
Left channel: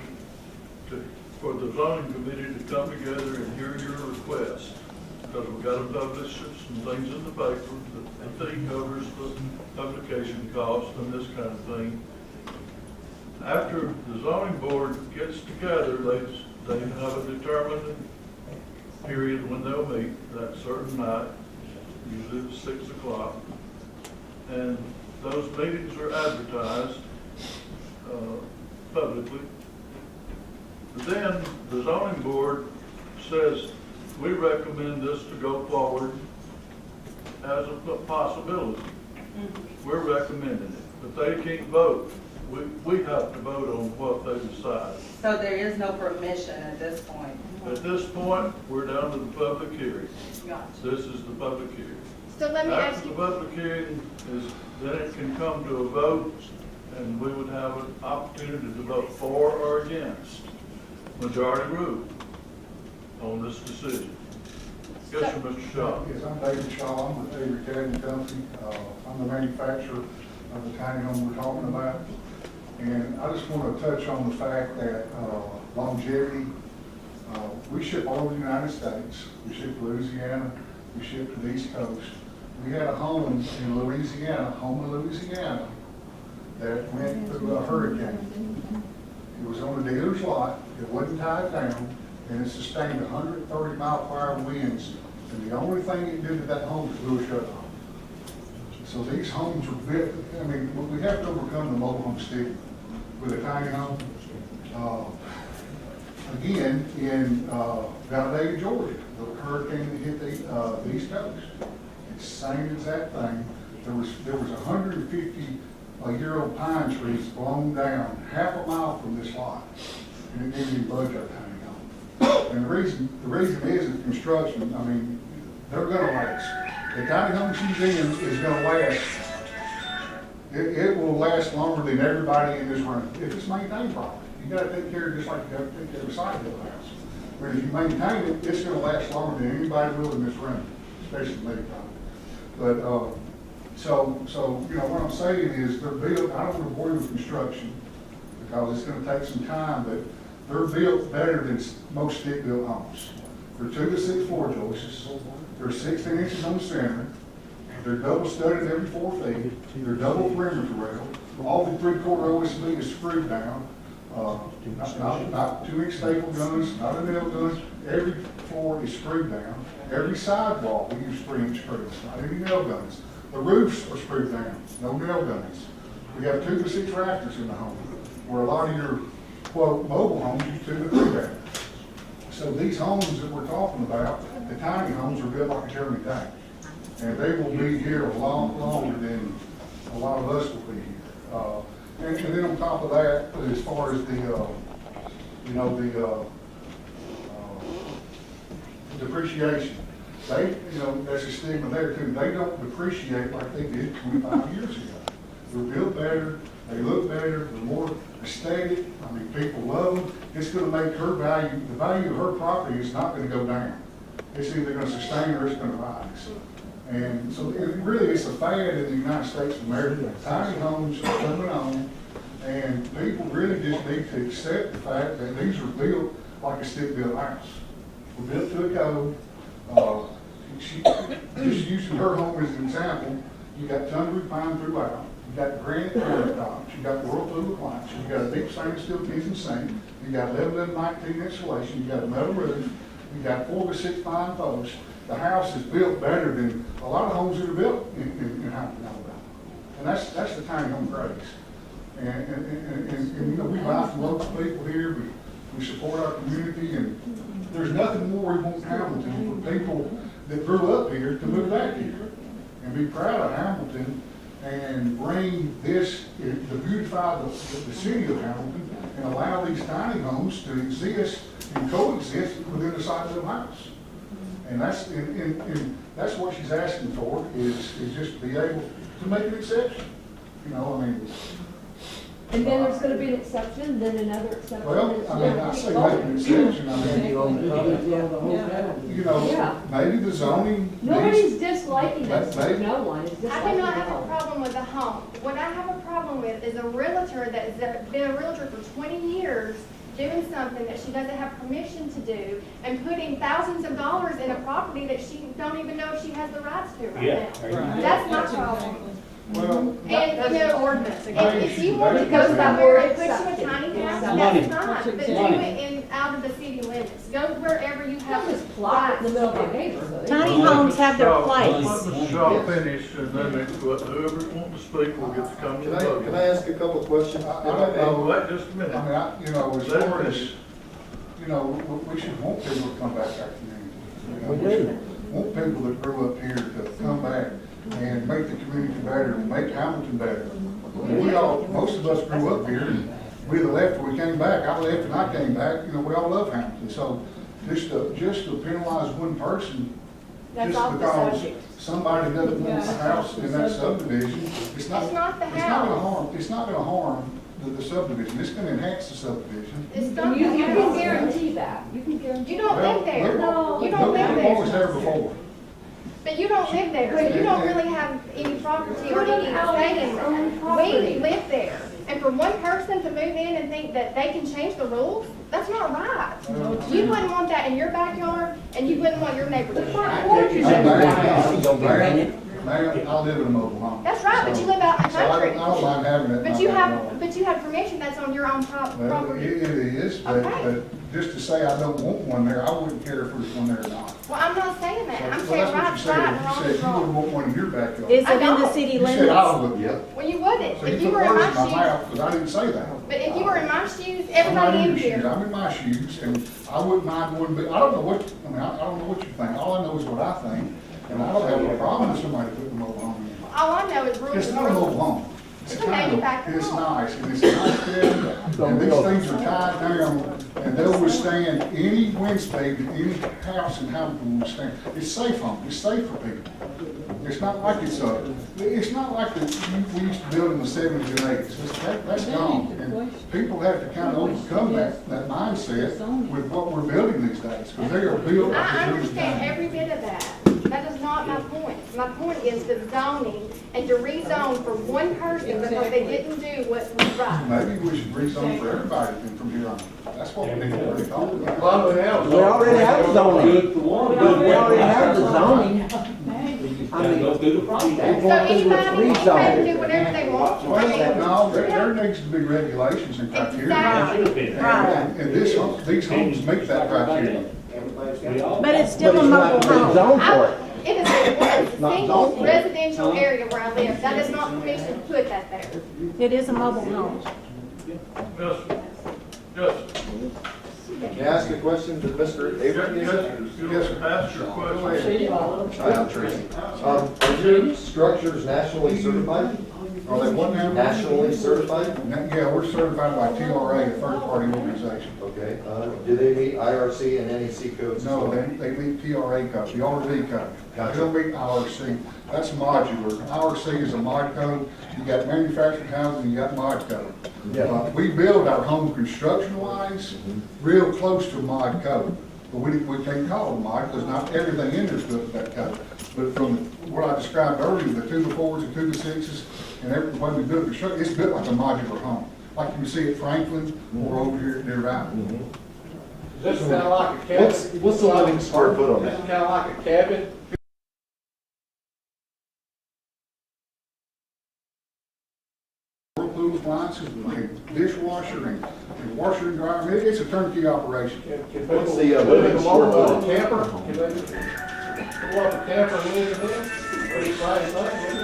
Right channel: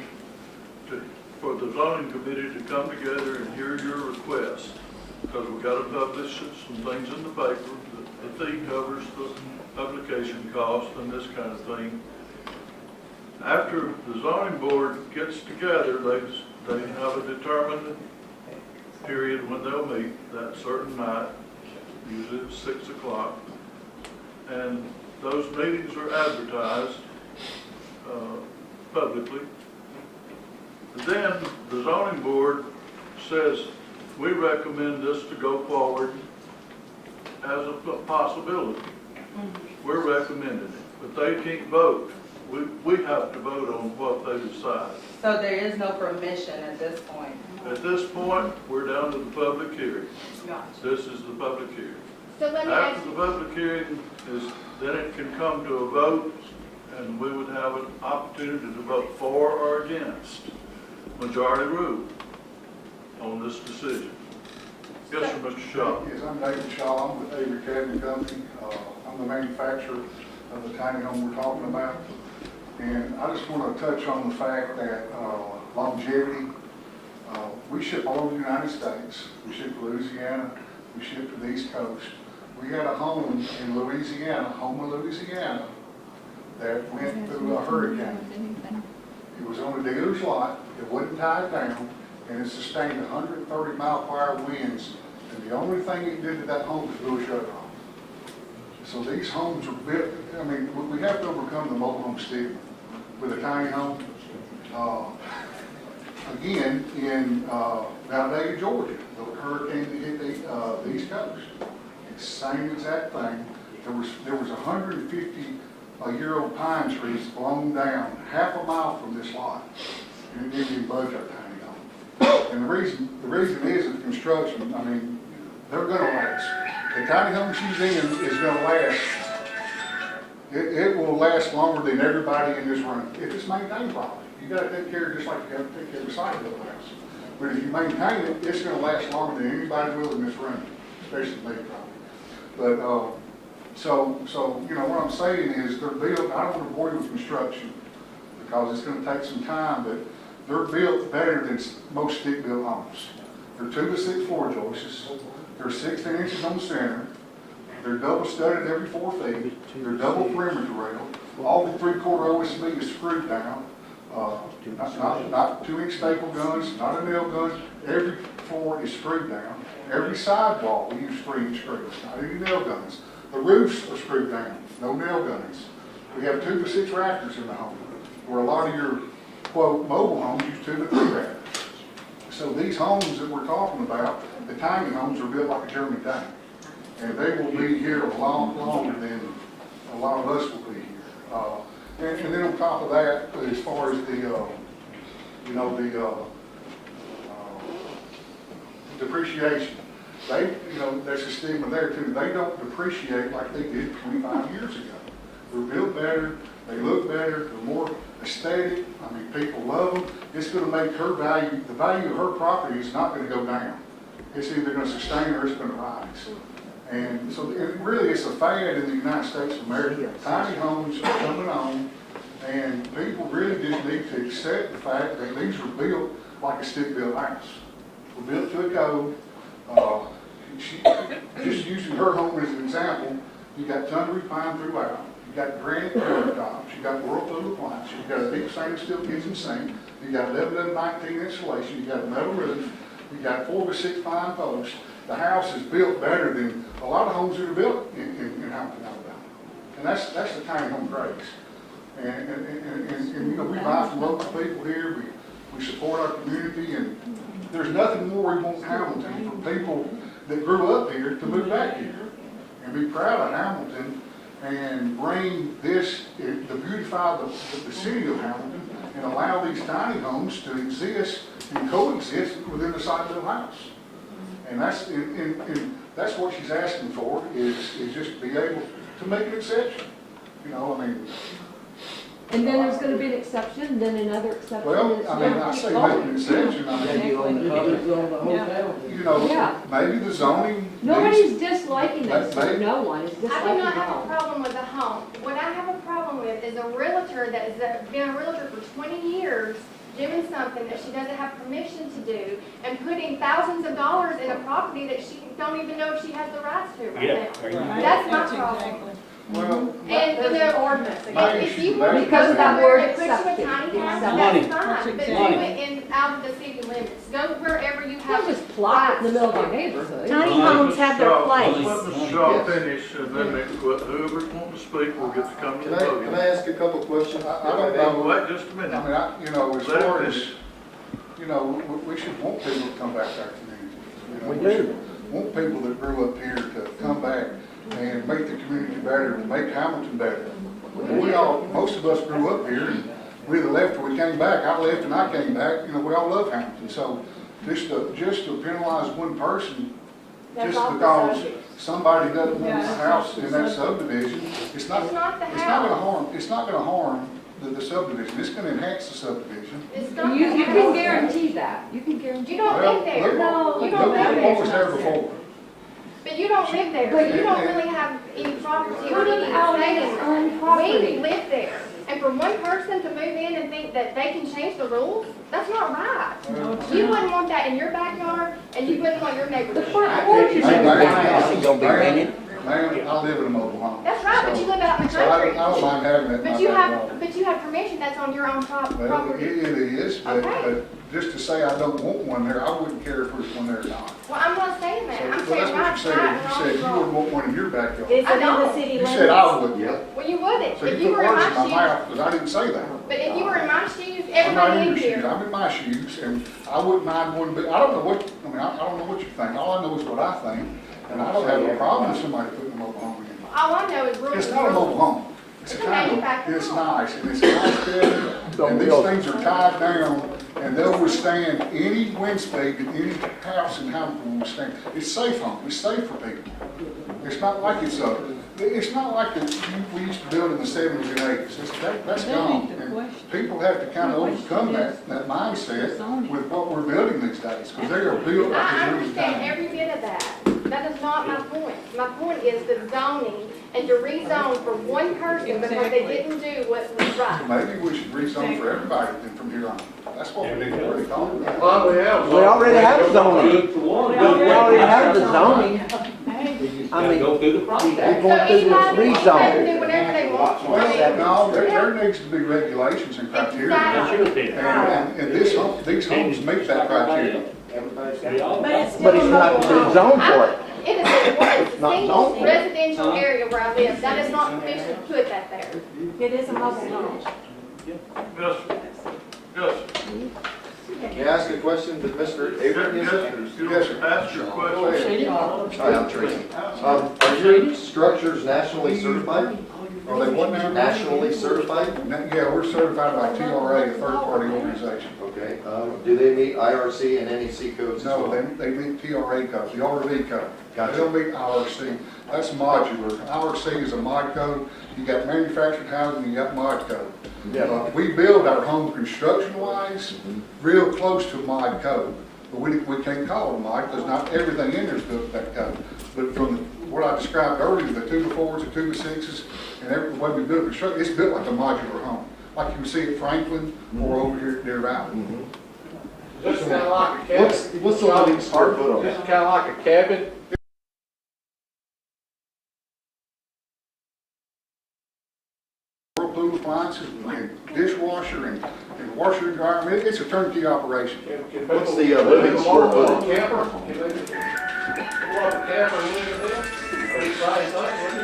for the zoning committee to come together and hear your request. Because we've got to publish some things in the paper, the fee covers the publication cost and this kind of thing. After the zoning board gets together, they have a determined period when they'll meet that certain night, usually at 6 o'clock. And those meetings are advertised publicly. Then the zoning board says, we recommend this to go forward as a possibility. We're recommending it, but they can't vote. We have to vote on what they decide. So there is no permission at this point? At this point, we're down to the public hearing. Gotcha. This is the public hearing. So let me ask After you. the public hearing is, then it can come to a vote, and we would have an opportunity to vote for or against majority rule on this decision. Yes, sir, Mr. Shaw. Yes, I'm David Shaw. I'm with Avery Cabin Company. I'm the manufacturer of the tiny home we're talking about. And I just want to touch on the fact that longevity, we ship all over the United States. We ship to Louisiana. We ship to the East Coast. We had a home in Louisiana, that went through a hurricane. It was on a dealer's lot. It wasn't tied down, and it sustained 130-mile-per-hour winds. And the only thing it did to that home was blew a shutter off. So these homes were built. I mean, we have to overcome the mobile home stigma with a tiny home. Again, in Valdosta, Georgia, the hurricane that hit the East Coast, same exact thing. There was 150-year-old pine trees blown down half a mile from this lot, and it didn't even budge our tiny home. And the reason is the construction. I mean, they're going to last. The tiny home she's in is going to last. It will last longer than everybody in this room if it's maintained properly. You got to take care of it just like you have to take care of a site of the house. But if you maintain it, it's going to last longer than anybody will in this room, especially me. But, so, you know, what I'm saying is they're built, I don't want to bore you with construction because it's gonna take some time, but they're built better than most stick-built homes. They're 2 to 6 floor joists. They're 16 inches on the center. They're double studded every 4 feet. They're double perimeter rail. All the 3/4 OSB is screwed down. Not 2-inch staple guns, not a nail gun. Every floor is screwed down. Every sidewall, we use 3-inch screws, not any nail guns. The roofs are screwed down, no nail guns. We have 2 to 6 rafters in the home, where a lot of your, quote, mobile homes use 2 to 3 rafters. So these homes that we're talking about, the tiny homes, are built like a German tank. And they will be here a lot longer than a lot of us will be here. And then on top of that, as far as the, you know, the depreciation, they, you know, there's a stigma there too. They don't depreciate like they did 25 years ago. They're built better, they look better, they're more aesthetic. I mean, people love them. It's going to make her value, the value of her property is not going to go down. It's either going to sustain or it's going to rise. And so, and really, it's a fad in the United States of America. Tiny homes are coming on, and people really just need to accept the fact that these are built like a stick-built house. We're built to a code. Just using her home as an example, you got thundery pine throughout. You got granite countertops. You got Whirlpool appliance. You got a deep stainless steel kitchen sink. You got 11 to 19 insulation. You got a metal roof. You got 4 to 6 pine posts. The house is built better than a lot of homes that are built in Hamilton, Alabama. And that's the tiny home craze. And you know, we buy from local people here. We support our community, and there's nothing more we want in Hamilton for people that grew up here to move back here and be proud of Hamilton and bring this, to beautify the city of Hamilton and allow these tiny homes to exist and coexist within the side of the house. And that's what she's asking for, is just to be able to make an exception. You know, I mean. And then there's gonna be an exception, then another exception. Well, I mean, I say make an exception, I mean, you know, maybe the zoning. Nobody's disliking it, no one is I disliking do it not at have a all. problem with a home. What I have a problem with is a realtor that has been a realtor for 20 years doing something that she doesn't have permission to do and putting thousands of dollars in a property that she don't even know if she has the rights to right now. That's my problem. Well, And, you know, ordinance and if you want to because go that somewhere word and put you a accepted. tiny house, Money. that's fine, but do it in, out of the city limits. Go wherever you have. Just plot it in the middle of our neighborhood. Tiny homes have their place. Let Mr. Shaw finish, and then whoever's wanting to speak will get to come to the Can podium. I ask a couple of questions? Wait just a minute. I mean, you know, as Let him far as, finish. you know, we should want people to come back to our community. You know, We should do. Want people that grew up here to come back and make the community better, make Hamilton better. And we all, most of us grew up here, and we either left or we came back. I left and I came back, you know, we all love Hamilton. So just to penalize one person, That's just off the because subject. somebody doesn't want a house in that subdivision, it's not gonna harm the subdivision. It's gonna enhance the subdivision. It's not. You can guarantee that, you can guarantee. You don't live there. No, You don't live What was there. there before? But you don't live there, so you don't really have any property or Put them any out estate in on there. property. We live there. And for one person to move in and think that they can change the rules, that's not right. You wouldn't want that in your backyard, and you wouldn't want your neighbor. The front porch is Ma'am, I live in a mobile home. That's right, but you live out in the So I country. don't mind having it in my But you backyard. have permission that's on your own Well, property. it is, but Okay. just to say I don't want one there, I wouldn't care if there's one there or not. Well, I'm not saying that. I'm Well, saying that's what right's you right and said. wrong's You said you wrong. wouldn't want one in your backyard. Is it in the don't. city You said I limits? would. Well, you wouldn't. So If you you put were in words in my my shoes, mouth, because I didn't say that. but if you were in my shoes, I'm not everybody in in your shoes, here. I'm in my shoes, and I wouldn't mind one, but I don't know what, I mean, I don't know what you think. All I know is what I think, and I don't have a problem with somebody putting a mobile home in. All I know is rules. It's not a mobile home. It's It's a kind of, manufactured it's home. nice, and it's nice building, and these things are tied down, and they'll withstand any wind speed that any house in Hamilton will withstand. It's safe home, it's safe for people. It's not like it's not like we used to build in the 70s and 80s. That's gone. And people have to kind of overcome that mindset with what we're building these days, because they are built like I a really understand tiny. every bit of that. That is not my point. My point is the zoning and to rezone for one person because they didn't do what was right. Maybe we should rezone for everybody then from here on. That's what we need to work on. Well, we have. We already have zoning. Good for one, We good for already one. have the zoning. You just I gotta mean, go through the process. So We're going through this anybody can rezone. do whatever they want. No, there needs to be regulations and criteria. And these homes meet that criteria. But it's still a mobile home. Zone for it. It is a single residential area where I live. That is not permission to put that there. It is a mobile home. Yes, yes. May I ask a question to Mr. Avery? Yes, sir. Ask your question. Hi, I'm Tracy. Are your structures nationally certified? Are they what now? Nationally certified? Yeah, we're certified by TRA, a third-party organization. Okay. Do they meet IRC and NEC codes? No, they meet TRA codes, the RV code. Gotcha. They don't meet IRC. That's modular. IRC is a mod code. You got manufactured housing, you got mod code. We build our home construction-wise real close to a mod code. But we can't call it a mod because not everything in there is built to that code. But from what I described earlier, the 2x4s, the 2x6s, and every way we build construction, it's built like a modular home. Like you can see at Franklin or over here at Deer Valley. This is kind of like a cabin. What's the living square foot on This that? is kind of like a cabin. Whirlpool appliances, and dishwasher, and washer and dryer. I mean, it's a turnkey operation. Can What's people the live living in a square mobile footage? camper? Can they pull up a camper and live in there? Pretty same thing, wouldn't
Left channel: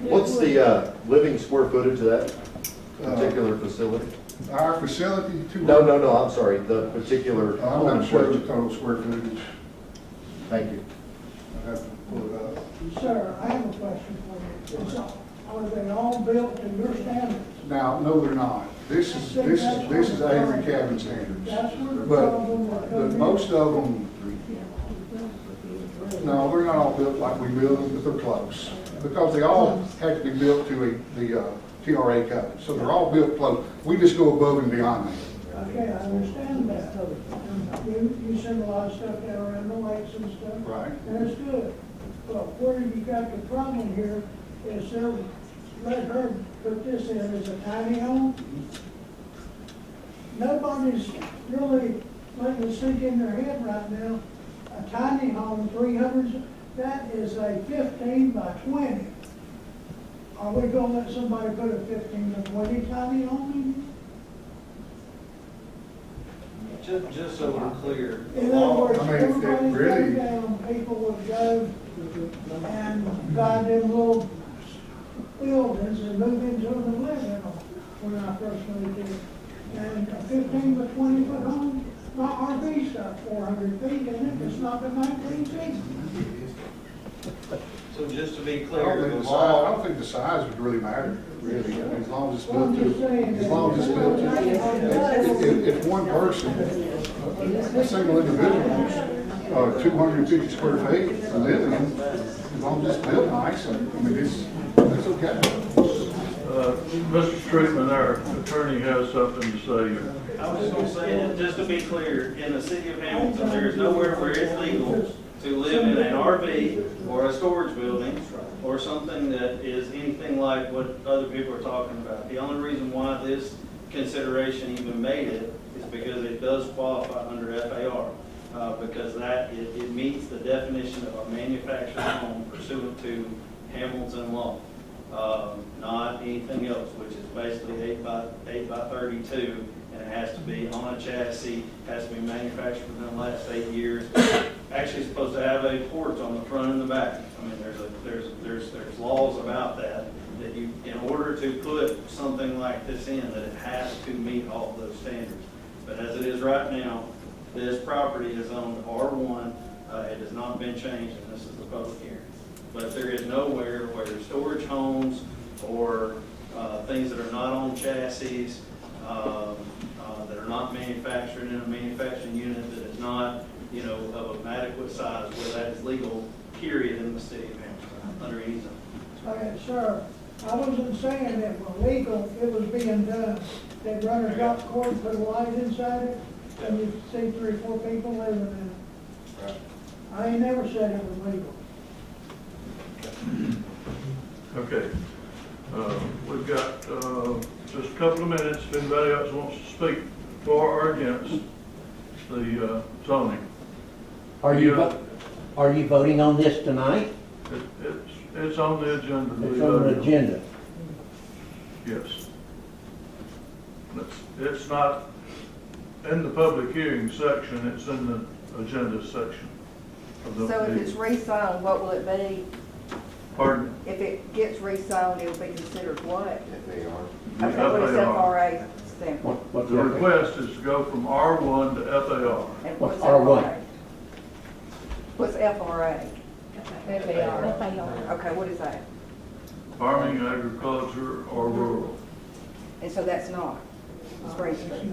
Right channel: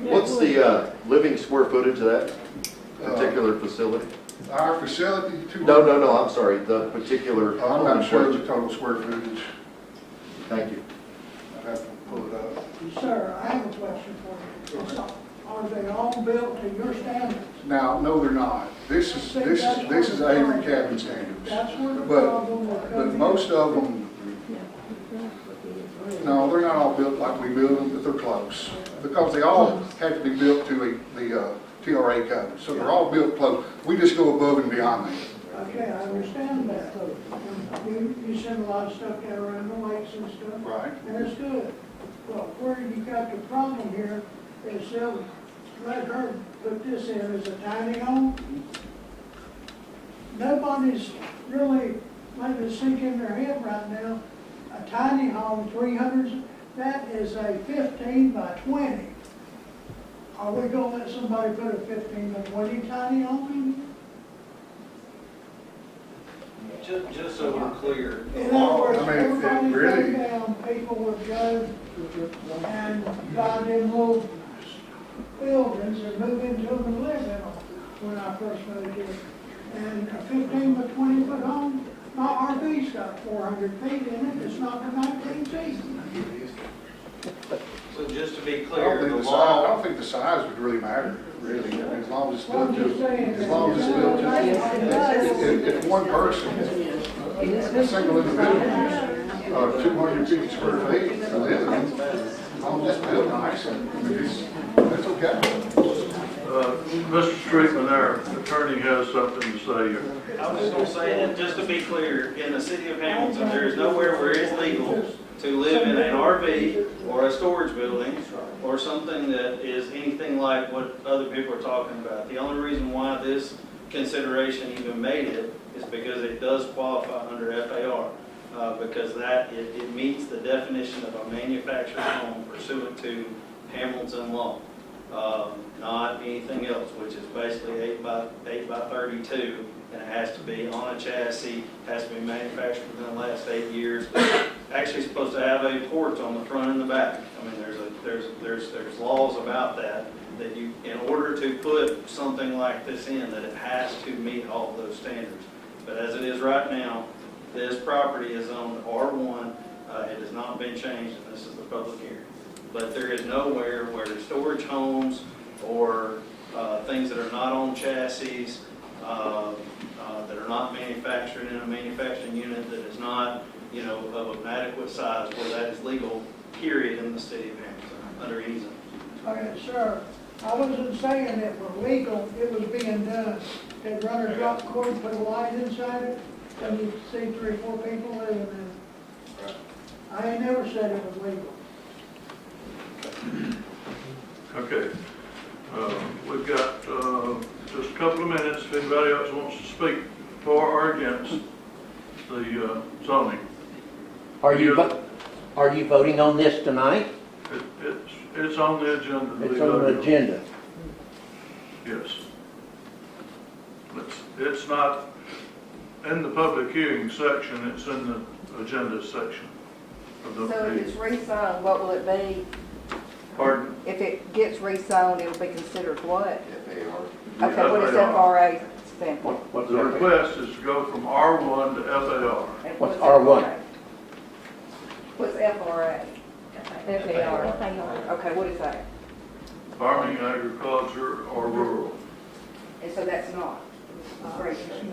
it? What's the living square footage of that particular facility? Our facility, No, I'm sorry, the particular. I'm not sure the total square footage. Thank you. I have to pull it up. Sir, I have a question for you. Are they all built to your standards? Now, no, they're not. This is Avery cabin standards. That's where the But problem will come in. most of them, no, they're not all built like we build them, but they're close. Because they all have to be built to the TRA code. So they're all built close. We just go above and beyond that. Okay, I understand that. You send a lot of stuff down around the lakes and stuff. Right. And it's good. But where you got the problem here is let her put this in as a tiny home. Nobody's really letting it sink in their head right now. A tiny home, 300, that is a 15 by 20. Are we gonna let somebody put a 15 by 20 tiny home in here? Just so we're clear, the In other law, words, I mean, it everybody really- go down, people would go and buy them little buildings and move into them and live in them when I first moved here. And a 15 by 20 foot home, my RV's got 400 feet in it, it's not for 19 feet. so just to be I don't clear, think the the size, I law, don't think the size would really matter, really. I mean, as long as it's Well, I'm built just saying to, as that- long as it's built to, if one person, a single individual, 250 square feet to live in, as long as it's built nice, I mean, it's okay. Mr. Streetman, our attorney has something to say here. I was just gonna say that, just to be clear, in the city of Hamilton, there is nowhere where it's legal to live in an RV or a storage building or something that is anything like what other people are talking about. The only reason why this consideration even made it is because it does qualify under FAR. Because it meets the definition of a manufactured home pursuant to Hamilton law. Not anything else, which is basically 8 by 32, and it has to be on a chassis, has to be manufactured within the last 8 years. Actually supposed to have a porch on the front and the back. I mean, there's laws about that you, in order to put something like this in, that it has to meet all those standards. But as it is right now, this property is owned R1. It has not been changed, and this is the public hearing. But there is nowhere where storage homes or things that are not on chassis, that are not manufactured in a manufacturing unit, that is not, of an adequate size, where that is legal, period, in the city of Hamilton, under any zone. Okay, sir, I wasn't saying it was legal, it was being done. They'd run a drop cord, put a light inside it, and you'd see 3 or 4 people living in it. I ain't never said it was legal. Okay. We've got just a couple of minutes. If anybody else wants to speak for or against the zoning. Are you voting on this tonight? It's on the agenda. It's on the agenda. Yes. It's not in the public hearing section, it's in the agenda section of the So if meeting. it's rezoned, what will it be? Pardon? If it gets rezoned, it'll be considered what? FAR. Okay, what does FRA stand for? What's The request is to go from R1 to FAR. And What's FRA? R1? What's FRA? FAR. Okay, what is that? Farming, agriculture, or rural. And so that's not Spring Street. We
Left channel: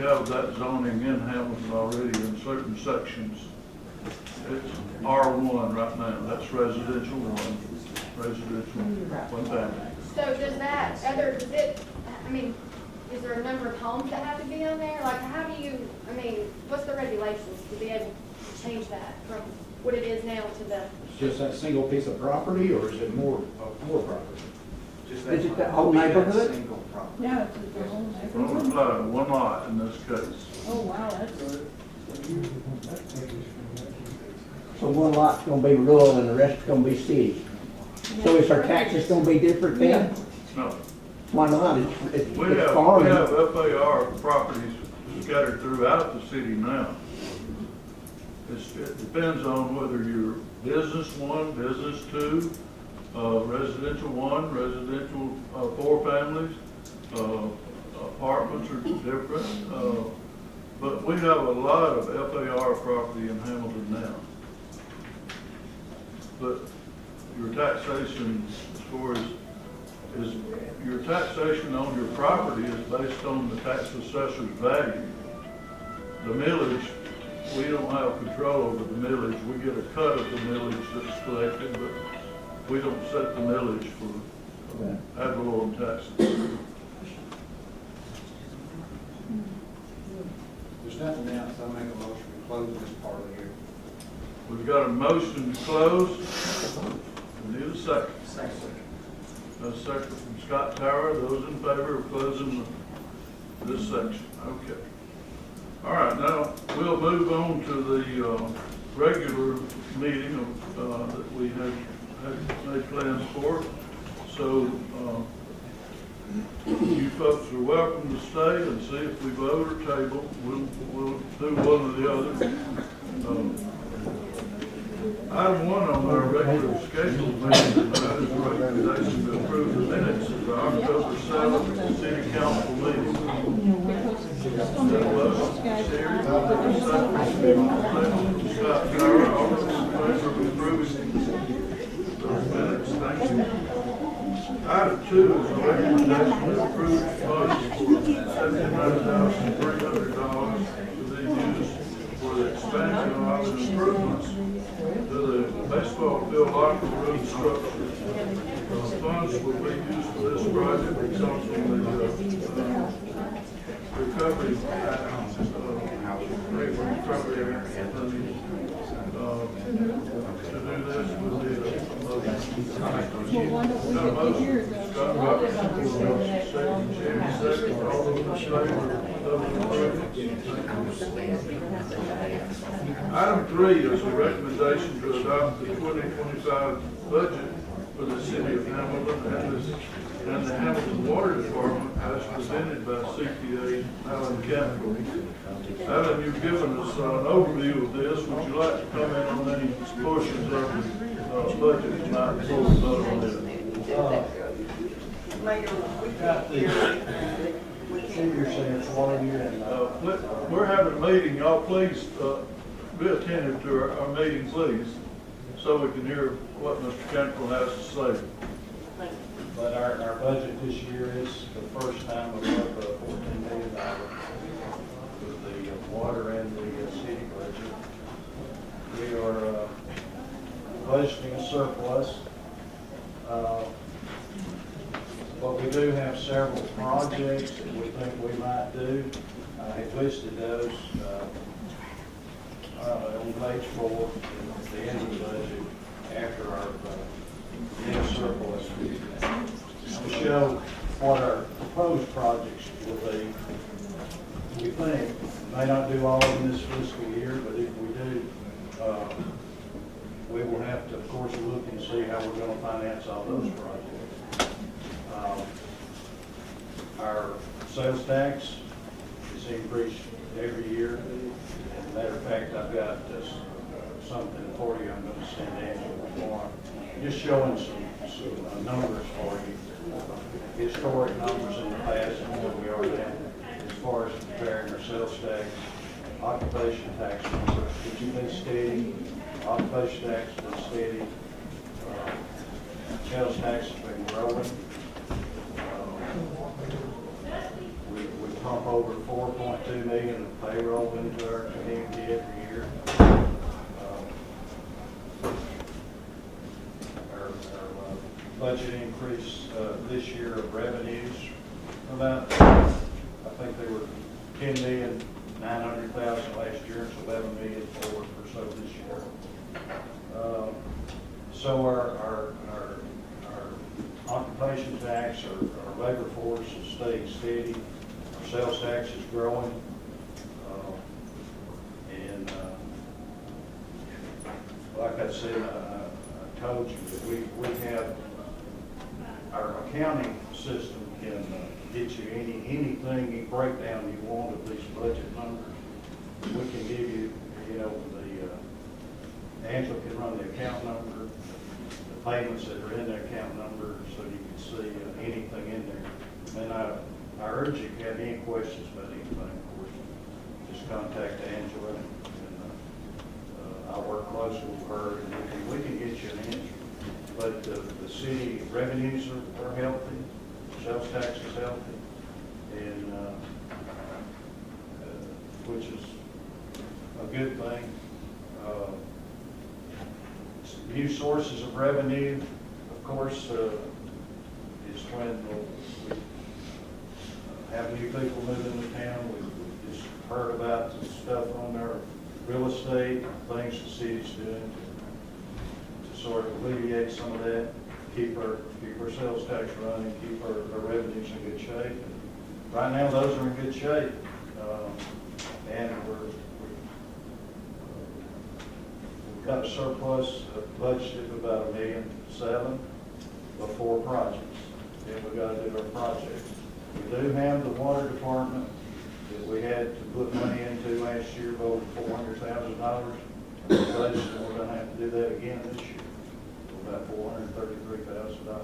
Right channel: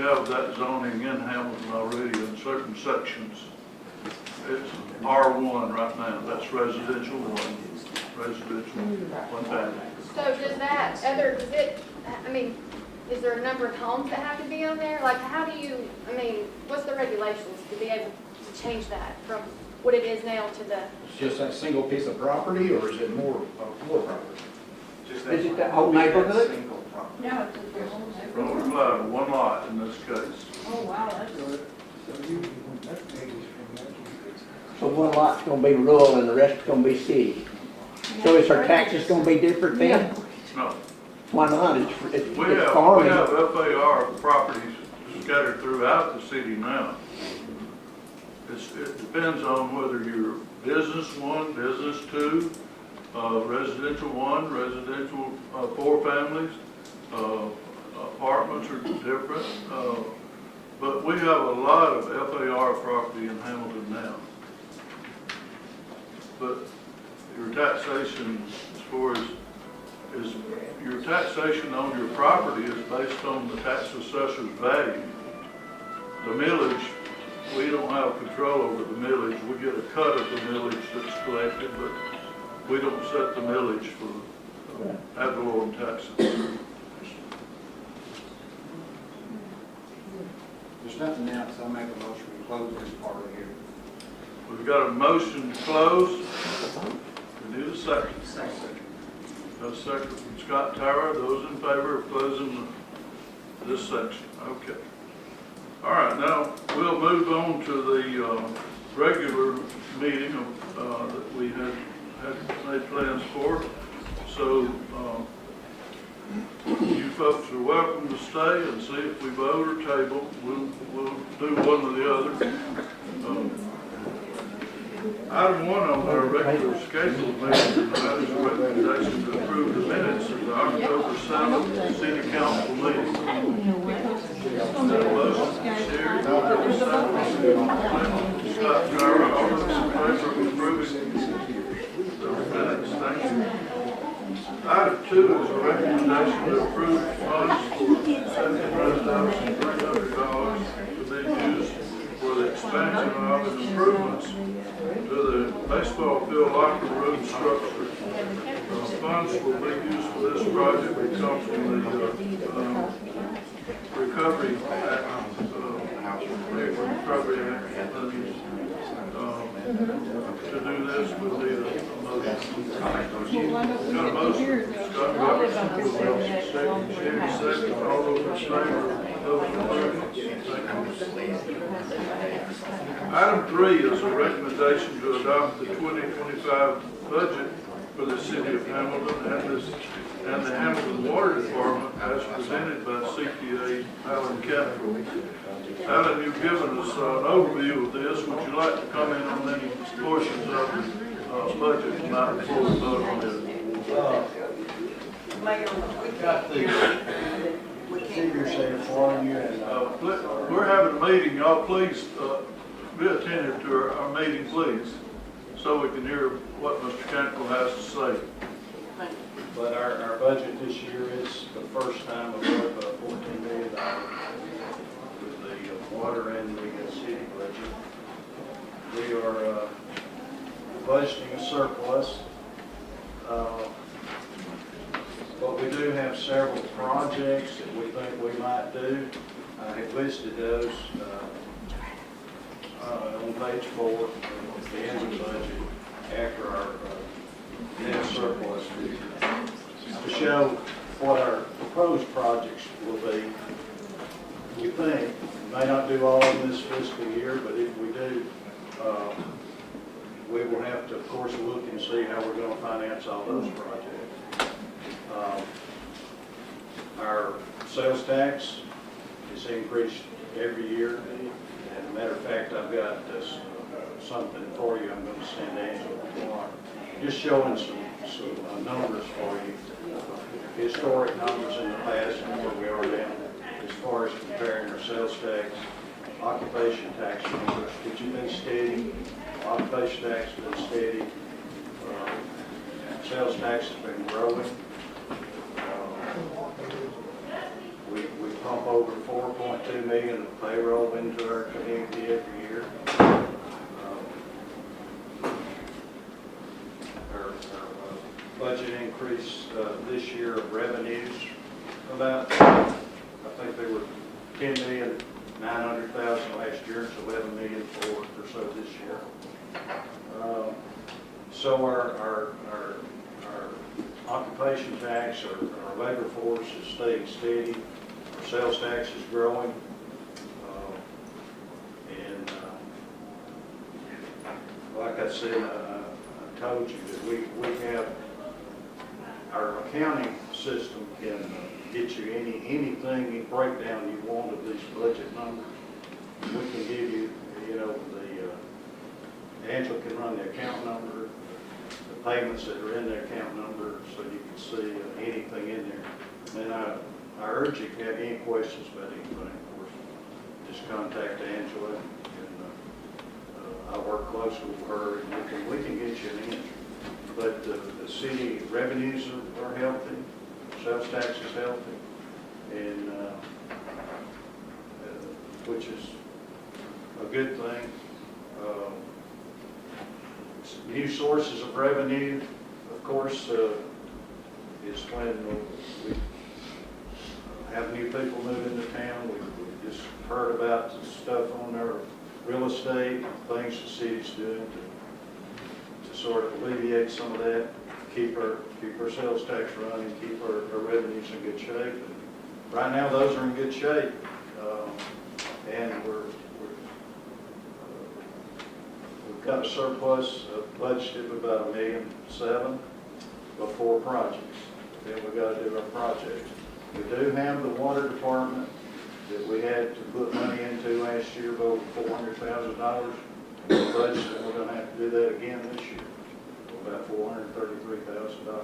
have that zoning in Hamilton already in certain sections. It's R1 right now, that's residential one, one family. So does that is there a number of homes that have to be on there? Like, how do you, what's the regulations to be able to change that from what it is now to the? It's just that single piece of property, or is it more property? Is it the whole neighborhood? No, it's just their own. Well, we apply to one lot in this case. Oh, wow, that's. So one lot's gonna be rural and the rest is gonna be city. So is our taxes gonna be different then? No. Why not? It's We have farming. FAR properties scattered throughout the city now. It depends on whether you're business one, business two, residential one, residential 4 families, apartments are different. But we have a lot of FAR property in Hamilton now. But your taxation as far as your taxation on your property is based on the tax assessor's value. The millage, we don't have control over the millage. We get a cut of the millage that's collected, but we don't set the millage for ad valorem taxes. There's nothing else, I make a motion to close this part of here. We've got a motion to close. We need a second. A second from Scott Tower. Those in favor of closing this section? Okay. All right, now we'll move on to the regular meeting that we had made plans for. So you folks are welcome to stay and see if we vote or table. We'll do one or the other. Item 1 on our regular schedule meeting tonight is a recommendation to approve the minutes of the October 7th City Council meeting. Sherry, October 7th. Scott Gyra, all those in favor of approving those minutes, thank you. Item 2 is a recommendation to approve funds for $75,300 to be used for the expansion of and improvements to the baseball field locker room structure. Those funds will be used for this project because of the Recovery Act, Recovery Act. To do this with the got a motion. Scott Robinson, Jamie second, all those in favor of those improvements. Item 3 is a recommendation to adopt the 2025 budget for the city of Hamilton and the Hamilton Water Department as presented by CPA Alan Capital. Alan, you've given us an overview of this. Would you like to comment on any portions of the budget tonight before we vote on it? We've got the figures here for you. We're having a meeting. Y'all please be attentive to our meeting, please, so we can hear what Mr. Cantrell has to say. But our budget this year is the first time we've worked with $14 million with the water and the city budget. We are budgeting a surplus. But we do have several projects that we think we might do. I have listed those on page 4 at the end of the budget after our debt course, we'll look and see how we're gonna finance all those projects. Our sales tax is increased every year. As a matter of fact, I've got something for you I'm gonna send Angela tomorrow. Just showing some numbers for you. Historic numbers in the past and where we are now, as far as comparing our sales tax, occupation tax, which has been steady. Occupation tax has been steady. Sales tax has been growing. We pump over 4.2 million of payroll into our community every year. Our budget increase this year of revenues about, I think they were 10,900,000 last year. It's 11 million or so this year. So our occupation tax, our labor force is staying steady. Our sales tax is growing. And like I said, I told you that we have our accounting system can get you any breakdown you want of these budget numbers. We can give you, Angela can run the account number, the payments that are in the account number, so you can see anything in there. And I urge you, if you have any questions about anything, of course, just contact Angela, and I'll work closely with her, and we can get you an answer. But the city revenues are healthy, sales tax is healthy, and which is a good thing. New sources of revenue, of course, is when we have new people move into town. We just heard about the stuff on our real estate, things the city's doing to sort of alleviate some of that, keep our sales tax running, keep our revenues in good shape. And right now, those are in good shape, and we've got a surplus budgeted of about $1.7 million for projects. Then we got to do our projects. We do have the water department that we had to put money into last year of over $400,000. And we budgeted, and we're going to have to do that again this year, about $433,000 to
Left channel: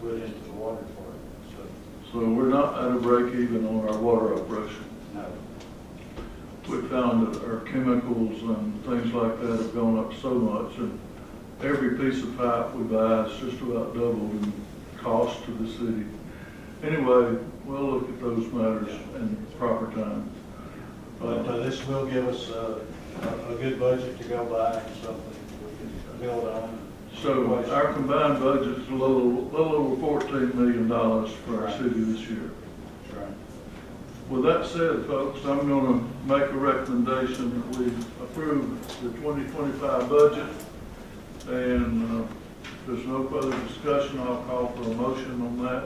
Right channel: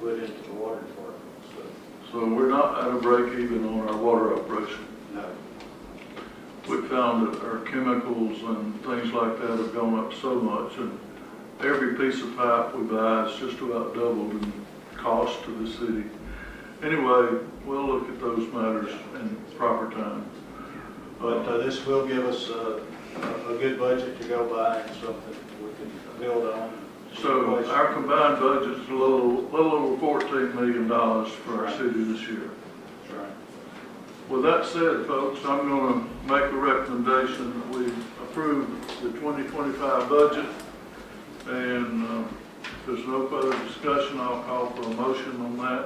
put into the water department. So we're not at a break even on our water operation? No. We found that our chemicals and things like that have gone up so much, and every piece of pipe we buy is just about doubled in cost to the city. Anyway, we'll look at those matters in proper time. But this will give us a good budget to go by, something we can build on. So our combined budget's a little over $14 million for our city this year. With that said, folks, I'm going to make a recommendation that we approve the 2025 budget. And if there's no further discussion, I'll call for a motion on that.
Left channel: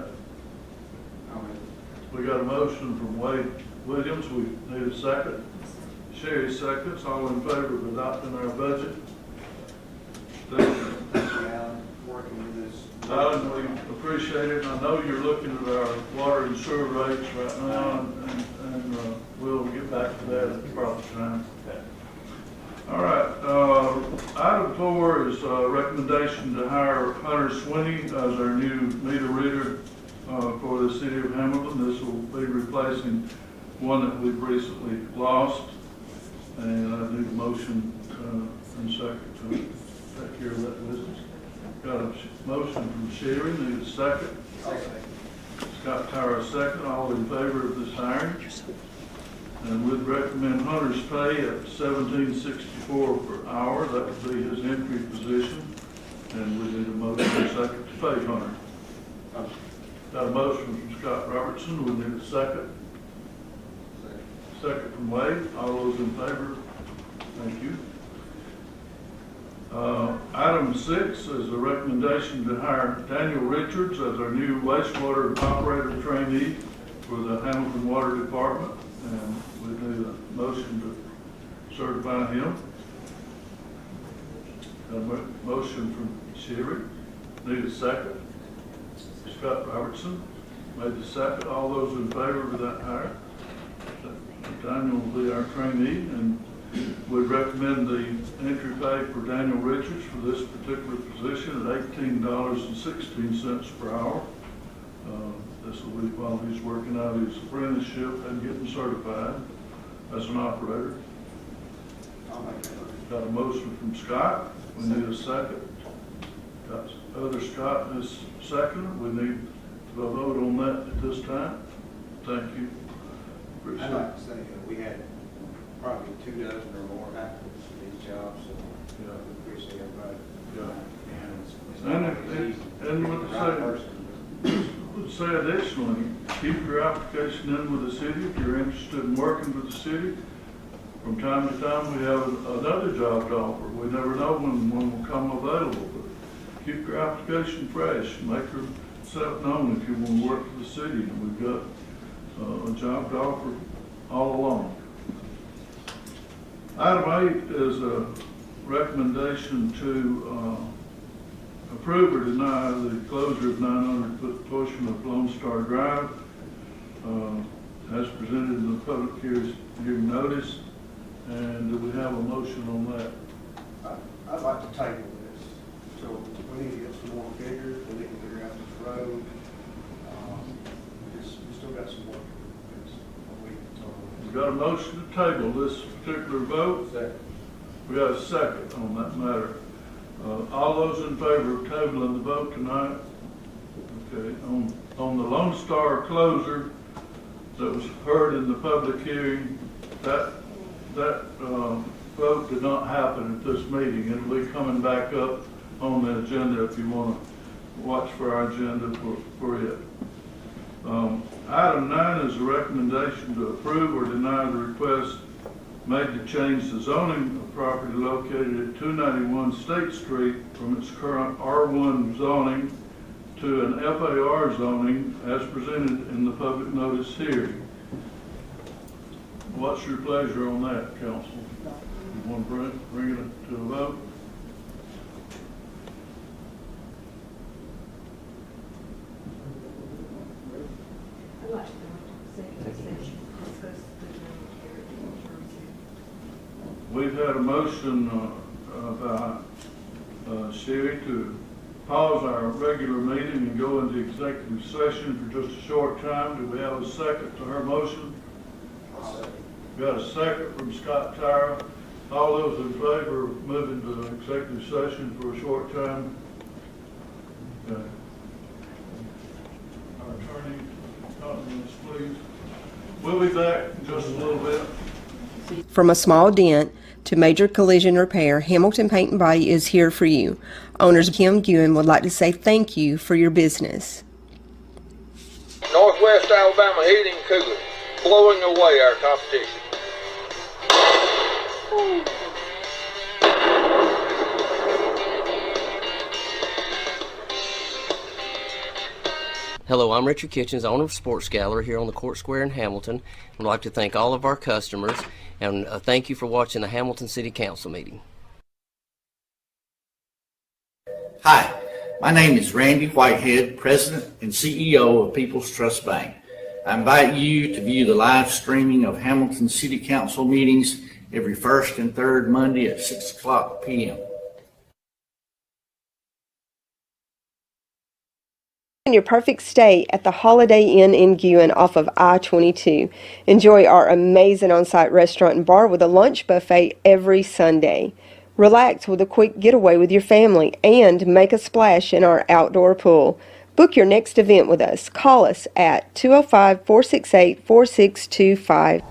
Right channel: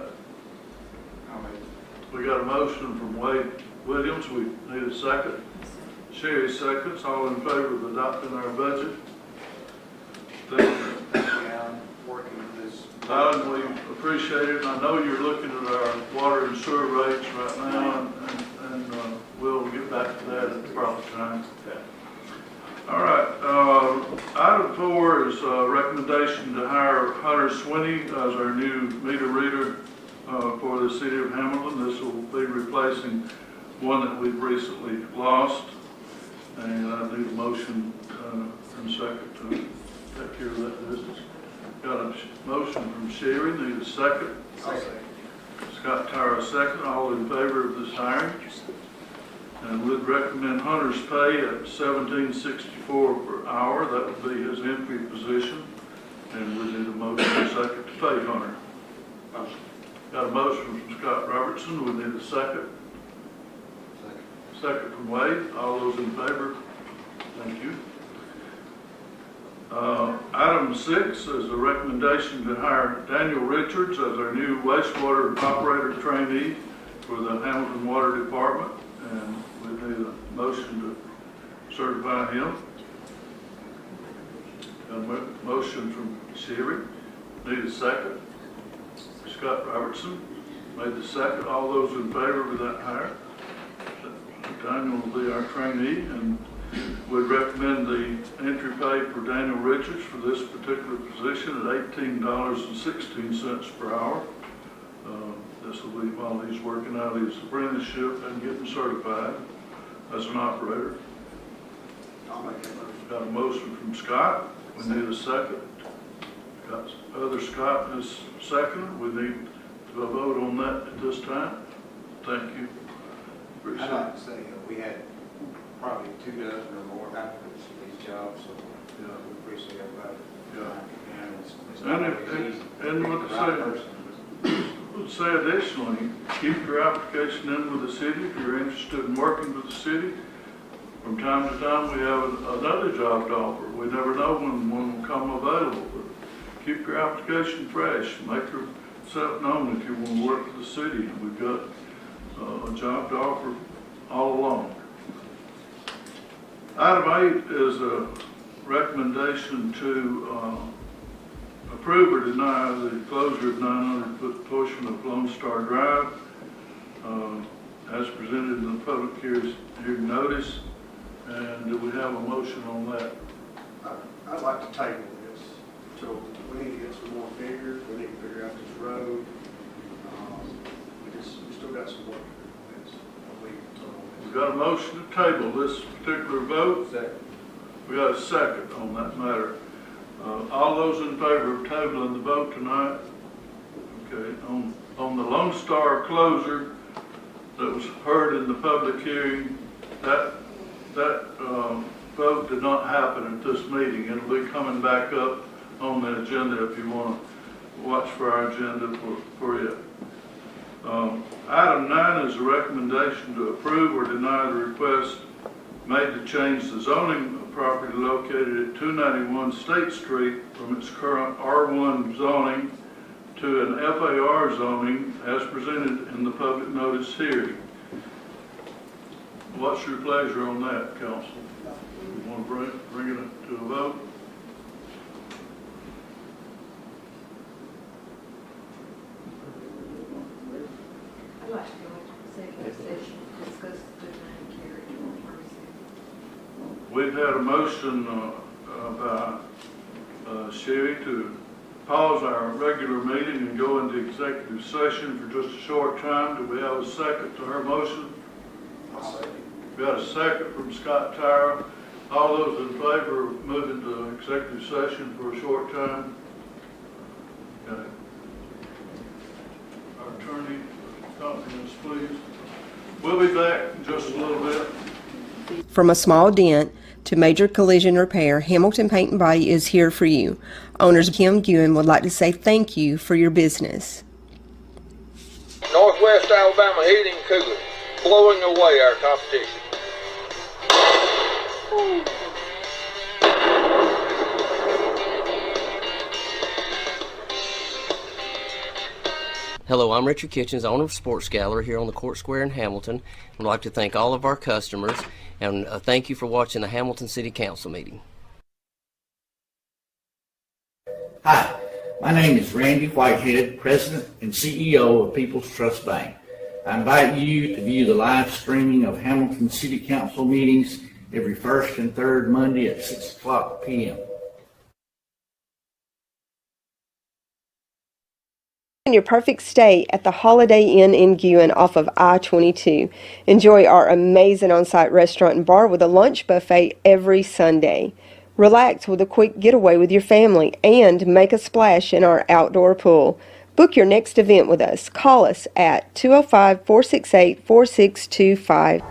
We got a motion from Wade Williams. We need a second. Sherry seconds. All in favor of adopting our budget? Working with this. Alan, we appreciate it. I know you're looking at our water and sewer rates right now, and we'll get back to that at the proper time. All right. Item 4 is a recommendation to hire Hunter Swinney as our new meter reader for the city of Hamilton. This will be replacing one that we've recently lost, and I need a motion and second to take care of that business. Got a motion from Sherry, need a second. Scott Tyra, second. All in favor of this hiring? And we'd recommend Hunter's pay at $17.64 per hour. That would be his entry position. And we need a motion and a second to pay Hunter. Got a motion from Scott Robertson. We need a second. Second from Wade. All those in favor? Thank you. Item 6 is a recommendation to hire Daniel Richards as our new wastewater operator trainee for the Hamilton Water Department. And we need a motion to certify him. Got a Sherry. Need a second. Scott Robertson made the second. All those in favor of that hire? Daniel will be our trainee, and we recommend the entry pay for Daniel Richards for this particular position at $18.16 per hour. This will be while he's working out his apprenticeship and getting certified as an operator. I'll make that motion. Got a motion from Scott. We need a second. Got other Scott is second. We need to vote on that at this time. Thank you. I'd like to say we had probably 2 dozen or more applicants for these jobs, so we appreciate everybody. And what to say additionally, keep your application in with the city if you're interested in working with the city. From time to time, we have another job to offer. We never know when one will come available. But keep your application fresh. Make yourself known if you want to work for the city. We've got a job to offer all along. Item 8 is a recommendation to approve or deny the closure of 900-foot portion of Lone Star Drive as presented in the public hearing notice. And do we have a motion on that? I'd like to table this. So we need to get some more figures. We need to figure out this road. We still got some work to do. We've got a motion to table this particular vote. Second. We got a second on that matter. All those in favor of tabling the vote tonight? Okay. On the Lone Star closure that was heard in the public hearing, that vote did not happen at this meeting. It'll be coming back up on the agenda if you want to watch for our agenda for it. Item 9 is a recommendation to approve or deny the request made to change the zoning of property located at 291 State Street from its current R1 zoning to an FAR zoning as presented in the public notice hearing. What's your pleasure on that, council? You want to bring it to a vote? I'd like to go into executive session to discuss the We've had a motion by Sherry to pause our regular meeting and go into executive session for just a short time. Do we have a second to our motion? We got a second from Scott Tyra. All those in favor of moving to executive session for a short time? Okay. Our attorney, accompany us, please. We'll be back in just a little bit. From a small dent to major collision repair, Hamilton Paint and Body is here for you. Owners Kim Guin would like to say thank you for your business. Northwest Alabama Heating and Cooling, blowing away our competition. Hello, I'm Richard Kitchens, owner of Sports Gallery here on the Court Square in Hamilton. I'd like to thank all of our customers and thank you for watching the Hamilton City Council meeting. Hi, my name is Randy Whitehead, President and CEO of People's Trust Bank. I invite you to view the live streaming of Hamilton City Council meetings every first and third Monday at 6:00 p.m. Your perfect stay at the Holiday Inn in Guin off of I-22. Enjoy our amazing on-site restaurant and bar with a lunch buffet every Sunday. Relax with a quick getaway with your family and make a splash in our outdoor pool. Book your next event with us. Call us at 205-468-4625.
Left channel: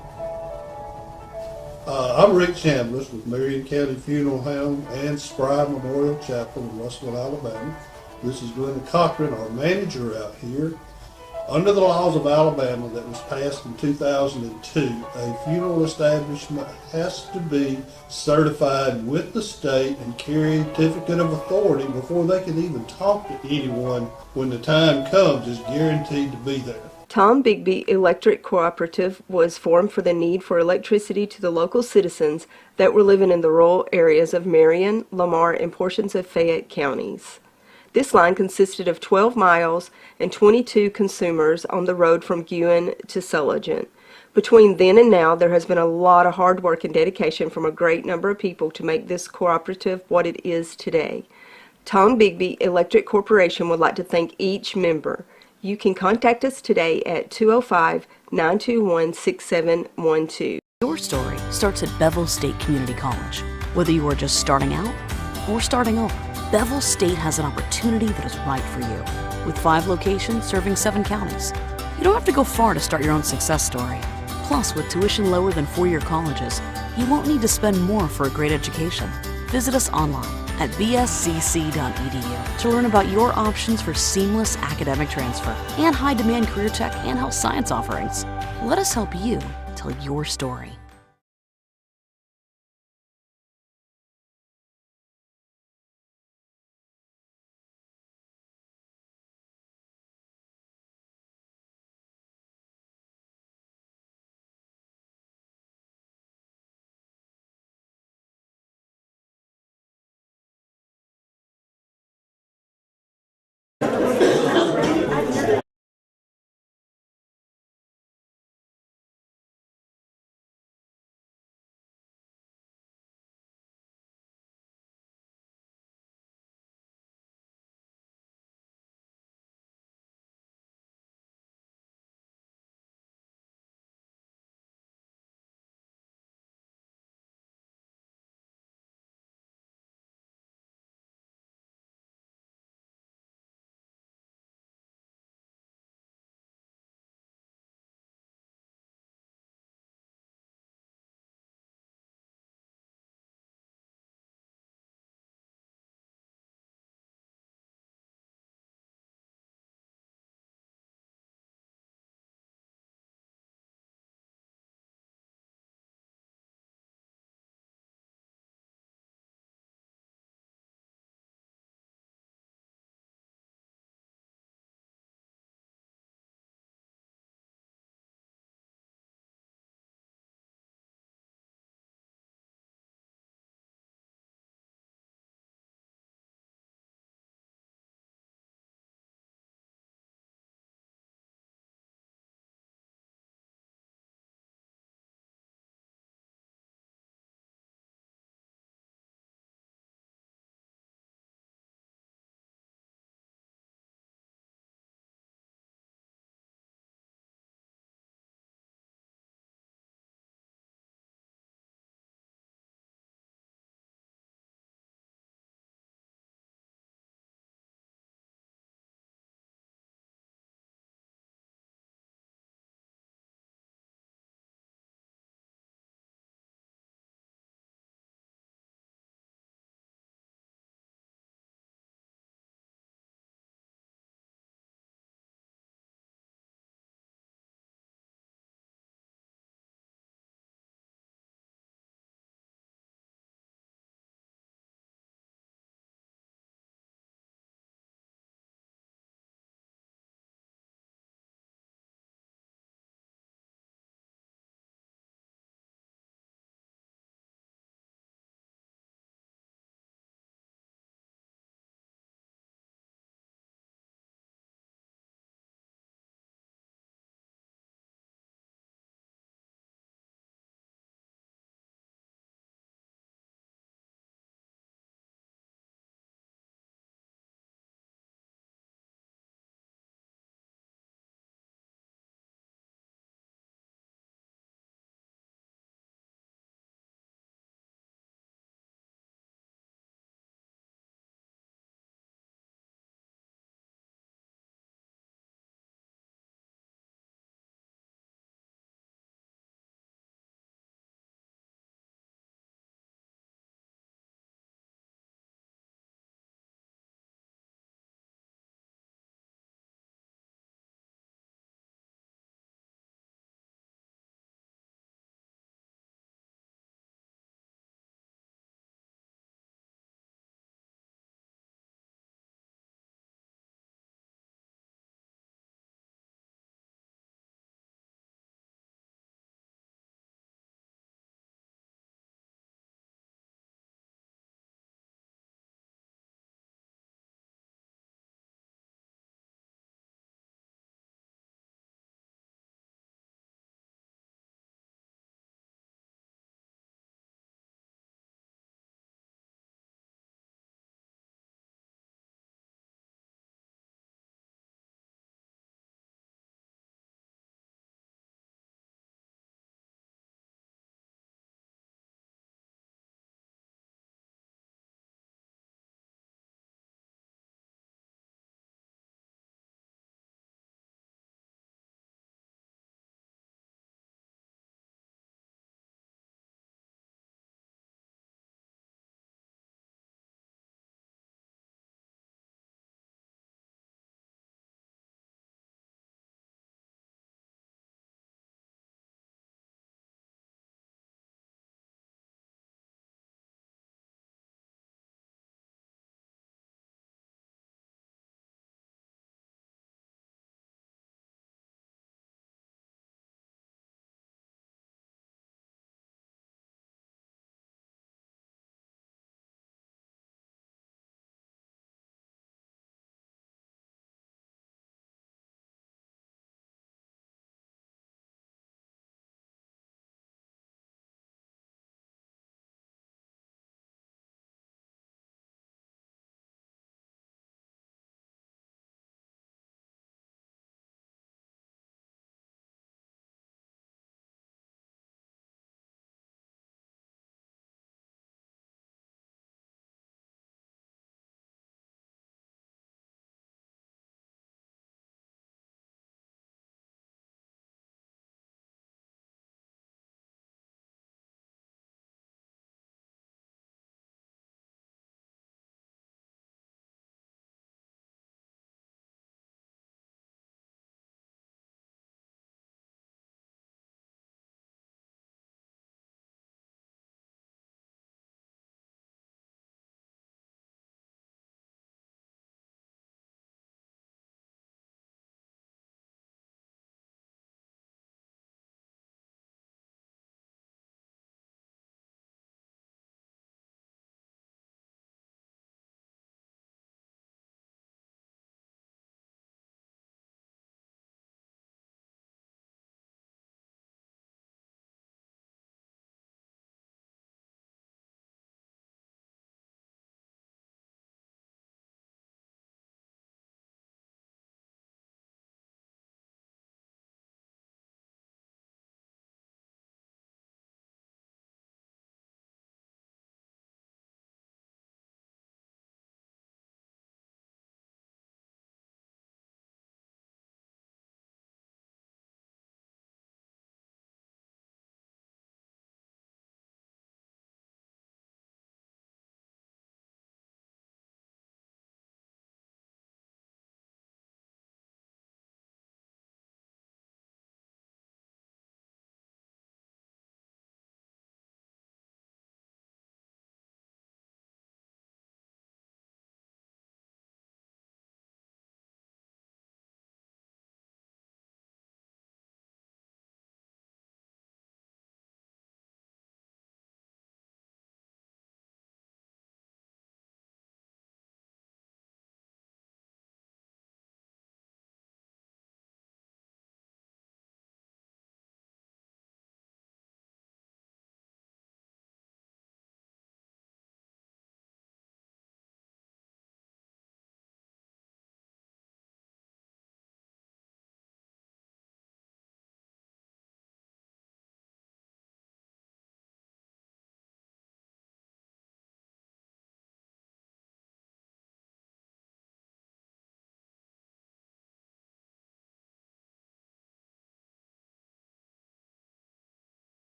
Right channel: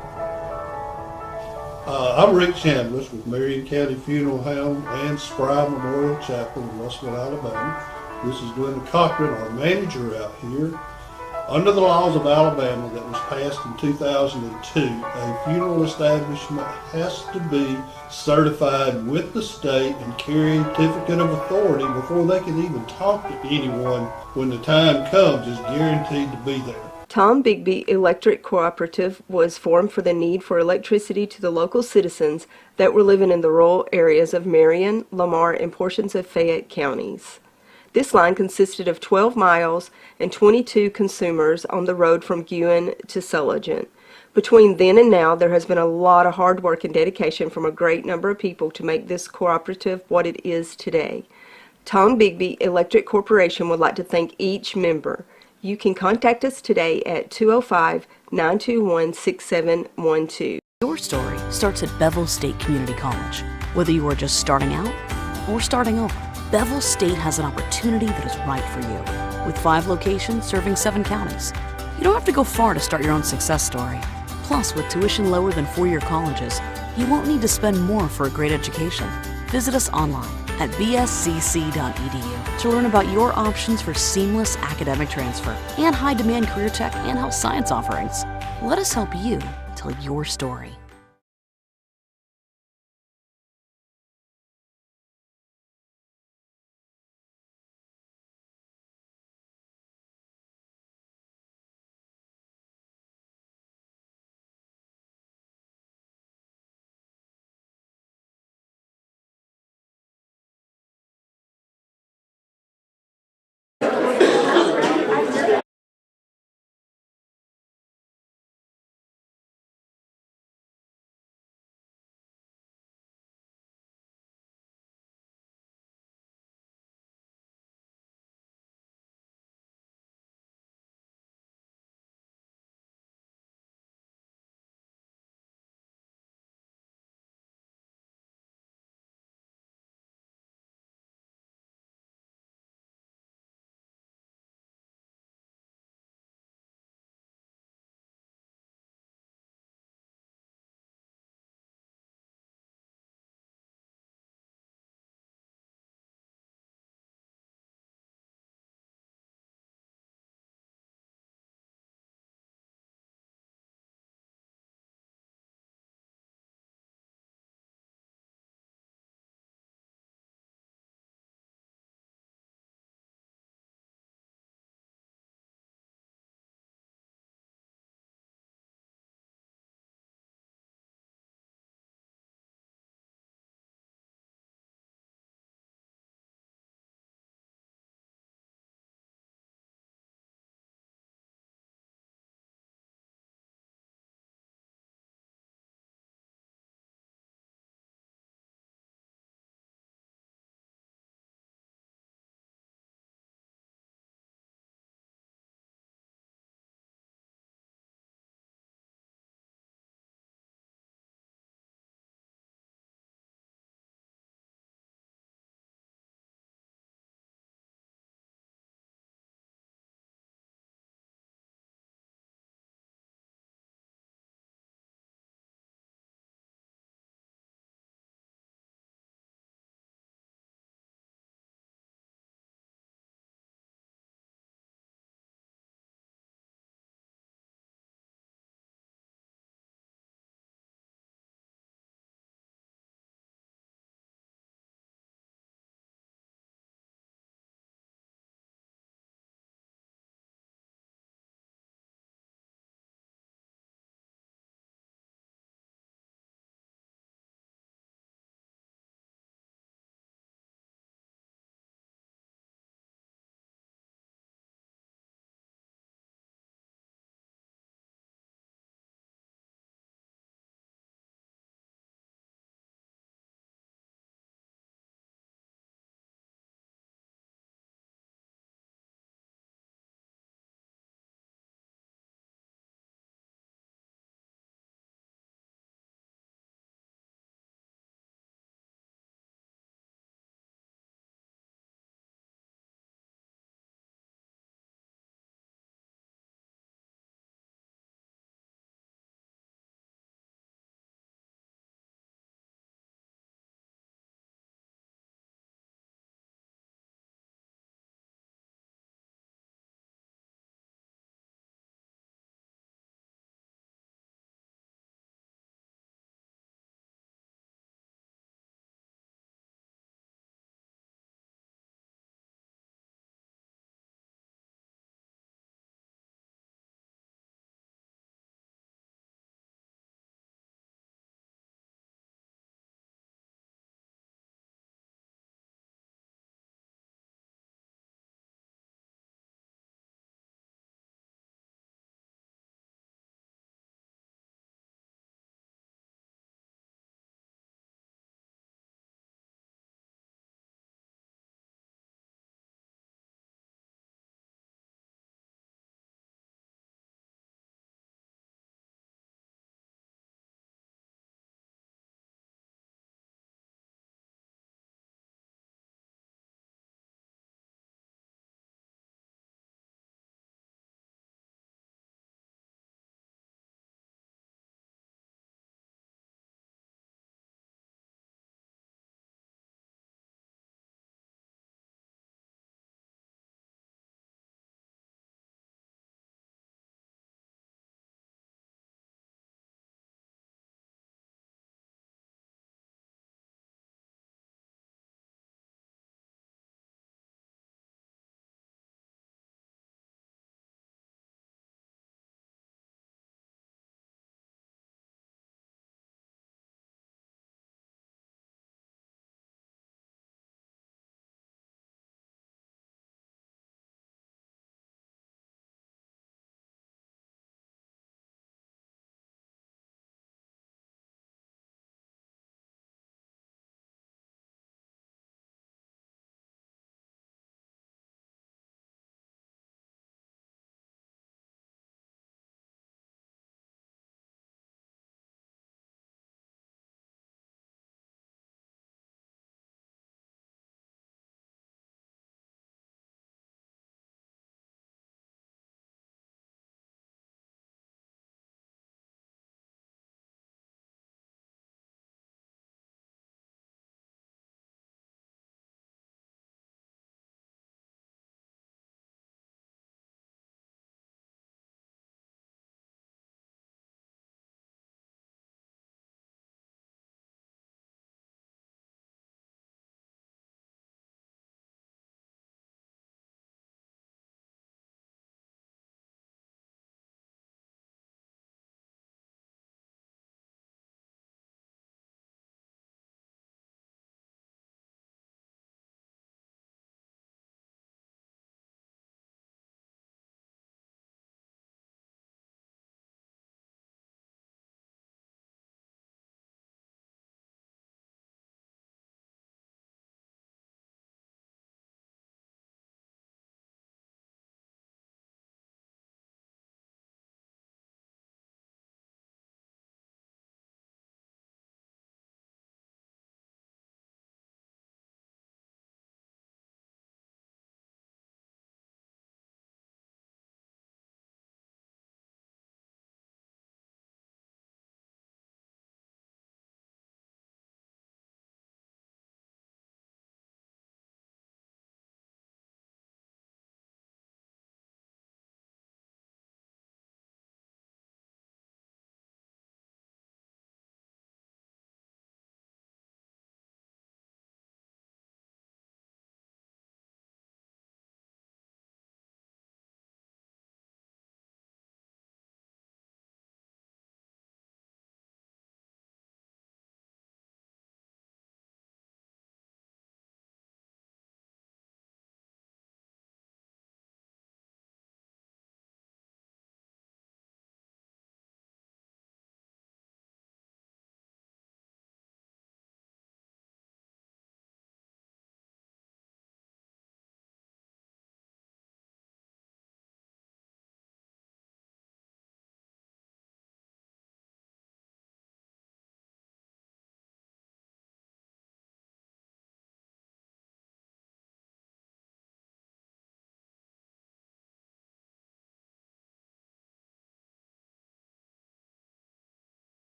I'm Rick Chambliss with Marion County Funeral Home and Spry Memorial Chapel in Russellville, Alabama. This is Glenda Cochran, our manager out here. Under the laws of Alabama that was passed in 2002, a funeral establishment has to be certified with the state and carry a certificate of authority before they can even talk to anyone when the time comes is guaranteed to be there. Tom Bigby Electric Cooperative was formed for the need for electricity to the local citizens that were living in the rural areas of Marion, Lamar, and portions of Fayette counties. This line consisted of 12 miles and 22 consumers on the road from Guin to Sulligent. Between then and now, there has been a lot of hard work and dedication from a great number of people to make this cooperative what it is today. Tom Bigby Electric Corporation would like to thank each member. You can contact us today at 205-921-6712. Your story starts at Bevel State Community College. Whether you are just starting out or starting over, Bevel State has an opportunity that is right for you. With 5 locations serving 7 counties, you don't have to go far to start your own success story. Plus, with tuition lower than 4-year colleges, you won't need to spend more for a great education. Visit us online at bscc.edu to learn about your options for seamless academic transfer and high-demand career tech and health science offerings. Let us help you tell your story.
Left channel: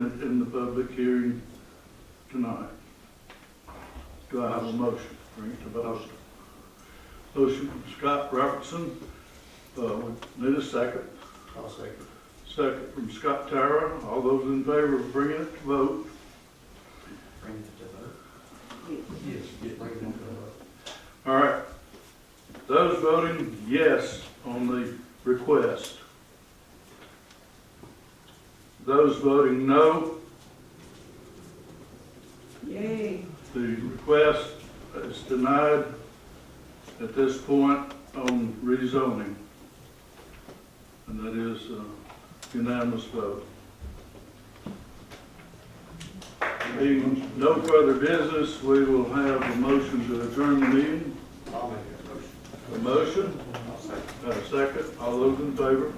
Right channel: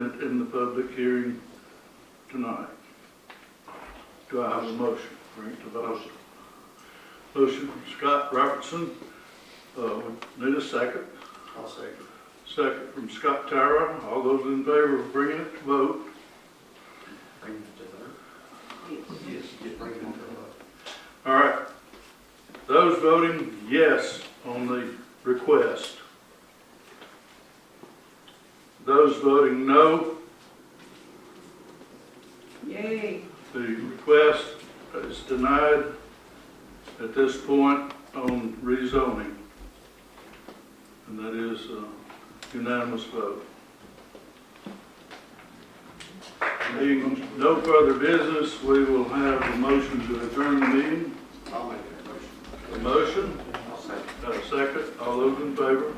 in the public hearing tonight. Do I have a motion? Bring it to vote. Motion from Scott Robertson. We need a second. I'll second. Second from Scott Tara. All those in favor of bringing it to vote? Bring it to vote. Yes, bring it to vote. All right. Those voting yes on the request. Those voting no. Yay. The request is denied at this point on rezoning. And that is a unanimous vote. Being no further business, we will have a motion to adjourn the meeting. I'll make that motion. A motion? I'll second. Got a second? All those in favor? You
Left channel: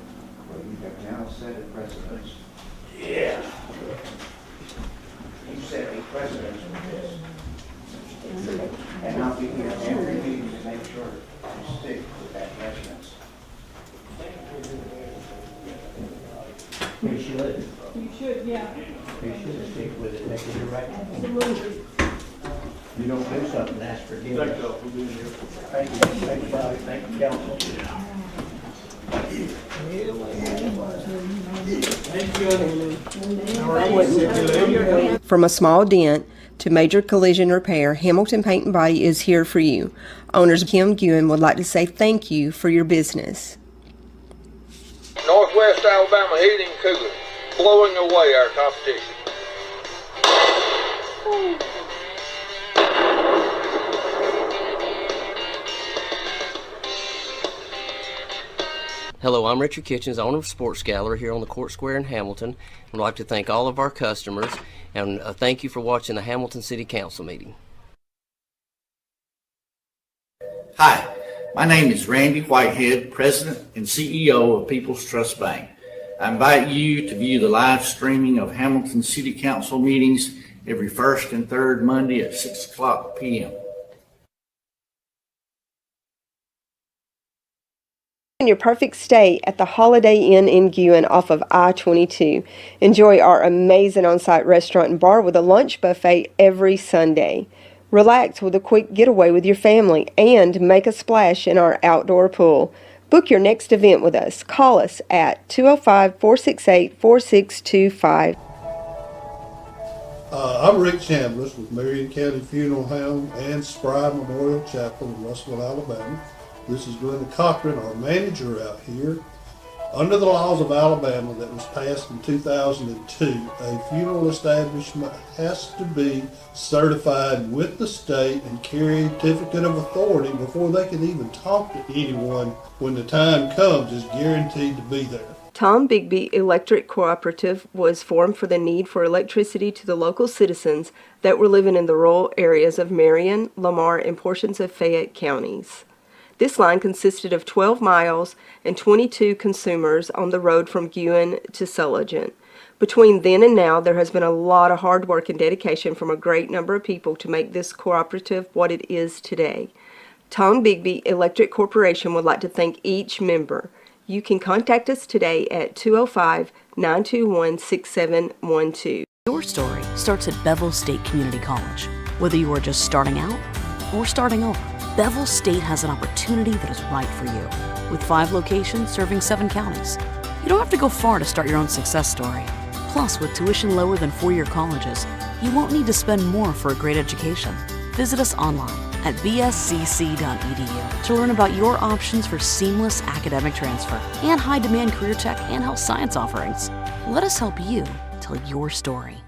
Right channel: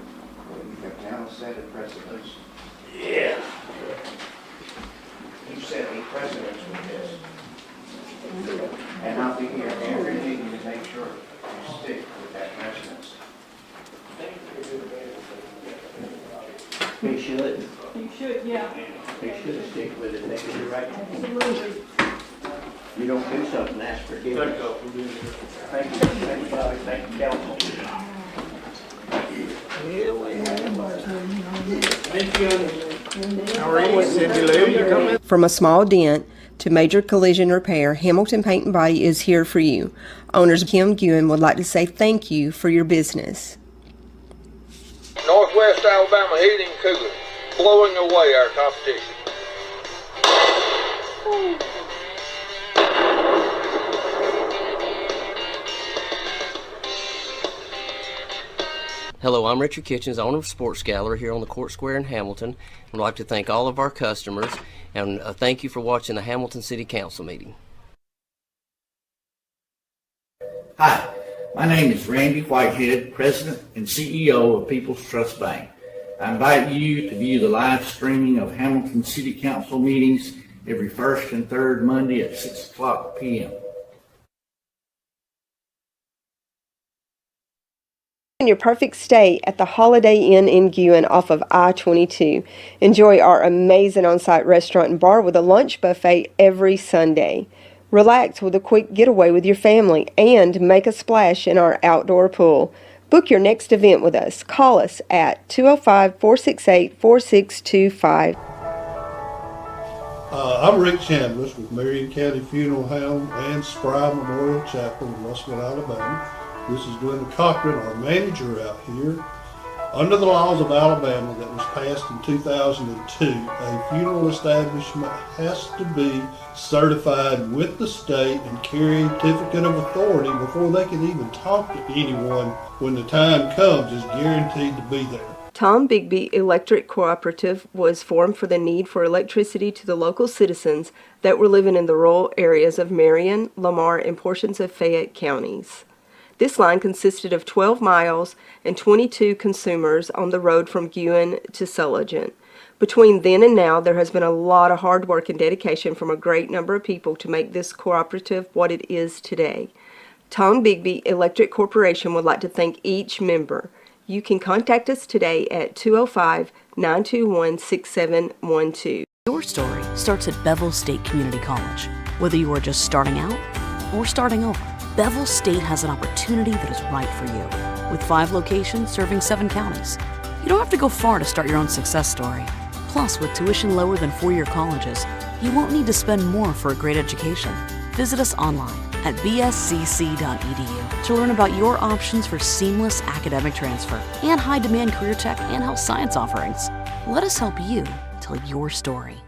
have now set a precedence. Yeah. You set a precedence with this. And I'll be here every meeting to make sure you stick with that precedence. He should. You should, yeah. You should stick with it, make it right. Absolutely. You don't do something, ask for Thank forgiveness. y'all for being here. Thank you, everybody, thank you, council. From a small dent to major collision repair, Hamilton Paint and Body is here for you. Owners Kim Guin would like to say thank you for your business. Northwest Alabama Heating and Cooling, blowing away our competition. Hello, I'm Richard Kitchens, owner of Sports Gallery here on the Court Square in Hamilton. I'd like to thank all of our customers and thank you for watching the Hamilton City Council meeting. Hi, my name is Randy Whitehead, President and CEO of People's Trust Bank. I invite you to view the live streaming of Hamilton City Council meetings every first and third Monday at 6:00 p.m. In your perfect stay at the Holiday Inn in Guin off of I-22. Enjoy our amazing on-site restaurant and bar with a lunch buffet every Sunday. Relax with a quick getaway with your family and make a splash in our outdoor pool. Book your next event with us. Call us at 205-468-4625. I'm Rick Chambliss with Marion County Funeral Home and Spry Memorial Chapel in Russellville, Alabama. This is Glenda Cochran, our manager out here. Under the laws of Alabama that was passed in 2002, a funeral establishment has to be certified with the state and carry a certificate of authority before they can even talk to anyone when the time comes is guaranteed to be there. Tom Bigby Electric Cooperative was formed for the need for electricity to the local citizens that were living in the rural areas of Marion, Lamar, and portions of Fayette counties. This line consisted of 12 miles and 22 consumers on the road from Guin to Sulligent. Between then and now, there has been a lot of hard work and dedication from a great number of people to make this cooperative what it is today. Tom Bigby Electric Corporation would like to thank each member. You can contact us today at 205-921-6712. Your story starts at Bevel State Community College. Whether you are just starting out or starting over, Bevel State has an opportunity that is right for you. With 5 locations serving 7 counties, you don't have to go far to start your own success story. Plus, with tuition lower than 4-year colleges, you won't need to spend more for a great education. Visit us online at bscc.edu to learn about your options for seamless academic transfer and high-demand career tech and health science offerings. Let us help you tell your story.